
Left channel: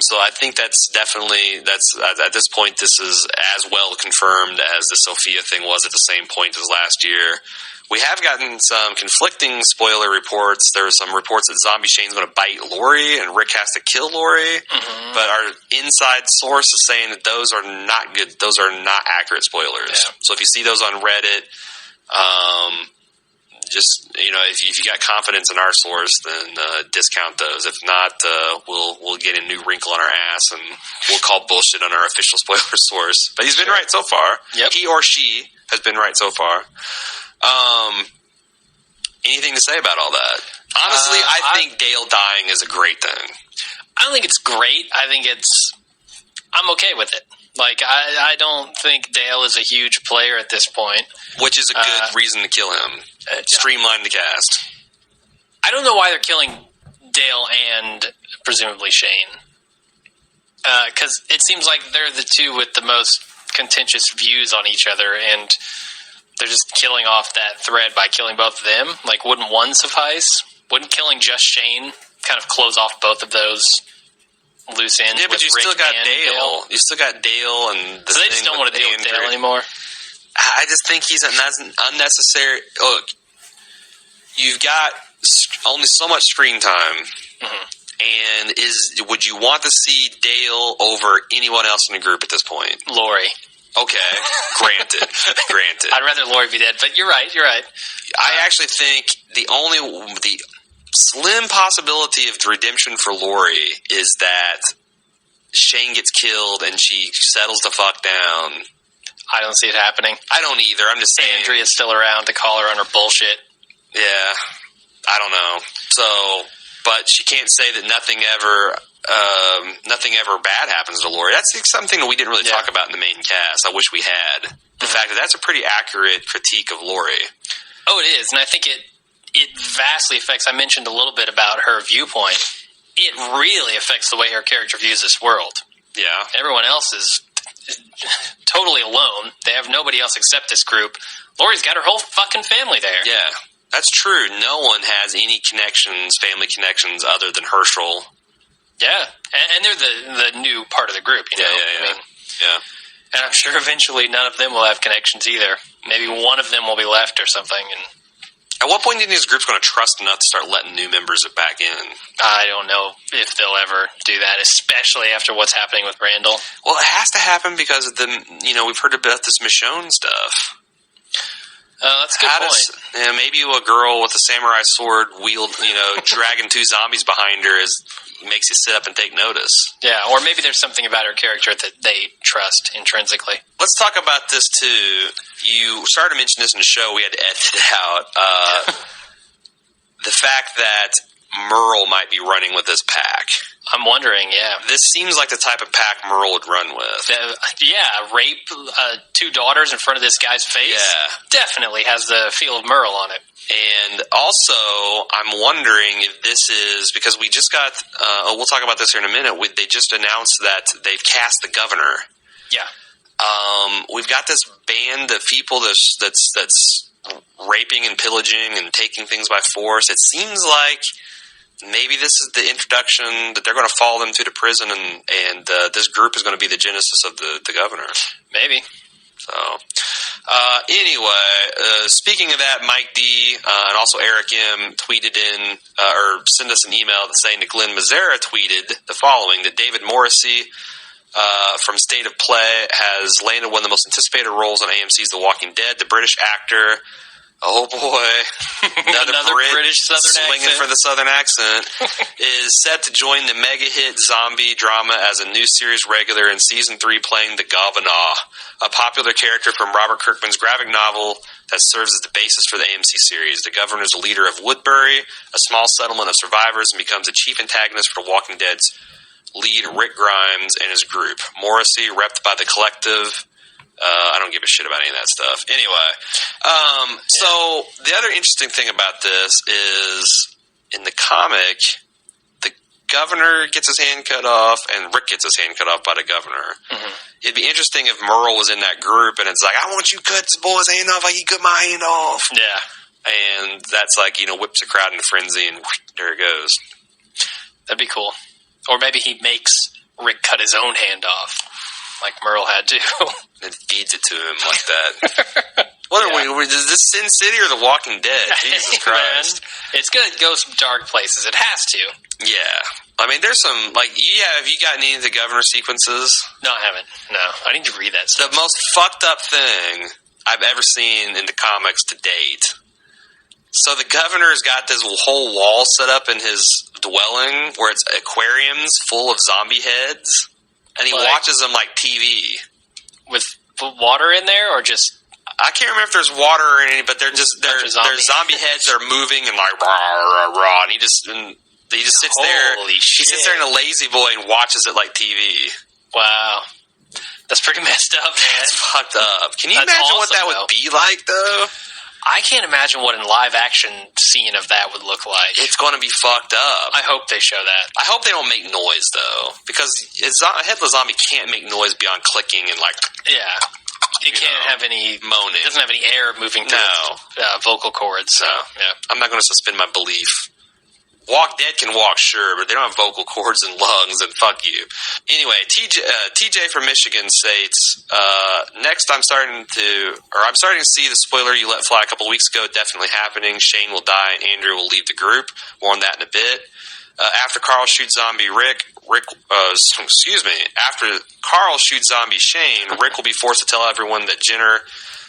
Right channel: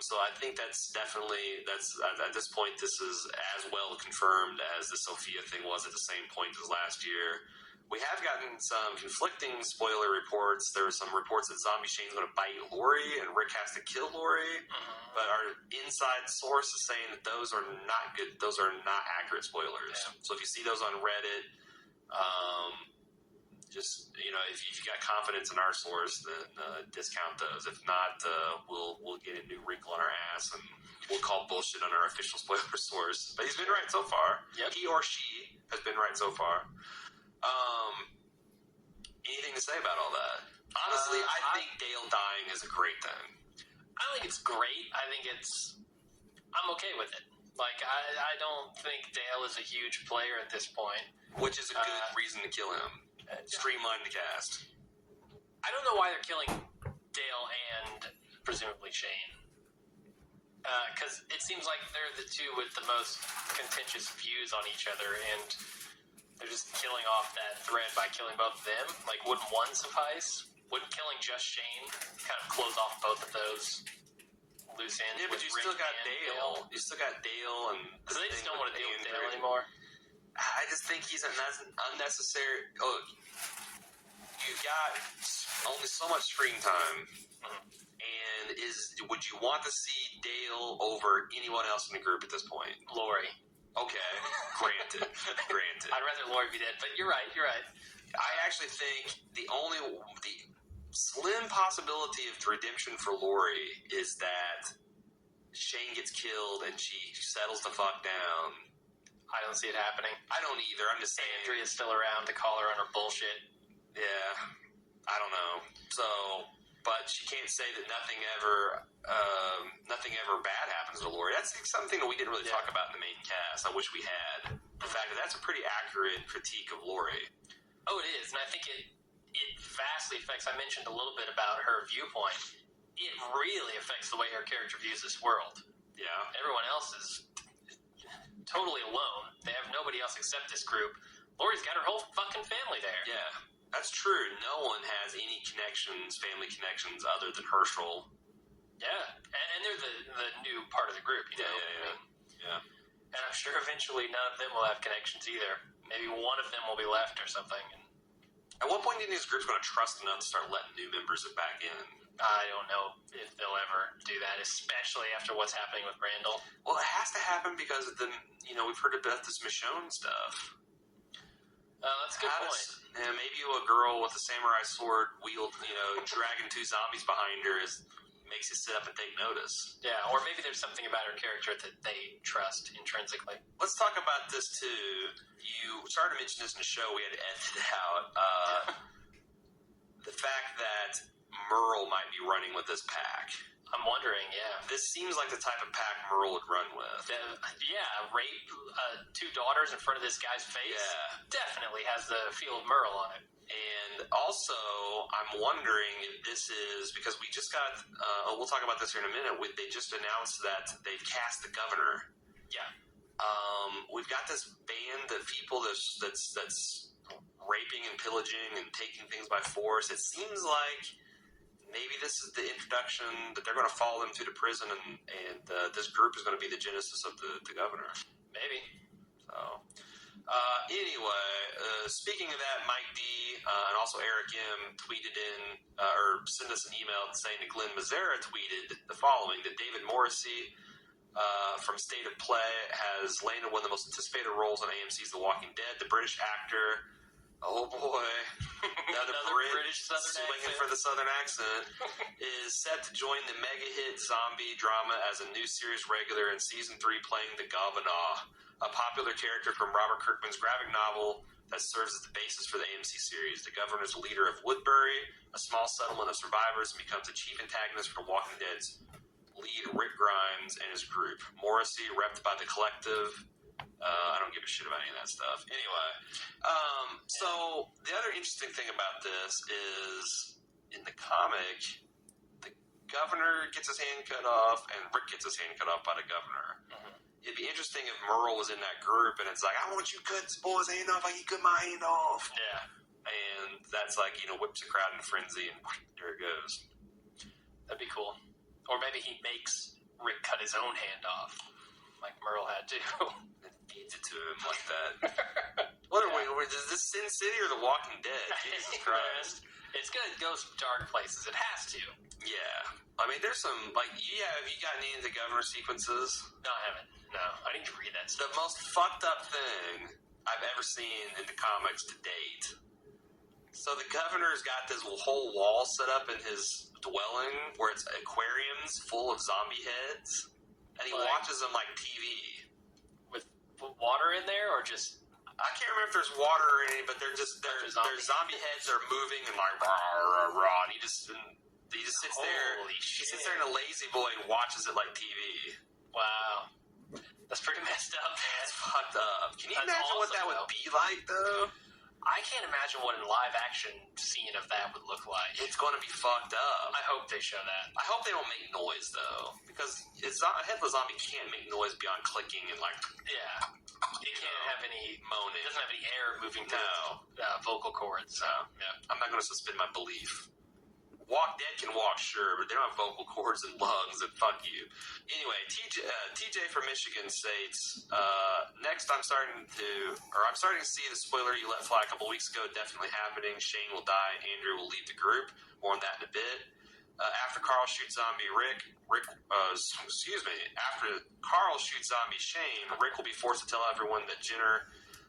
So I think that's definitely, at this point, this is as well confirmed as the Sophia thing was at the same point as last year. We have gotten some conflicting spoiler reports. There are some reports that Zombie Shane's going to bite Lori and Rick has to kill Lori. But our inside source is saying that those are not good. Those are not accurate spoilers. Yeah. So if you see those on Reddit, just, if you got confidence in our source, then discount those. If not, we'll get a new wrinkle on our ass and we'll call bullshit on our official spoiler source. But he's been right so far. Yep. He or she has been right so far. anything to say about all that. Honestly, I think Dale dying is a great thing. I don't think it's great. I'm okay with it. Like, I don't think Dale is a huge player at this point. Which is a good reason to kill him. Streamline the cast. I don't know why they're killing Dale and presumably Shane. Because it seems like they're the two with the most contentious views on each other, and they're just killing off that thread by killing both of them. Like, wouldn't one suffice? Wouldn't killing just Shane kind of close off both of those loose ends? Yeah, but you Rick still got and Dale. You still got Dale, and so they just don't want to deal with Dale anymore. I just think he's unnecessary. Look, you've got only so much screen time, and would you want to see Dale over anyone else in the group at this point? Lori. Okay, granted. I'd rather Lori be dead, but you're right. I actually think the slim possibility of redemption for Lori is that Shane gets killed and she settles the fuck down. I don't see it happening. I don't either. I'm just saying. Andrea's still around to call her on her bullshit. Yeah, I don't know. So, but she can't say that nothing ever bad happens to Lori. That's something that we didn't really talk about in the main cast. I wish we had. The fact that that's a pretty accurate critique of Lori. Oh, it is, and I think it vastly affects. I mentioned a little bit about her viewpoint. It really affects the way her character views this world. Yeah, everyone else is totally alone. They have nobody else except this group. Lori's got her whole fucking family there. Yeah, that's true. No one has any connections, family connections, other than Herschel. Yeah, and they're the new part of the group, you know? Yeah. And I'm sure eventually none of them will have connections either. Maybe one of them will be left or something. And at what point do you think this group's going to trust enough to start letting new members back in? I don't know if they'll ever do that, especially after what's happening with Randall. Well, it has to happen because of we've heard about this Michonne stuff. That's a good point. Maybe a girl with a samurai sword dragging two zombies behind her makes you sit up and take notice. Yeah, or maybe there's something about her character that they trust intrinsically. Let's talk about this, too. You started to mention this in the show. We had to edit it out. The fact that Merle might be running with this pack. I'm wondering, yeah. This seems like the type of pack Merle would run with. Rape two daughters in front of this guy's face. Yeah. Definitely has the feel of Merle on it. And also, I'm wondering if this is, because we just got, we'll talk about this here in a minute, they just announced that they've cast the governor. Yeah. We've got this band of people that's raping and pillaging and taking things by force. It seems like maybe this is the introduction that they're going to follow them through to prison, and this group is going to be the genesis of the governor. Maybe. So, anyway, speaking of that, Mike D and also Eric M tweeted in, or sent us an email saying that Glenn Mazzara tweeted the following, that David Morrissey from State of Play has landed one of the most anticipated roles on AMC's The Walking Dead. The British actor, oh boy, another British Southern swinging accent for the Southern accent, is set to join the mega hit zombie drama as a new series regular in season 3, playing the Governor, a popular character from Robert Kirkman's graphic novel that serves as the basis for the AMC series. The Governor is a leader of Woodbury, a small settlement of survivors, and becomes the chief antagonist for The Walking Dead's lead Rick Grimes and his group. Morrissey, repped by the Collective. I don't give a shit about any of that stuff. Anyway, so the other interesting thing about this is in the comic, the governor gets his hand cut off and Rick gets his hand cut off by the governor. Mm-hmm. It'd be interesting if Merle was in that group and it's like, I want you to cut this boy's hand off like he cut my hand off. Yeah. And that's like, whips a crowd in a frenzy and there it goes. That'd be cool. Or maybe he makes Rick cut his own hand off, like Merle had to. And feeds it to him like that. What are we? Is this Sin City or The Walking Dead? Jesus Christ. Man, it's going to go some dark places. It has to. Yeah. I mean, there's some, have you gotten any of the governor sequences? No, I haven't. No. I need to read that stuff. The most fucked up thing I've ever seen in the comics to date. So the governor's got this whole wall set up in his dwelling where it's aquariums full of zombie heads, and he watches them like TV. With water in there, or just I can't remember if there's water or any, but they're zombie heads that are moving and like rah, rah, rah, and he just sits there. Holy He shit. sits there in a lazy boy and watches it like TV. Wow. That's pretty messed up, man. It's fucked up. Can you That's imagine what awesome, that would be like, though? I can't imagine what a live action scene of that would look like. It's going to be fucked up. I hope they show that. I hope they don't make noise, though, because a headless zombie can't make noise beyond clicking and like. Yeah. It can't have any moaning. It doesn't have any air moving through its vocal cords. So yeah, I'm not going to suspend my belief. Walk Dead can walk, sure, but they don't have vocal cords and lungs, and fuck you. Anyway, TJ from Michigan states, next I'm starting to see the spoiler you let fly a couple weeks ago definitely happening. Shane will die and Andrew will leave the group. More on that in a bit. After Carl shoots zombie after Carl shoots zombie Shane, Rick will be forced to tell everyone that Jenner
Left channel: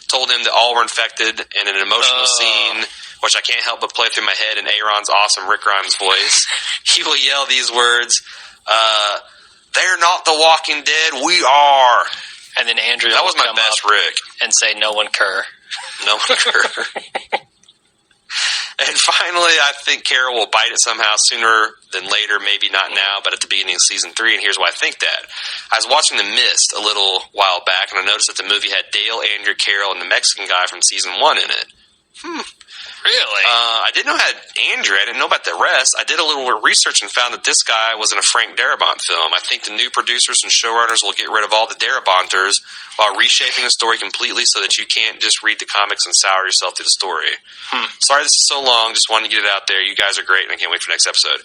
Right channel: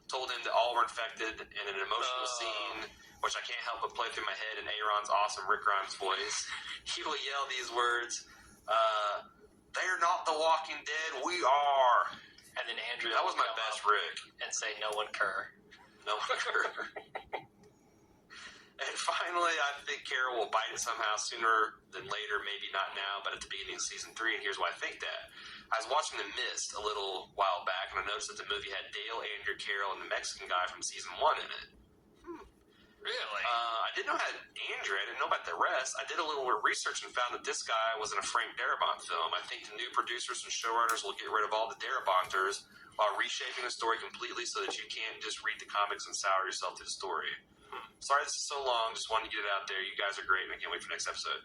told him that all were infected in an emotional scene, which I can't help but play through my head in Aaron's awesome Rick Grimes voice. He will yell these words, "They're not the Walking Dead, we are." And then Andrew that was my best Rick. And say, "No one cur." No one cur. And finally, I think Carol will bite it somehow sooner than later, maybe not now, but at the beginning of Season 3, and here's why I think that. I was watching The Mist a little while back, and I noticed that the movie had Dale, Andrew, Carol, and the Mexican guy from Season 1 in it. Really? I didn't know it had Andrew. I didn't know about the rest. I did a little research and found that this guy was in a Frank Darabont film. I think the new producers and showrunners will get rid of all the Darabonters while reshaping the story completely so that you can't just read the comics and sour yourself to the story. Sorry this is so long. Just wanted to get it out there. You guys are great, and I can't wait for the next episode.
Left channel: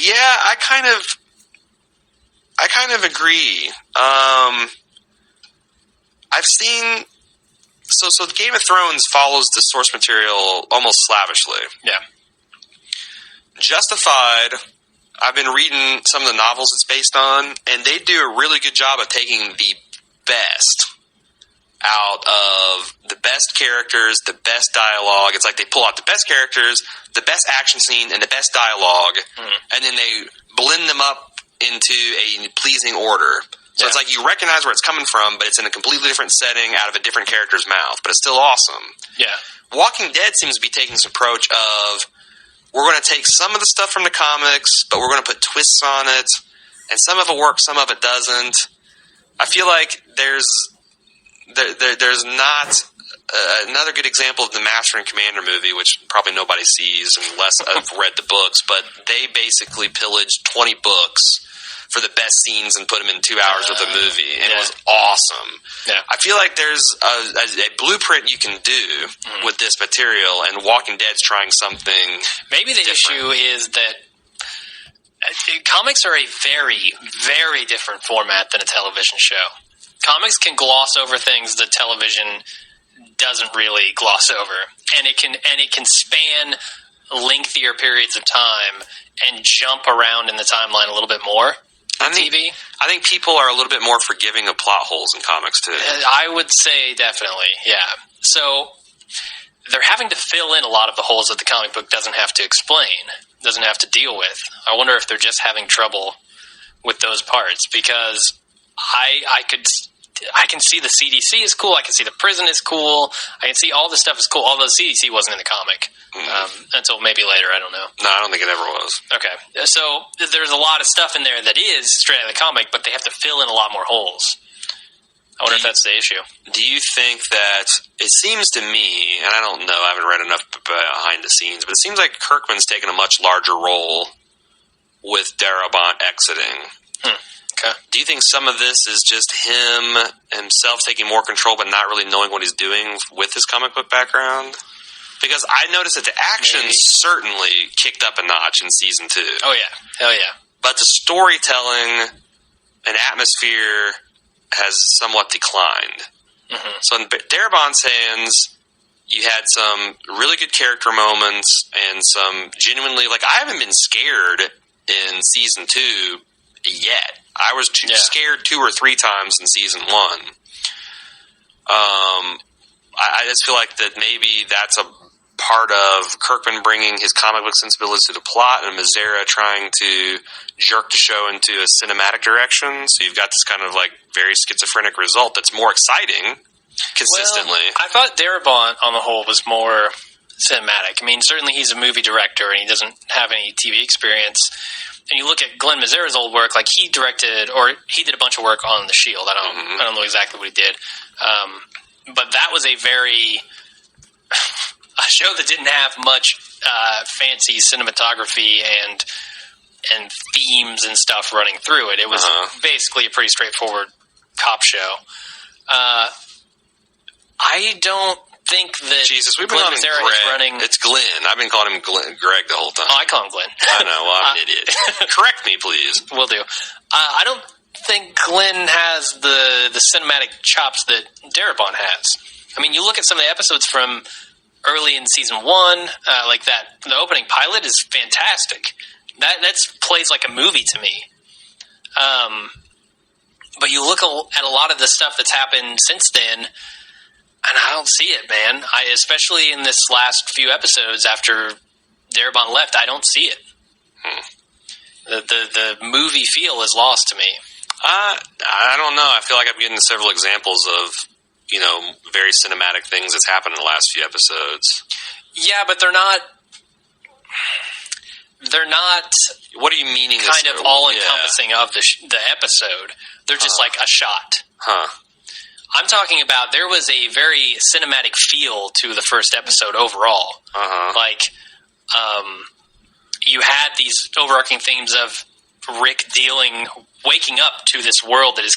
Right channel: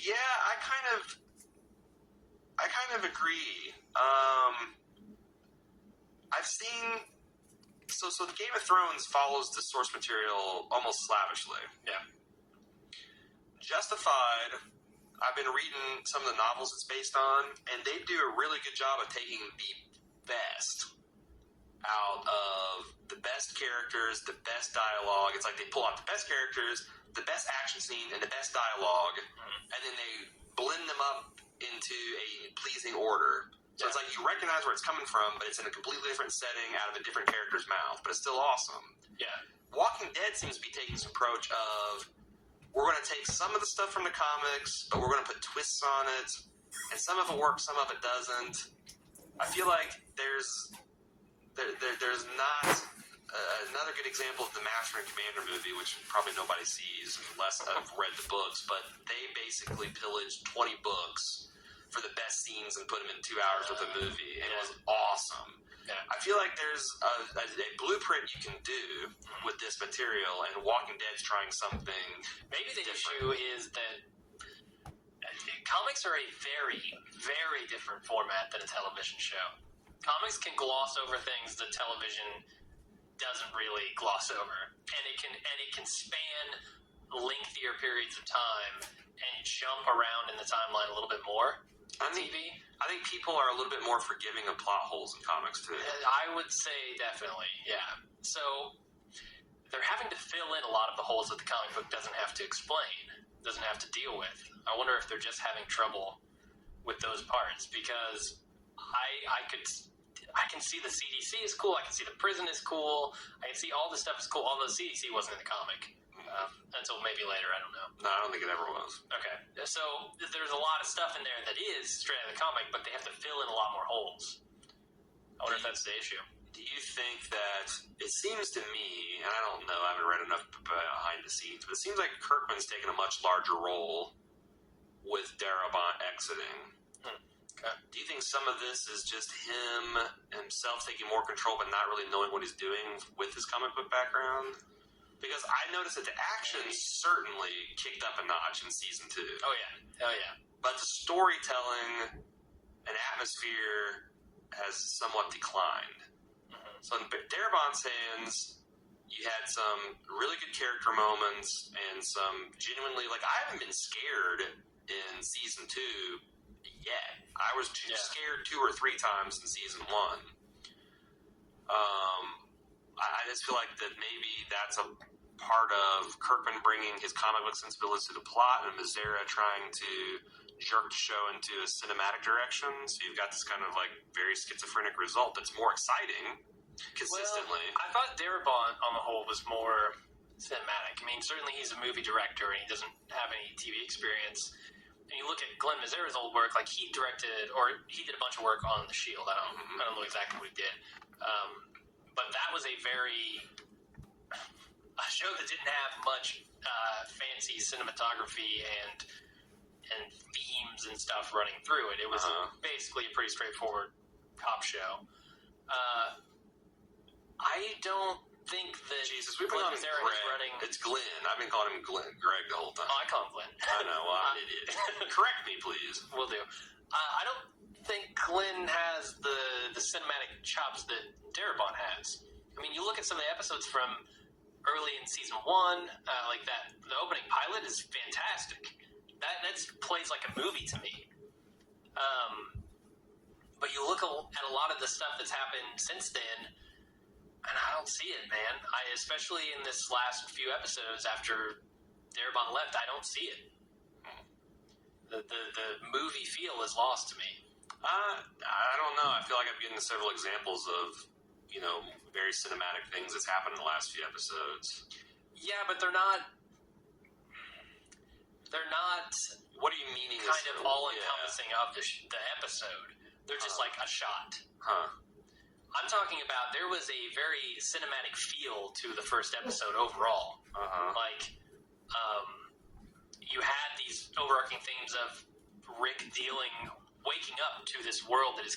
Yeah, I kind of agree. I've seen... So Game of Thrones follows the source material almost slavishly. Yeah. Justified, I've been reading some of the novels it's based on, and they do a really good job of taking the best out of the best characters, the best dialogue. It's like they pull out the best characters, the best action scene, and the best dialogue, and then they blend them up into a pleasing order. So it's like you recognize where it's coming from, but it's in a completely different setting out of a different character's mouth. But it's still awesome. Yeah. Walking Dead seems to be taking this approach of we're going to take some of the stuff from the comics, but we're going to put twists on it, and some of it works, some of it doesn't. I feel like there's not another good example of the Master and Commander movie, which probably nobody sees unless I've read the books, but they basically pillaged 20 books for the best scenes and put them in 2 hours with a movie, and it was awesome. Yeah. I feel like there's a blueprint you can do with this material, and Walking Dead's trying something. Maybe the issue is that comics are a very, very different format than a television show. Comics can gloss over things that television doesn't really gloss over, and it can span lengthier periods of time and jump around in the timeline a little bit more. I think people are a little bit more forgiving of plot holes in comics, too. I would say definitely, yeah. So they're having to fill in a lot of the holes that the comic book doesn't have to explain, doesn't have to deal with. I wonder if they're just having trouble with those parts, because I can see the CDC is cool, I can see the prison is cool, I can see all this stuff is cool, although CDC wasn't in the comic. Until maybe later, I don't know. No, I don't think it ever was. Okay. So there's a lot of stuff in there that is straight out of the comic, but they have to fill in a lot more holes. I wonder if that's the issue. Do you think that, it seems to me, and I don't know, I haven't read enough behind the scenes, but it seems like Kirkman's taken a much larger role with Darabont exiting. Okay. Do you think some of this is just himself taking more control but not really knowing what he's doing with his comic book background? Because I noticed that the action certainly kicked up a notch in Season 2. Oh, yeah. Hell yeah. But the storytelling and atmosphere has somewhat declined. So in Darabont's hands, you had some really good character moments and some genuinely... Like, I haven't been scared in Season 2 yet. I was scared 2 or 3 times in Season 1. I just feel like that maybe that's a part of Kirkman bringing his comic book sensibilities to the plot, and Mazzara trying to jerk the show into a cinematic direction. So you've got this kind of like very schizophrenic result that's more exciting, consistently. Well, I thought Darabont, on the whole, was more cinematic. I mean, certainly he's a movie director, and he doesn't have any TV experience. And you look at Glenn Mazzara's old work, like he directed, or he did a bunch of work on The Shield. I don't know exactly what he did. But that was a show that didn't have much fancy cinematography and themes and stuff running through it. It was basically a pretty straightforward cop show. I don't think that Jesus, we've been Glenn calling him Mazzara Greg. is running... It's Glenn. I've been calling him Greg the whole time. Oh, I call him Glenn. I know. Well, I'm an idiot. Correct me, please. Will do. I don't think Glenn has the cinematic chops that Darabont has. I mean, you look at some of the episodes from early in season 1, like that. The opening pilot is fantastic. That's plays like a movie to me. But you look at a lot of the stuff that's happened since then, and I don't see it, man. Especially in this last few episodes after Darabont left, I don't see it. The movie feel is lost to me. I don't know. I feel like I'm getting several examples of, very cinematic things that's happened in the last few episodes. Yeah, but they're not. What are you meaning? Kind of all encompassing of the episode. They're just like a shot. I'm talking about there was a very cinematic feel to the first episode overall. Like, you had these overarching themes of Rick waking up to this world that is